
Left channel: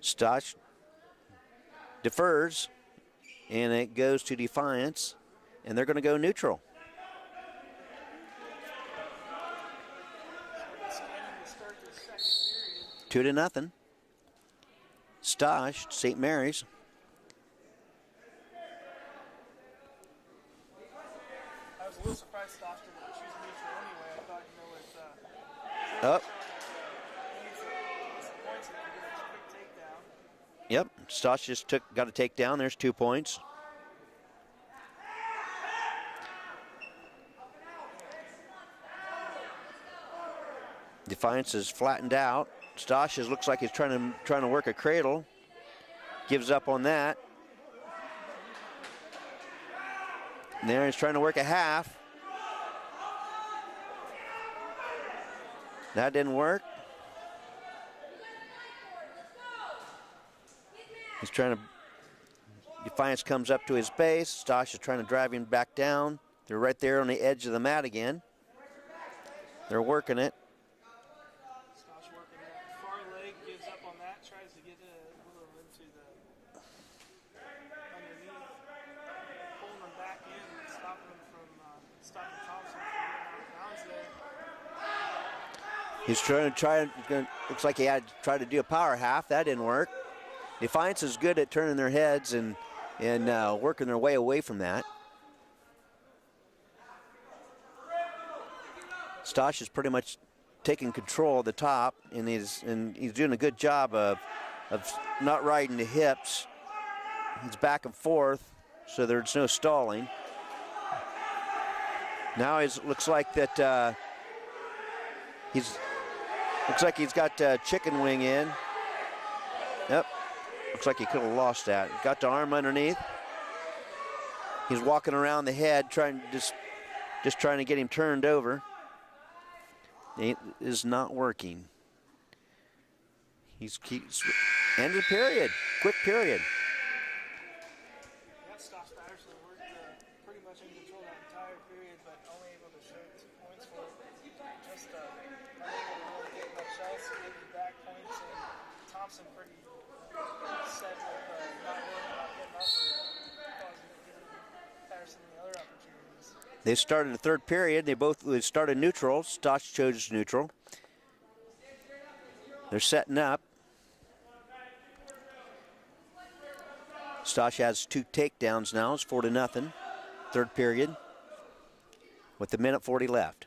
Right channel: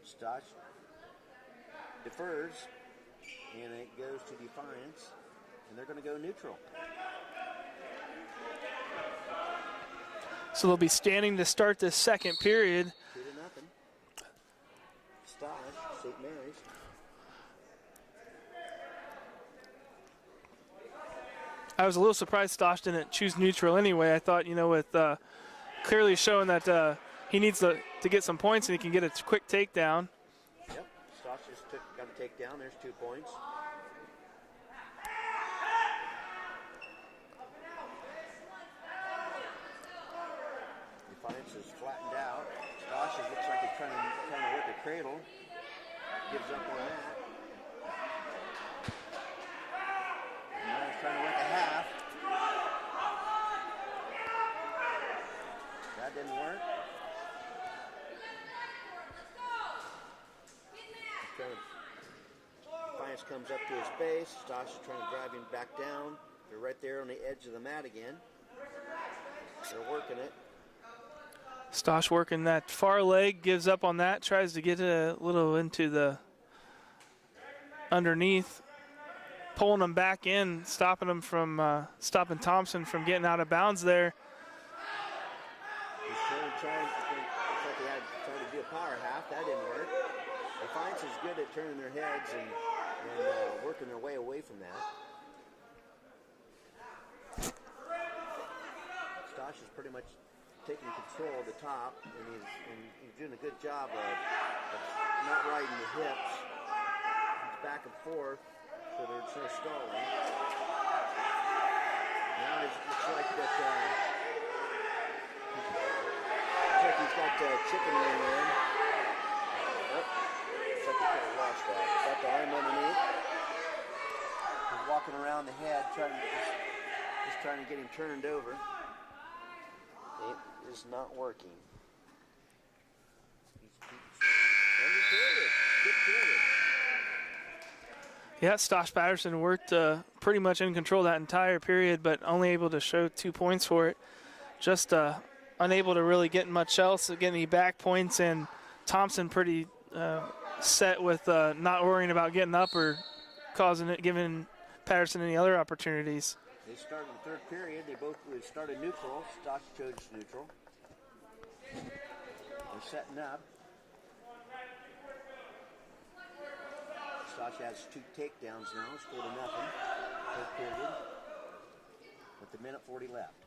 Stosh defers, and it goes to Defiance, and they're going to go neutral. So they'll be standing to start this second period. 2-0. Stosh, St. Mary's. I was a little surprised Stosh didn't choose neutral anyway. I thought, you know, with clearly showing that he needs to get some points and he can get a quick takedown. Yep, Stosh just got a takedown. There's 2 points. Defiance is flattened out. Stosh looks like he's trying to work a cradle. Gives up on that. And there he's trying to work a half. That didn't work. He's trying to, Defiance comes up to his base. Stosh is trying to drive him back down. They're right there on the edge of the mat again. They're working it. Stosh working that far leg, gives up on that, tries to get a little into the underneath, pulling him back in, stopping him from, stopping Thompson from getting out of bounds there. He's looks like he had tried to do a power half. That didn't work. Defiance is good at turning their heads and working their way away from that. Stosh is pretty much taking control of the top, and he's doing a good job of not riding the hips. He's back and forth, so there's no stalling. Now it looks like that looks like he's got chicken wing in. Yep. Looks like he could have lost that. Got the arm underneath. He's walking around the head, just trying to get him turned over. It is not working. He's end of period. Quick period. Yeah, Stosh Patterson worked pretty much in control that entire period, but only able to show 2 points for it. Just unable to really get much else, get any back points, and Thompson pretty set with not worrying about getting up or giving Patterson any other opportunities. They started the third period. They both started neutral. Stosh chose neutral. They're setting up. Stosh has 2 takedowns now. It's 4-0. Third period with a minute 40 left.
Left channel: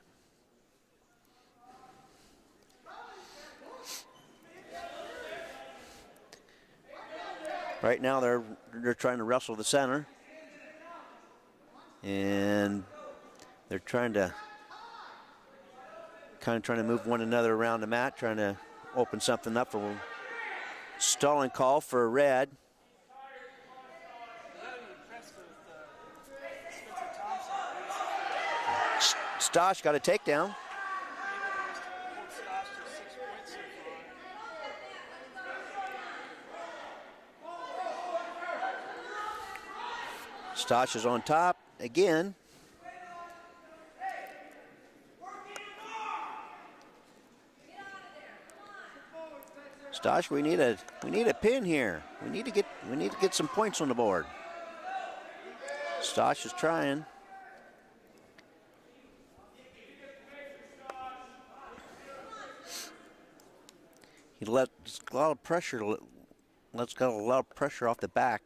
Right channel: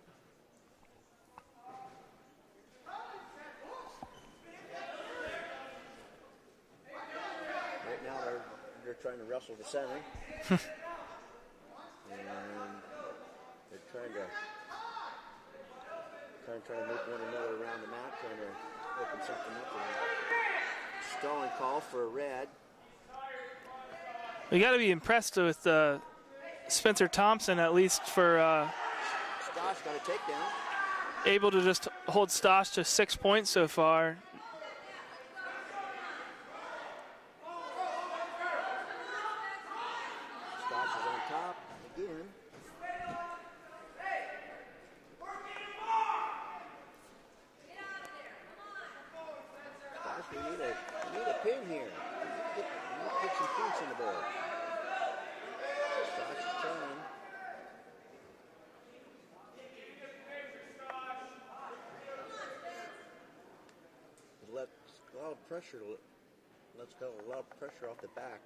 Right now they're trying to wrestle the center. And they're trying to move one another around the mat, trying to open something up for a stalling call for a red. We got to be impressed with Spencer Thompson, at least for Stosh got a takedown. Able to just hold Stosh to 6 points so far. Stosh is on top again. Stosh, we need a pin here. We need to get some points on the board. Stosh is trying. He let a lot of pressure. Let's got a lot of pressure off the back.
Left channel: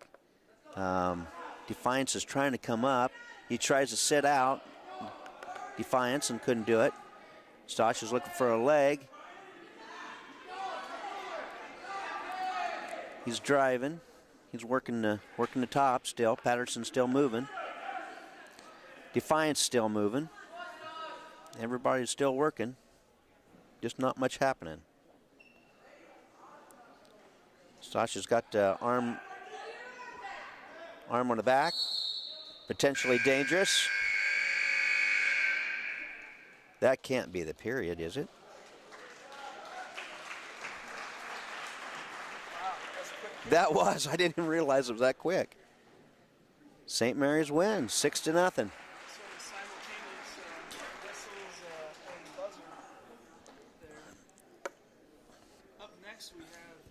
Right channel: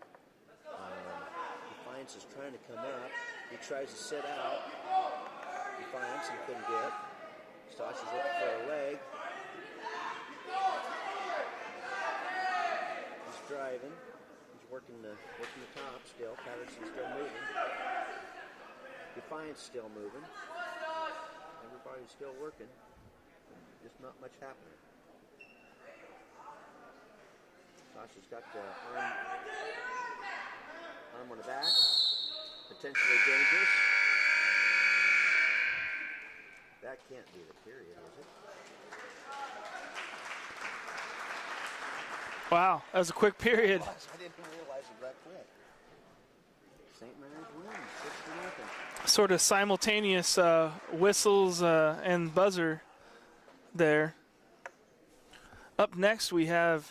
Defiance is trying to come up. He tries to sit out. Defiance and couldn't do it. Stosh is looking for a leg. He's driving. He's working the top still. Patterson's still moving. Defiance still moving. Everybody's still working. Just not much happening. Sasha's got arm on the back. Potentially dangerous. That can't be the period, is it? Wow, that was a quick period. That was. I didn't even realize it was that quick. St. Mary's wins, 6-0. Sort of simultaneous whistles and buzzer there. Up next, we have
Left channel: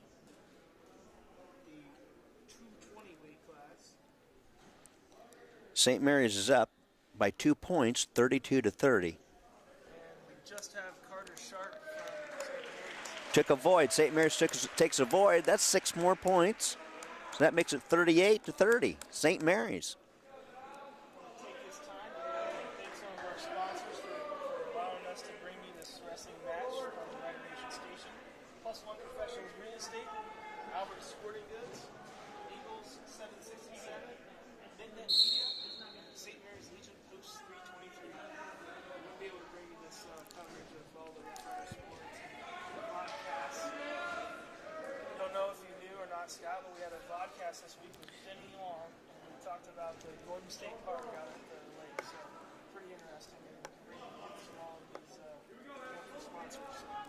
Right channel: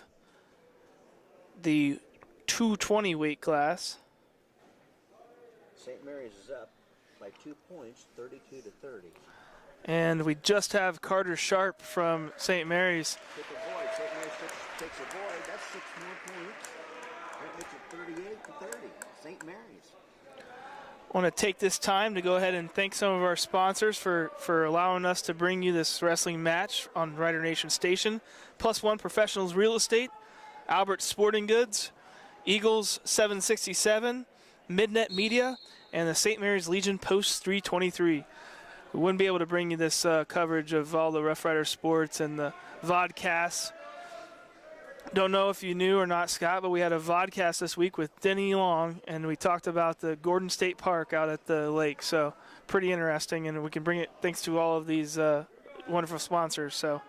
the 220 weight class. St. Mary's is up by 2 points, 32-30. And we just have Carter Sharp from St. Mary's. Took a void. St. Mary's takes a void. That's 6 more points. So that makes it 38-30. St. Mary's. I want to take this time to go ahead and thank some of our sponsors for allowing us to bring you this wrestling match on Rider Nation Station. Plus One Professionals Real Estate, Albert Sporting Goods, Eagles 767, Midnet Media, and the St. Mary's Legion Post 323. We wouldn't be able to bring you this coverage of all the Rough Rider sports and the vodcasts. Don't know if you knew or not, Scott, but we had a vodcast this week with Denny Long, and we talked about the Gordon State Park out at the lake. So pretty interesting, and we can bring it thanks to all of these wonderful sponsors. So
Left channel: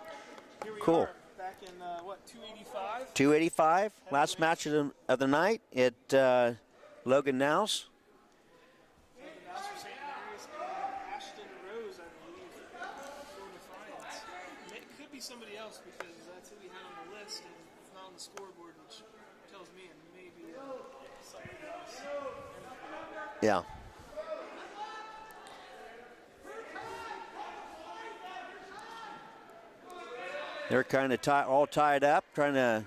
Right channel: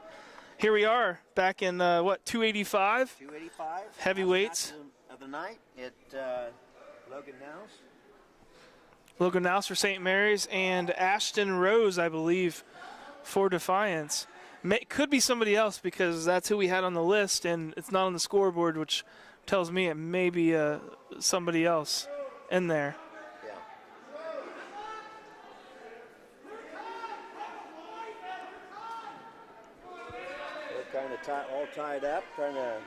here we are back in, 285? 285. Heavyweights. Last match of the night at Logan Nouse. Logan Nouse for St. Mary's and Ashton Rose, I believe, for Defiance. Could be somebody else because that's who we had on the list, and it's not on the scoreboard, which tells me it may be somebody else in there. Yeah. They're kind of all tied up, trying to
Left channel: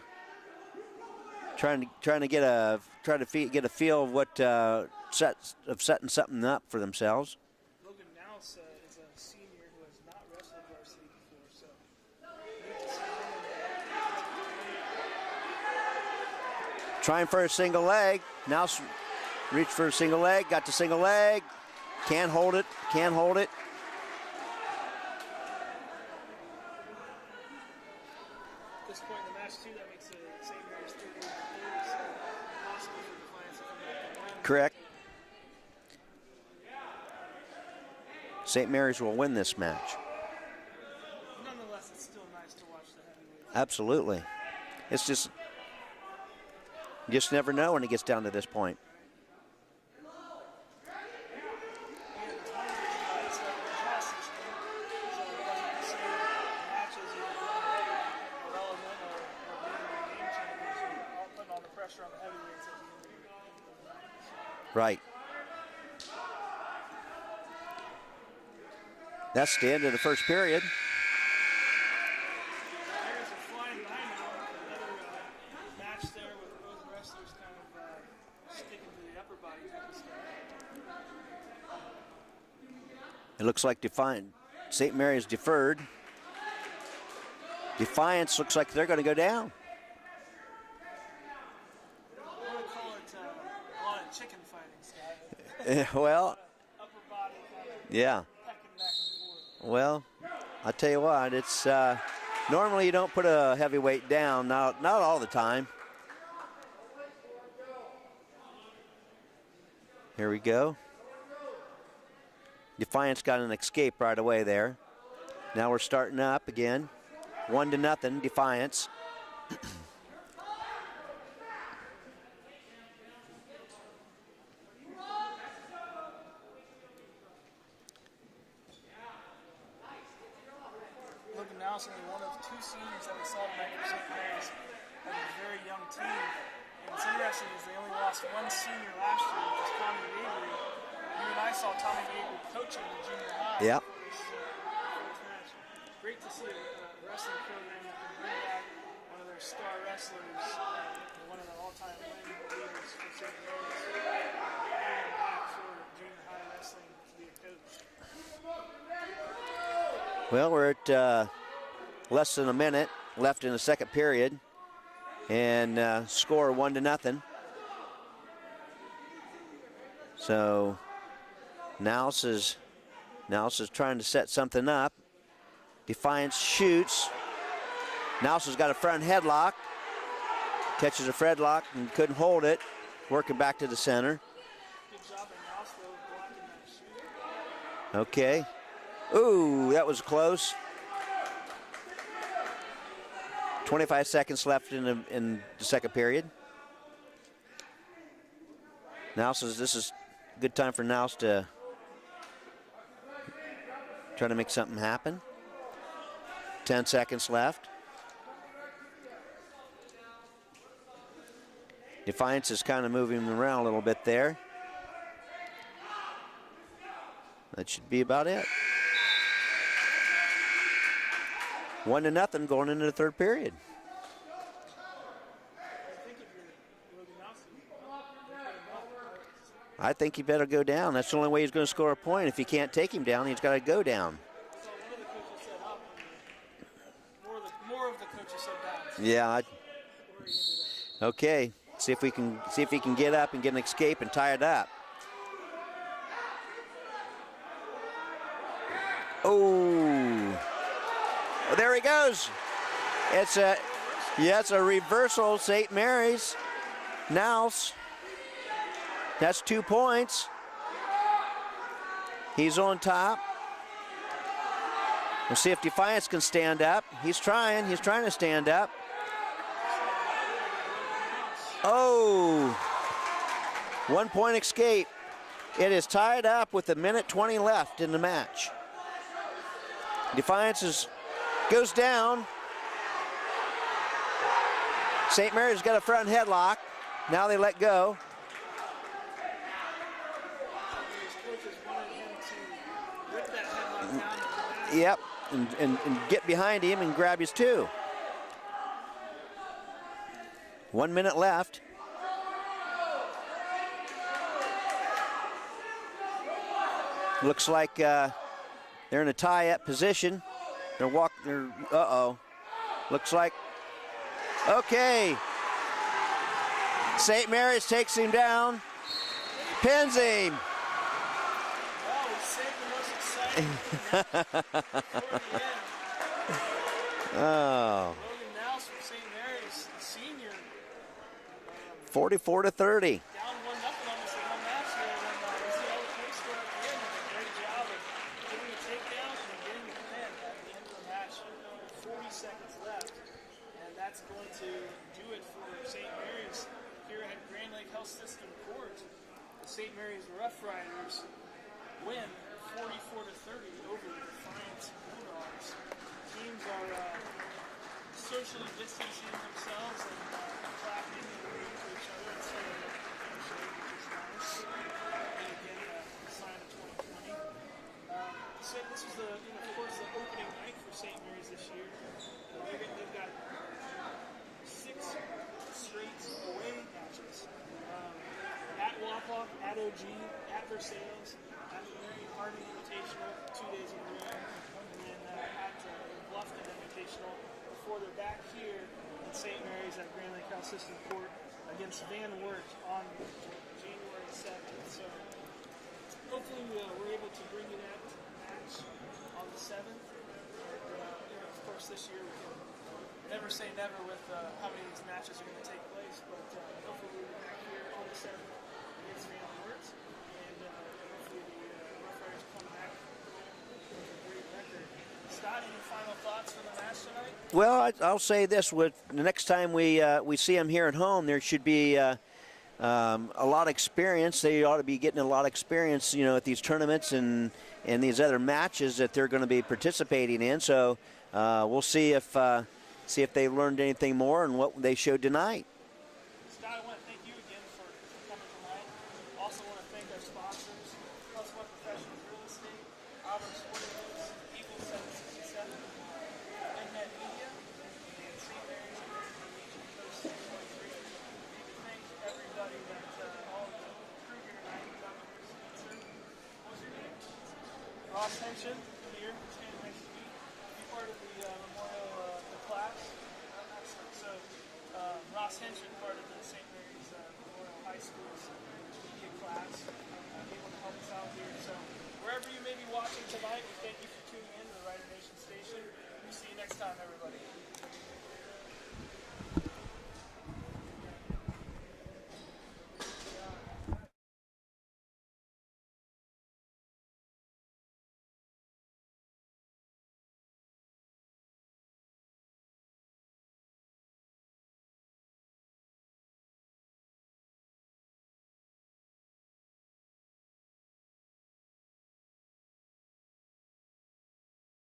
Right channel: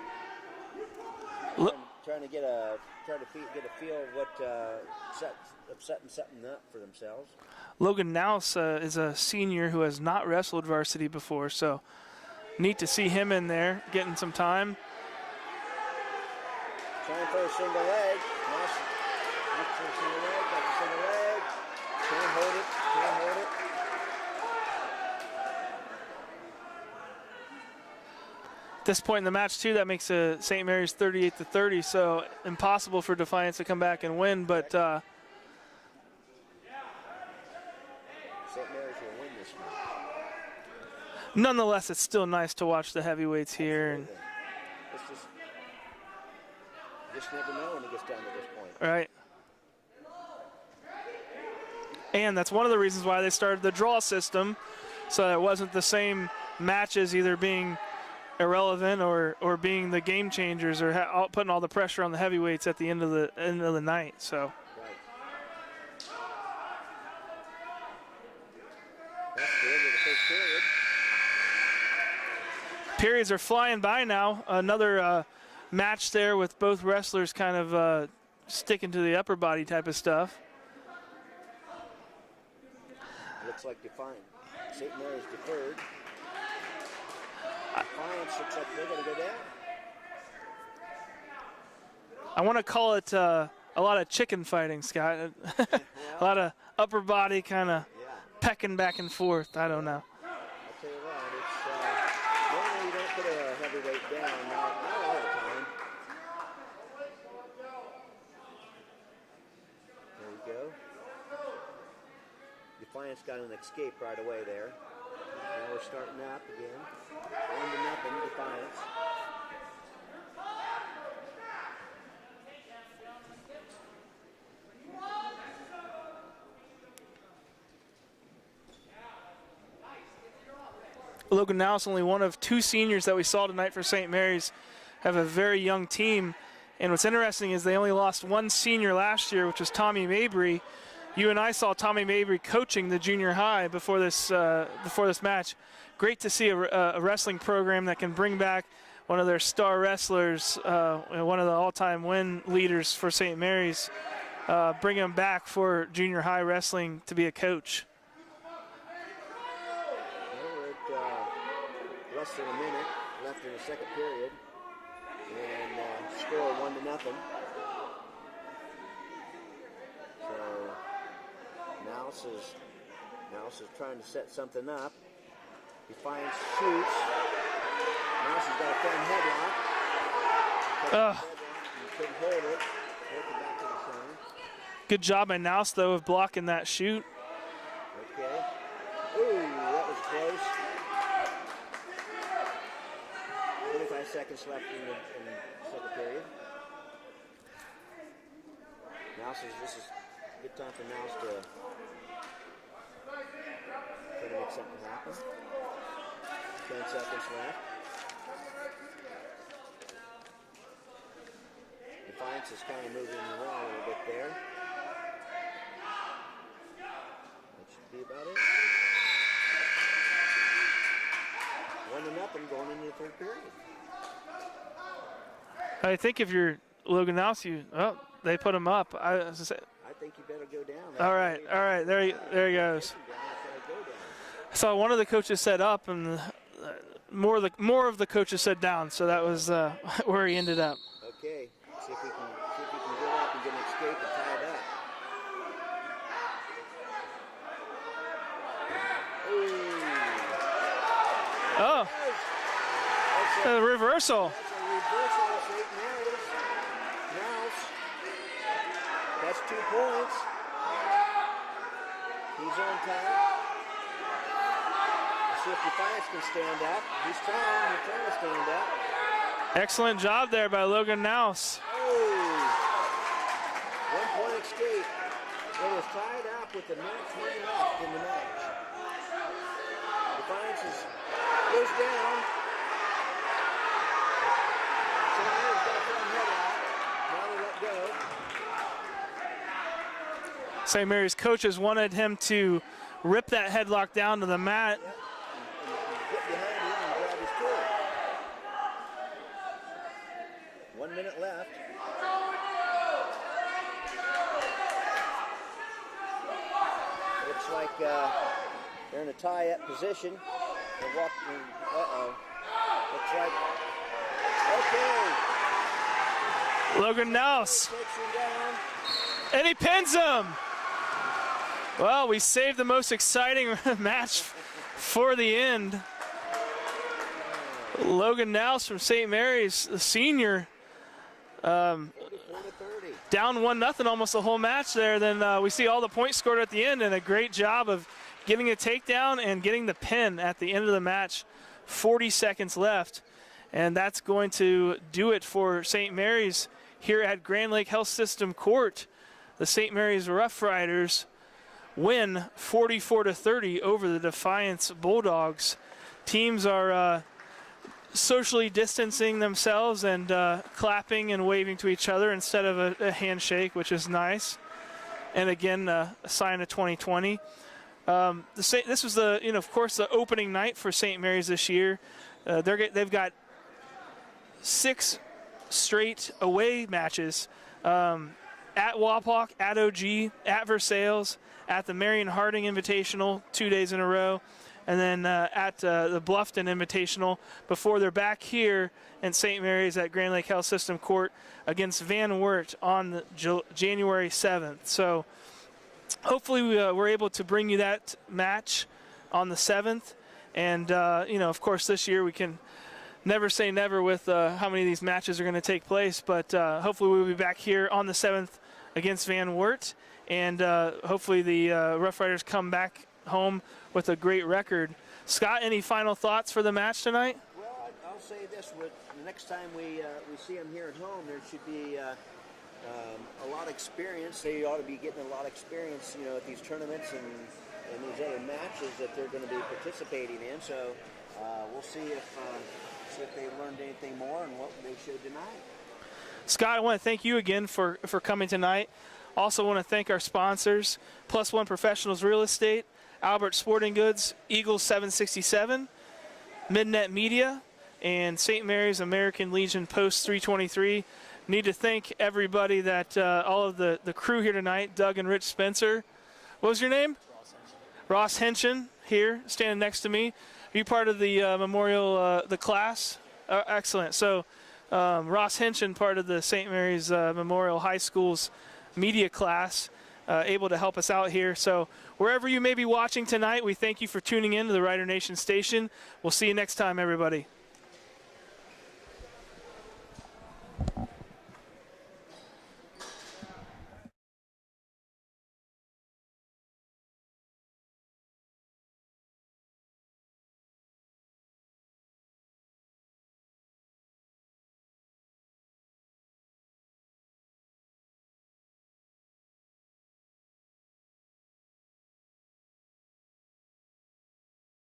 get a feel of what setting something up for themselves. Logan Nouse is a senior who has not wrestled varsity before, so neat to see him in there, getting some time. Trying for a single leg. Nouse reached for a single leg, got the single leg. Can't hold it, can't hold it. At this point in the match, too, that makes St. Mary's 38-30, so impossible for Defiance to come back and win. Correct. But St. Mary's will win this match. nonetheless, it's still nice to watch the heavyweights here. Absolutely. It's just, you just never know when it gets down to this point. Right. And that's one of the reasons why they started the draw system, so it wasn't the same matches either being irrelevant or being the game changers or putting all the pressure on the heavyweights at the end of the night. So right. That's the end of the first period. Periods are flying by now. Another match there with both wrestlers kind of sticking to the upper body type of stuff. It looks like St. Mary's deferred. Defiance looks like they're going to go down. I want to call it a lot of chicken fighting, Scott. Well, a lot of upper body kind of pecking back and forth. I don't know. I'll tell you what, it's normally you don't put a heavyweight down, not all the time. Here we go. Defiance got an escape right away there. Now we're starting up again. 1-0, Defiance. Logan Nouse, only one of two seniors that we saw tonight for St. Mary's, have a very young team. And what's interesting is they only lost one senior last year, which was Tommy Mabry. You and I saw Tommy Mabry coaching the junior high before this match. Great to see a wrestling program that can bring back one of their star wrestlers, one of the all-time win leaders for St. Mary's, bring him back for junior high wrestling to be a coach. Well, we're at less than a minute left in the second period, and score 1-0. So Nels is trying to set something up. Defiance shoots. Nels has got a front headlock. Catches a headlock and couldn't hold it. Working back to the center. Good job by Nels, though, of blocking that shoot. Okay. Ooh, that was close. 25 seconds left in the second period. Nels says this is a good time for Nels to try to make something happen. 10 seconds left. Defiance is kind of moving around a little bit there. That should be about it. 1-0 going into the third period. I think if you're Logan Nels, they put him up. I think he better go down. That's the only way he's going to score a point. If you can't take him down, he's got to go down. I saw one of the coaches said up, and more of the coaches said down. So that was where he ended up. Okay, see if he can get up and get an escape and tie it up. Oh, there he goes. It's a reversal. Yeah, it's a reversal. St. Mary's. Nels. That's 2 points. He's on top. We'll see if Defiance can stand up. He's trying to stand up. Excellent job there by Logan Nels. Oh, 1 point escape. It is tied up with 1:20 left in the match. Defiance goes down. St. Mary's got a front headlock. Now they let go. St. Mary's coaches wanted him to rip that headlock down to the mat. Yep, and get behind him and grab his 2. 1 minute left. Looks like they're in a tie-up position. Looks like, okay. Logan St. Nels. Mary's takes him down. And he pins him. Well, we saved the most exciting match for the end. Oh. Logan Nels from St. Mary's, the senior. 44-30. Down 1-0 almost the whole match there. Then we see all the points scored at the end, and a great job of getting a takedown and getting the pin at the end of the match. 40 seconds left. And that's going to do it for St. Mary's here at Grand Lake Health System Court. The St. Mary's Rough Riders win 44-30 over the Defiance Bulldogs. Teams are socially distancing themselves and clapping and waving to each other instead of a handshake, which is nice. And again, a sign of 2020. This was of course, the opening night for St. Mary's this year. They've got 6 straight away matches at Wapak, at OG, at Versailles, at the Marion Harding Invitational 2 days in a row, and then at the Bluffton Invitational before they're back here in St. Mary's at Grand Lake Health System Court against Van Wert on January 7th. So hopefully we're able to bring you that match on the 7th. And, of course, this year we can never say never with how many of these matches are going to take place. But hopefully we'll be back here on the 7th against Van Wert. And hopefully the Rough Riders come back home with a great record. Scott, any final thoughts for the match tonight? Well, I'll say this: with the next time we see them here at home, there should be a lot of experience. They ought to be getting a lot of experience, at these tournaments and these other matches that they're going to be participating in. So we'll see if they learned anything more and what they showed tonight. Scott, I want to thank you again for coming tonight. Also want to thank our sponsors, Plus One Professionals Real Estate, Albert Sporting Goods, Eagles 767, Midnet Media, and St. Mary's American Legion Post 323. Need to thank everybody that, all of the crew here tonight, Doug and Rich Spencer. What was your name? Ross Henshin here, standing next to me. Are you part of the memorial, the class? Excellent. So Ross Henshin, part of the St. Mary's Memorial High School's media class, able to help us out here. So wherever you may be watching tonight, we thank you for tuning in to the Rider Nation station. We'll see you next time, everybody.